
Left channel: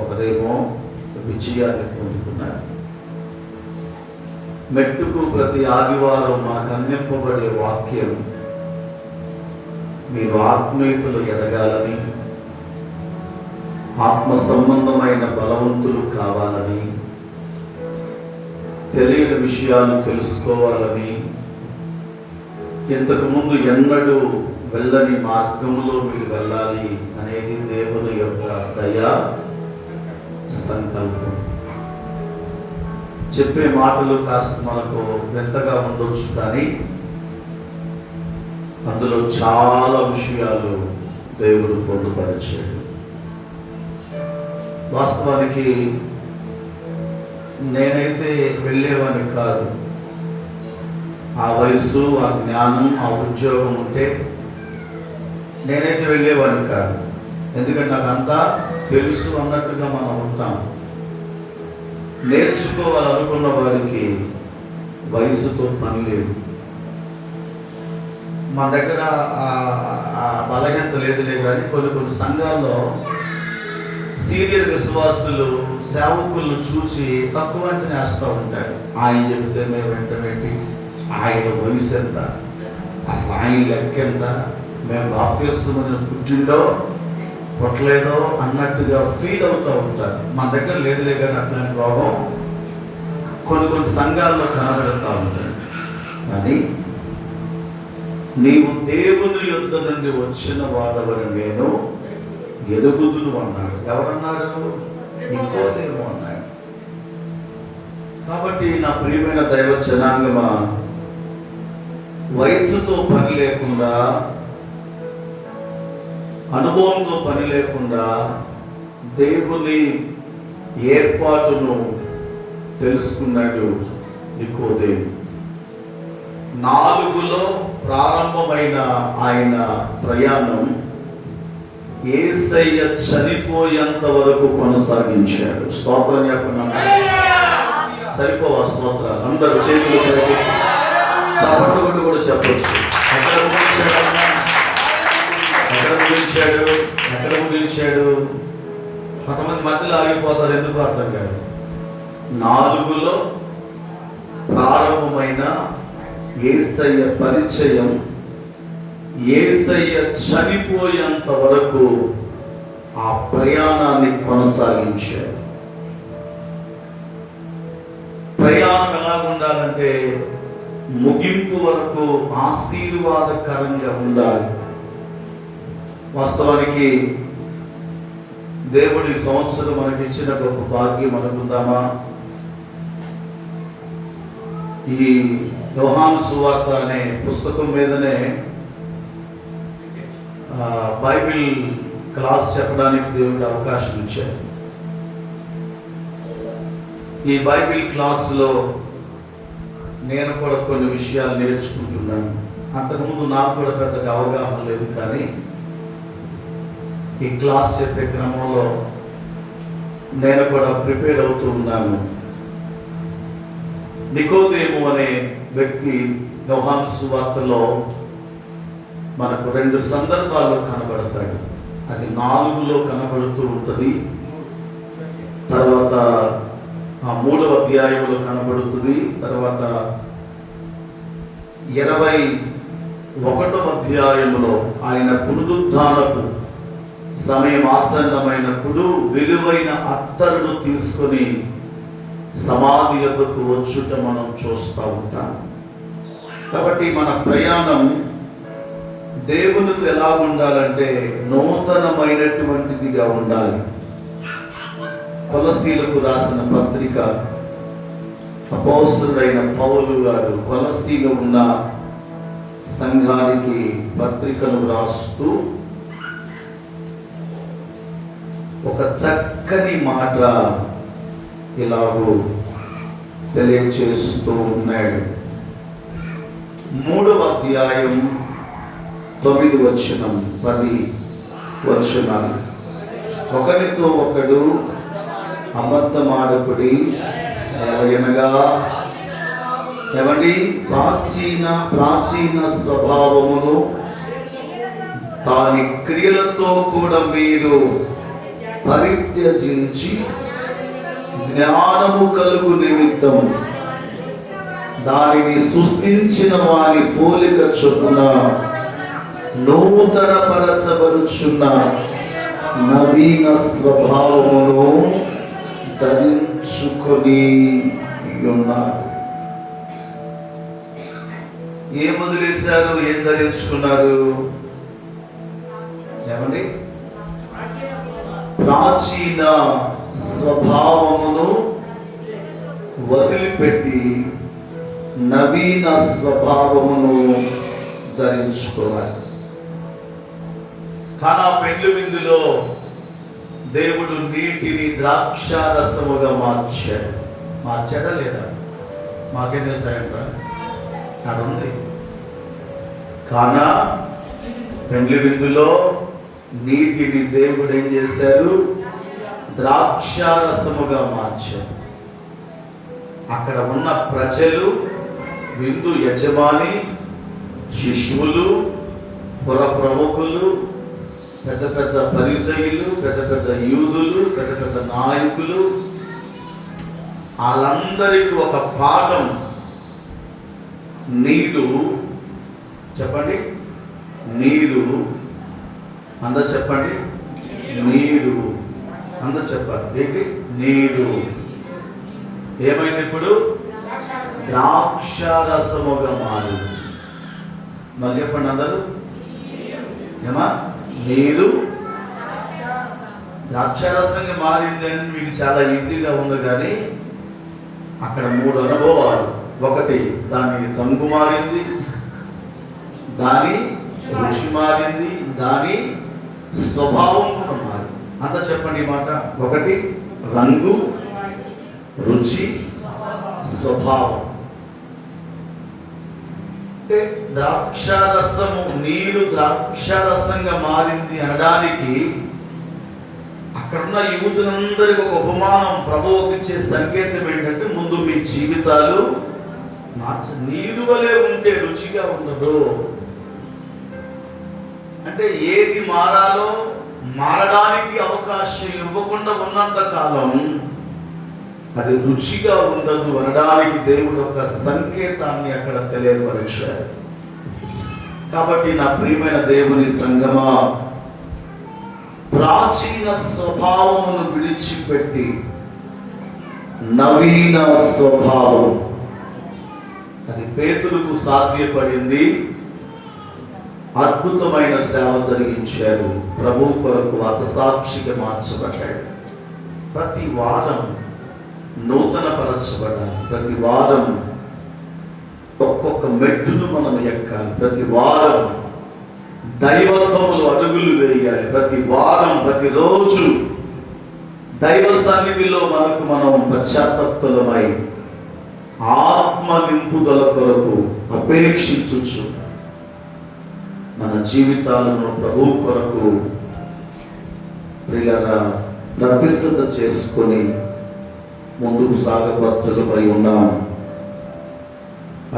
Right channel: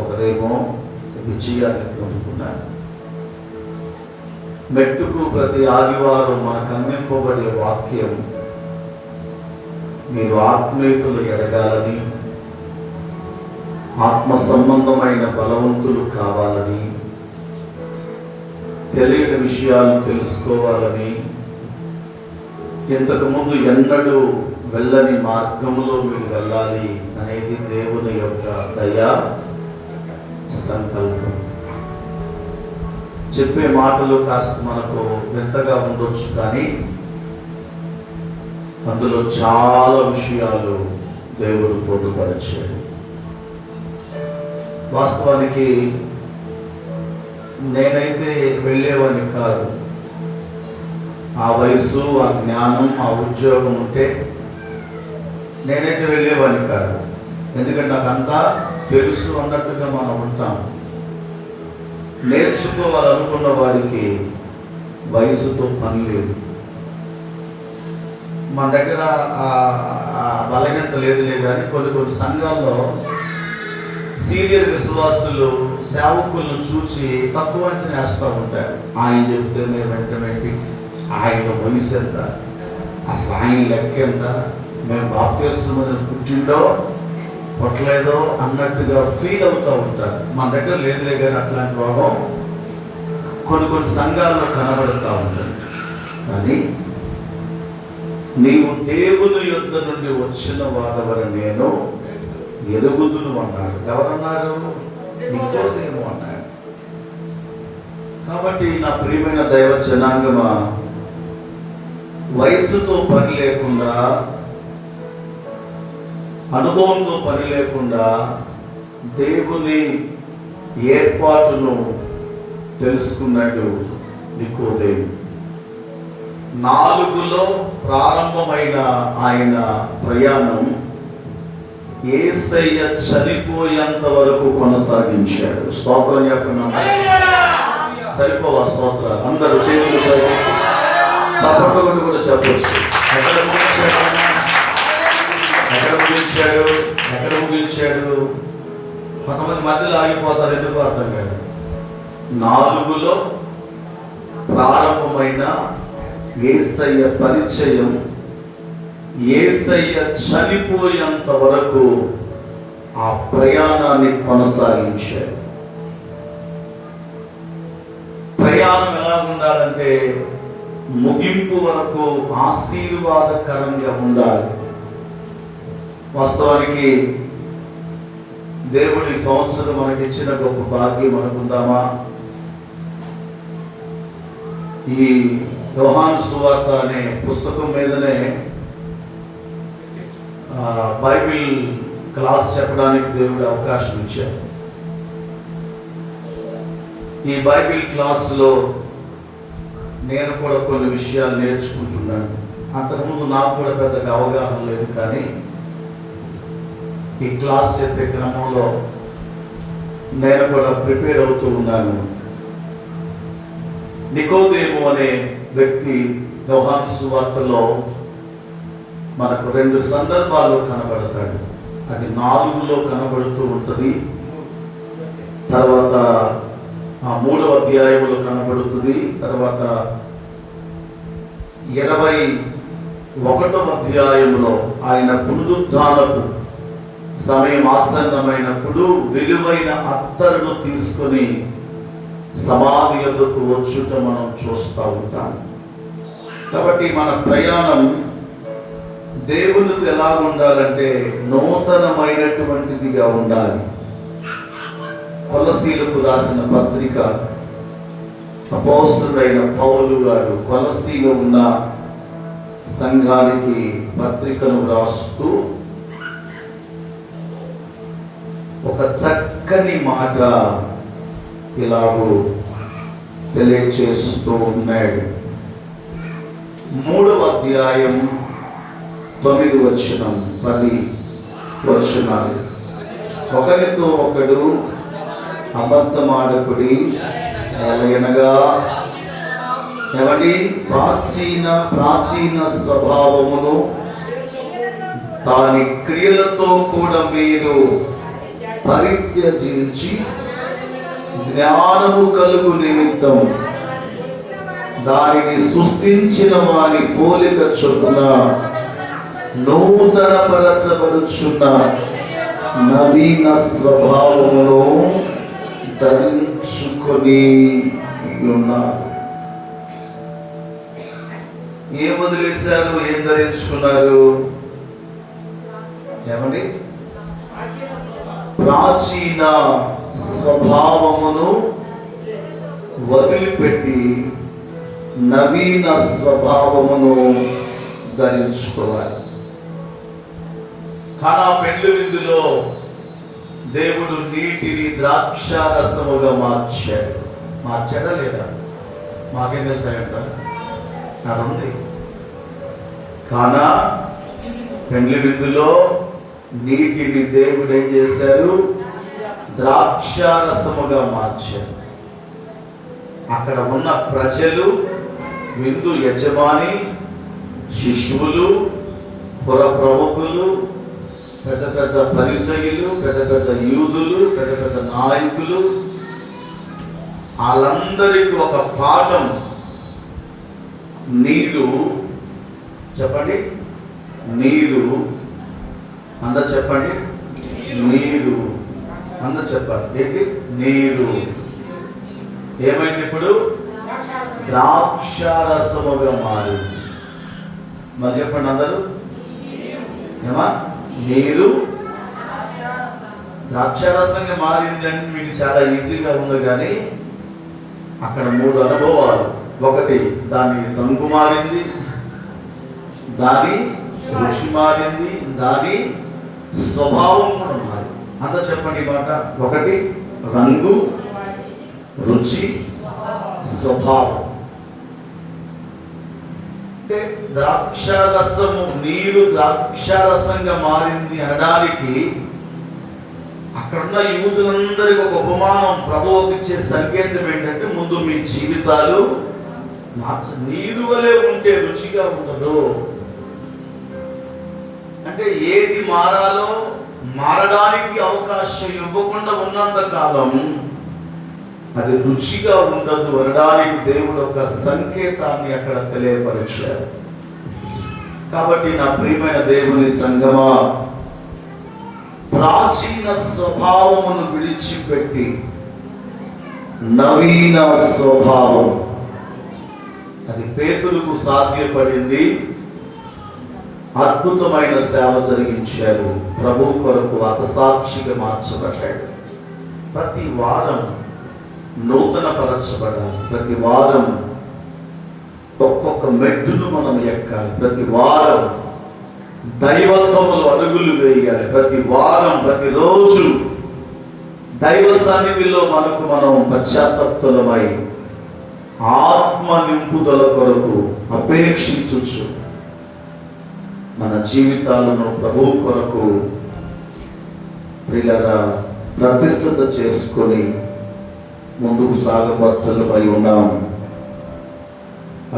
ఒకరేమో విజయాన్ని పొందుకున్నారు. మెట్టుకు ప్రతి ఆదివారం మనకు అందింపబడే వాక్యం, మీరు ఆత్మీయులు ఎదగాలని, ఆత్మ సంబంధమైన బలవంతులు కావాలని, తెలియని విషయాలు తెలుసుకోవాలని, ఇంతకుముందు ఎన్నడూ వెళ్ళని మార్గములో మీరు వెళ్ళాలి అనేది దేవుని యొక్క దయా సంకల్పం. చెప్పే మాటలు కాస్త మనకు వింతగా ఉండొచ్చు, కానీ అందులో చాలా విషయాలు దేవుడు పొందుపరిచాడు. వాస్తవానికి నేనైతే వెళ్ళేవాడిని కాదు. ఆ వయస్సు, ఆ జ్ఞానం, ఆ ఉద్యోగం ఉంటే నేనైతే వెళ్ళేవాడిని కాదు. ఎందుకంటే నాకంతా తెలుసు అన్నట్టుగా మనం ఉంటాం. నేర్చుకోవాలనుకున్న వారికి వయసుతో పని లేదు. మా దగ్గర బలహీనత లేదులే, కానీ కొన్ని సంఘాల్లో సీనియర్ విశ్వాసులు సేవకులను చూసి తక్కువ అంచనా వేస్తూ ఉంటారు. ఆయన చెప్తే మేము వెంటనేంటి, ఆయన వయసు ఎంత, అసలు ఆయన లెక్క ఎంత, మేము బాప్తిస్మం పుట్టిండో పుట్టలేదో అన్నట్టుగా ఫీల్ అవుతూ ఉంటారు. మన దగ్గర లేదులే, కానీ అట్లాంటి రోగం కొన్ని సంఘాల్లో కనబడుతూ ఉంటుంది. కానీ నీవు దేవుని యొద్ద నుండి వచ్చిన వాడవని నేను ఎరుగుదును అన్నాడు. ఎవరన్నారు? నికోదేము అన్నాడు. కాబట్టి నా ప్రియమైన దైవ జనాంగమా, వయసుతో పని లేకుండా, అనుభవంతో పని లేకుండా దేవుని ఏర్పాటును తెలుసుకున్నాడు నికోదేము. 4లో ప్రారంభమైన ఆయన ప్రయాణం యేసయ్య చనిపోయేంత వరకు కొనసాగించాడు. స్తోత్రం చెప్తున్నాం. సరిపోవా స్తోత్రాలు? అందరూ చేతులు చప్పట్లు కూడా చెప్పవచ్చు. ఎక్కడ ముగించాడు? కొంతమంది మధ్యలో ఆగిపోతారు, ఎందుకు అర్థం కాదు. 4లో ప్రారంభమైన యేసయ్య పరిచయం యేసయ్య చనిపోయేంత వరకు ఆ ప్రయాణాన్ని కొనసాగించాడు. ప్రయాణం ఎలా ఉండాలంటే ముగింపు వరకు ఆశీర్వాదకరంగా ఉండాలి. వాస్తవానికి దేవుడి సంవత్సరం మనకి ఇచ్చిన గొప్ప భాగ్యం అనుకుందామా? ఈ యోహాను సువార్త అనే పుస్తకం మీదనే బైబిల్ క్లాస్ చెప్పడానికి దేవుడు అవకాశం ఇచ్చాడు. ఈ బైబిల్ క్లాసులో నేను కూడా కొన్ని విషయాలు నేర్చుకుంటున్నాను. అంతకుముందు నాకు కూడా పెద్దగా అవగాహన లేదు, కానీ ఈ క్లాస్ చెప్పే క్రమంలో నేను కూడా ప్రిపేర్ అవుతూ ఉన్నాను. నికోదేము అనే వ్యక్తి యోహాను సువార్తలో మనకు 2 సందర్భాలు కనబడతాడు. అది 4లో కనబడుతూ ఉంటుంది, తర్వాత 3వ అధ్యాయంలో కనబడుతుంది, తర్వాత 21వ అధ్యాయంలో ఆయన పునరుద్ధానపు సమయం ఆసన్నమైనప్పుడు విలువైన అత్తరును తీసుకొని సమాధి యొద్దకు వచ్చుట మనం చూస్తూ ఉంటాం. కాబట్టి మన ప్రయాణం దేవునితో ఎలా ఉండాలంటే నూతనమైనటువంటిదిగా ఉండాలి, కొలసీలకు రాసిన పత్రిక అపోస్తలుడైన పౌలు గారు కొలసీలో ఉన్న సంఘానికి పత్రికలు రాస్తూ ఒక చక్కని మాట ఇలాగూ తెలియచేస్తూ ఉన్నాడు. 3వ అధ్యాయం 9 వచనం 10 వచనాలు. ఒకరితో ఒకడు అబద్ధమాడకుడి, ఎలయనగా ఎవరి ప్రాచీన స్వభావమును దాని క్రియలతో కూడా మీరు పరిత్యజించి జ్ఞానము కలుగు నిమిత్తం దానిని సృష్టించిన వాని పోలిక చొప్పున నూతన పరచబడుచున్న నవీన స్వభావమును ధరించుకొని ఉన్నారు. ఏం వదిలేశారు? ఏం ధరించుకున్నారు? ఏమండి? ప్రాచీన స్వభావమును వదిలిపెట్టి నవీన స్వభావమును ధరించుకోవాలి. కానా పెండ్లి విందులో దేవుడు నీటిని ద్రాక్షారసముగా మార్చాడా లేదా? మాకేం చేశాయంట? ఉంది. కానా పెండ్లి విందులో నీటిని దేవుడు ఏం చేశారు? ద్రాక్షారసముగా మార్చారు. అక్కడ ఉన్న ప్రజలు, విందు యజమాని, శిష్యులు, పుర ప్రముఖులు, పెద్ద పెద్ద పరిసయ్యులు, పెద్ద పెద్ద యూదులు, పెద్ద పెద్ద నాయకులు, వాళ్ళందరికీ ఒక పాఠం. నీరు చెప్పండి, నీరు అందరు చెప్పండి, నీరు అందరు చెప్పాలి. ఏంటి? నీరు ఏమైంది? ఇప్పుడు ద్రాక్షారసముగా మారి. మరి చెప్పండి అందరూ, ఏమా? నీరు ద్రాక్షారసంగా మారిందని మీకు చాలా ఈజీగా ఉంది, కానీ అక్కడ 3 అనుభవాలు. ఒకటి, దాని రంగు మారింది, దాని రుచి మారింది, దాని స్వభావం కూడా మారింది. అంతా చెప్పండి ఈ మాట. ఒకటి రంగు, రుచి, స్వభావం. అంటే ద్రాక్షారసము, నీరు ద్రాక్షారసంగా మారింది అనడానికి అక్కడున్న యూదులందరికీ ఒక ఉపమానం, ప్రభువుకి ఇచ్చే సంకేతం ఏంటంటే, ముందు మీ జీవితాలు నీరు వలె ఉంటే రుచిగా ఉండదు. అంటే ఏది మారాలో మారడానికి అవకాశం ఇవ్వకుండా ఉన్నంత కాలం అది రుచిగా ఉండదు అనడానికి దేవుడు ఒక సంకేతాన్ని అక్కడ తెలియపరిచారు. కాబట్టి నా ప్రియమైన దేవుని సంగమా, ప్రాచీన స్వభావమును విడిచిపెట్టి నవీన స్వభావం, అది పేతురుకు సాధ్యపడింది. అద్భుతమైన సేవ జరిగించారు. ప్రభు కొరకు హతసాక్షిగా మార్చబడ్డాడు. ప్రతి వారం నూతన పరచబడాలి. ప్రతి వారం ఒక్కొక్క మెట్టును మనం ఎక్కాలి. ప్రతి వారం దైవత్వములు అడుగులు వేయాలి. ప్రతి వారం, ప్రతిరోజు దైవ సన్నిధిలో మనం పశ్చాత్తాపమై ఆత్మ నింపుదల కొరకు అపేక్షించుచు మన జీవితాలను ప్రభు కొరకు ప్రియులారా ప్రతిష్ఠిత చేసుకొని ముందుకు సాగబద్ధులమై ఉన్నాం.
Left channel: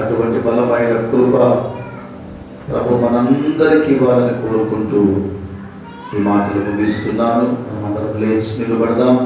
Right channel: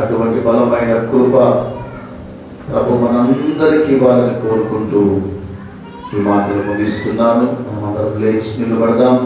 అటువంటి బలమైన కృప ప్రభు మనందరికీ ఇవ్వాలని కోరుకుంటూ ఈ మాటలు ముగిస్తున్నాను. మనమందరం లేచి నిలబడదాం.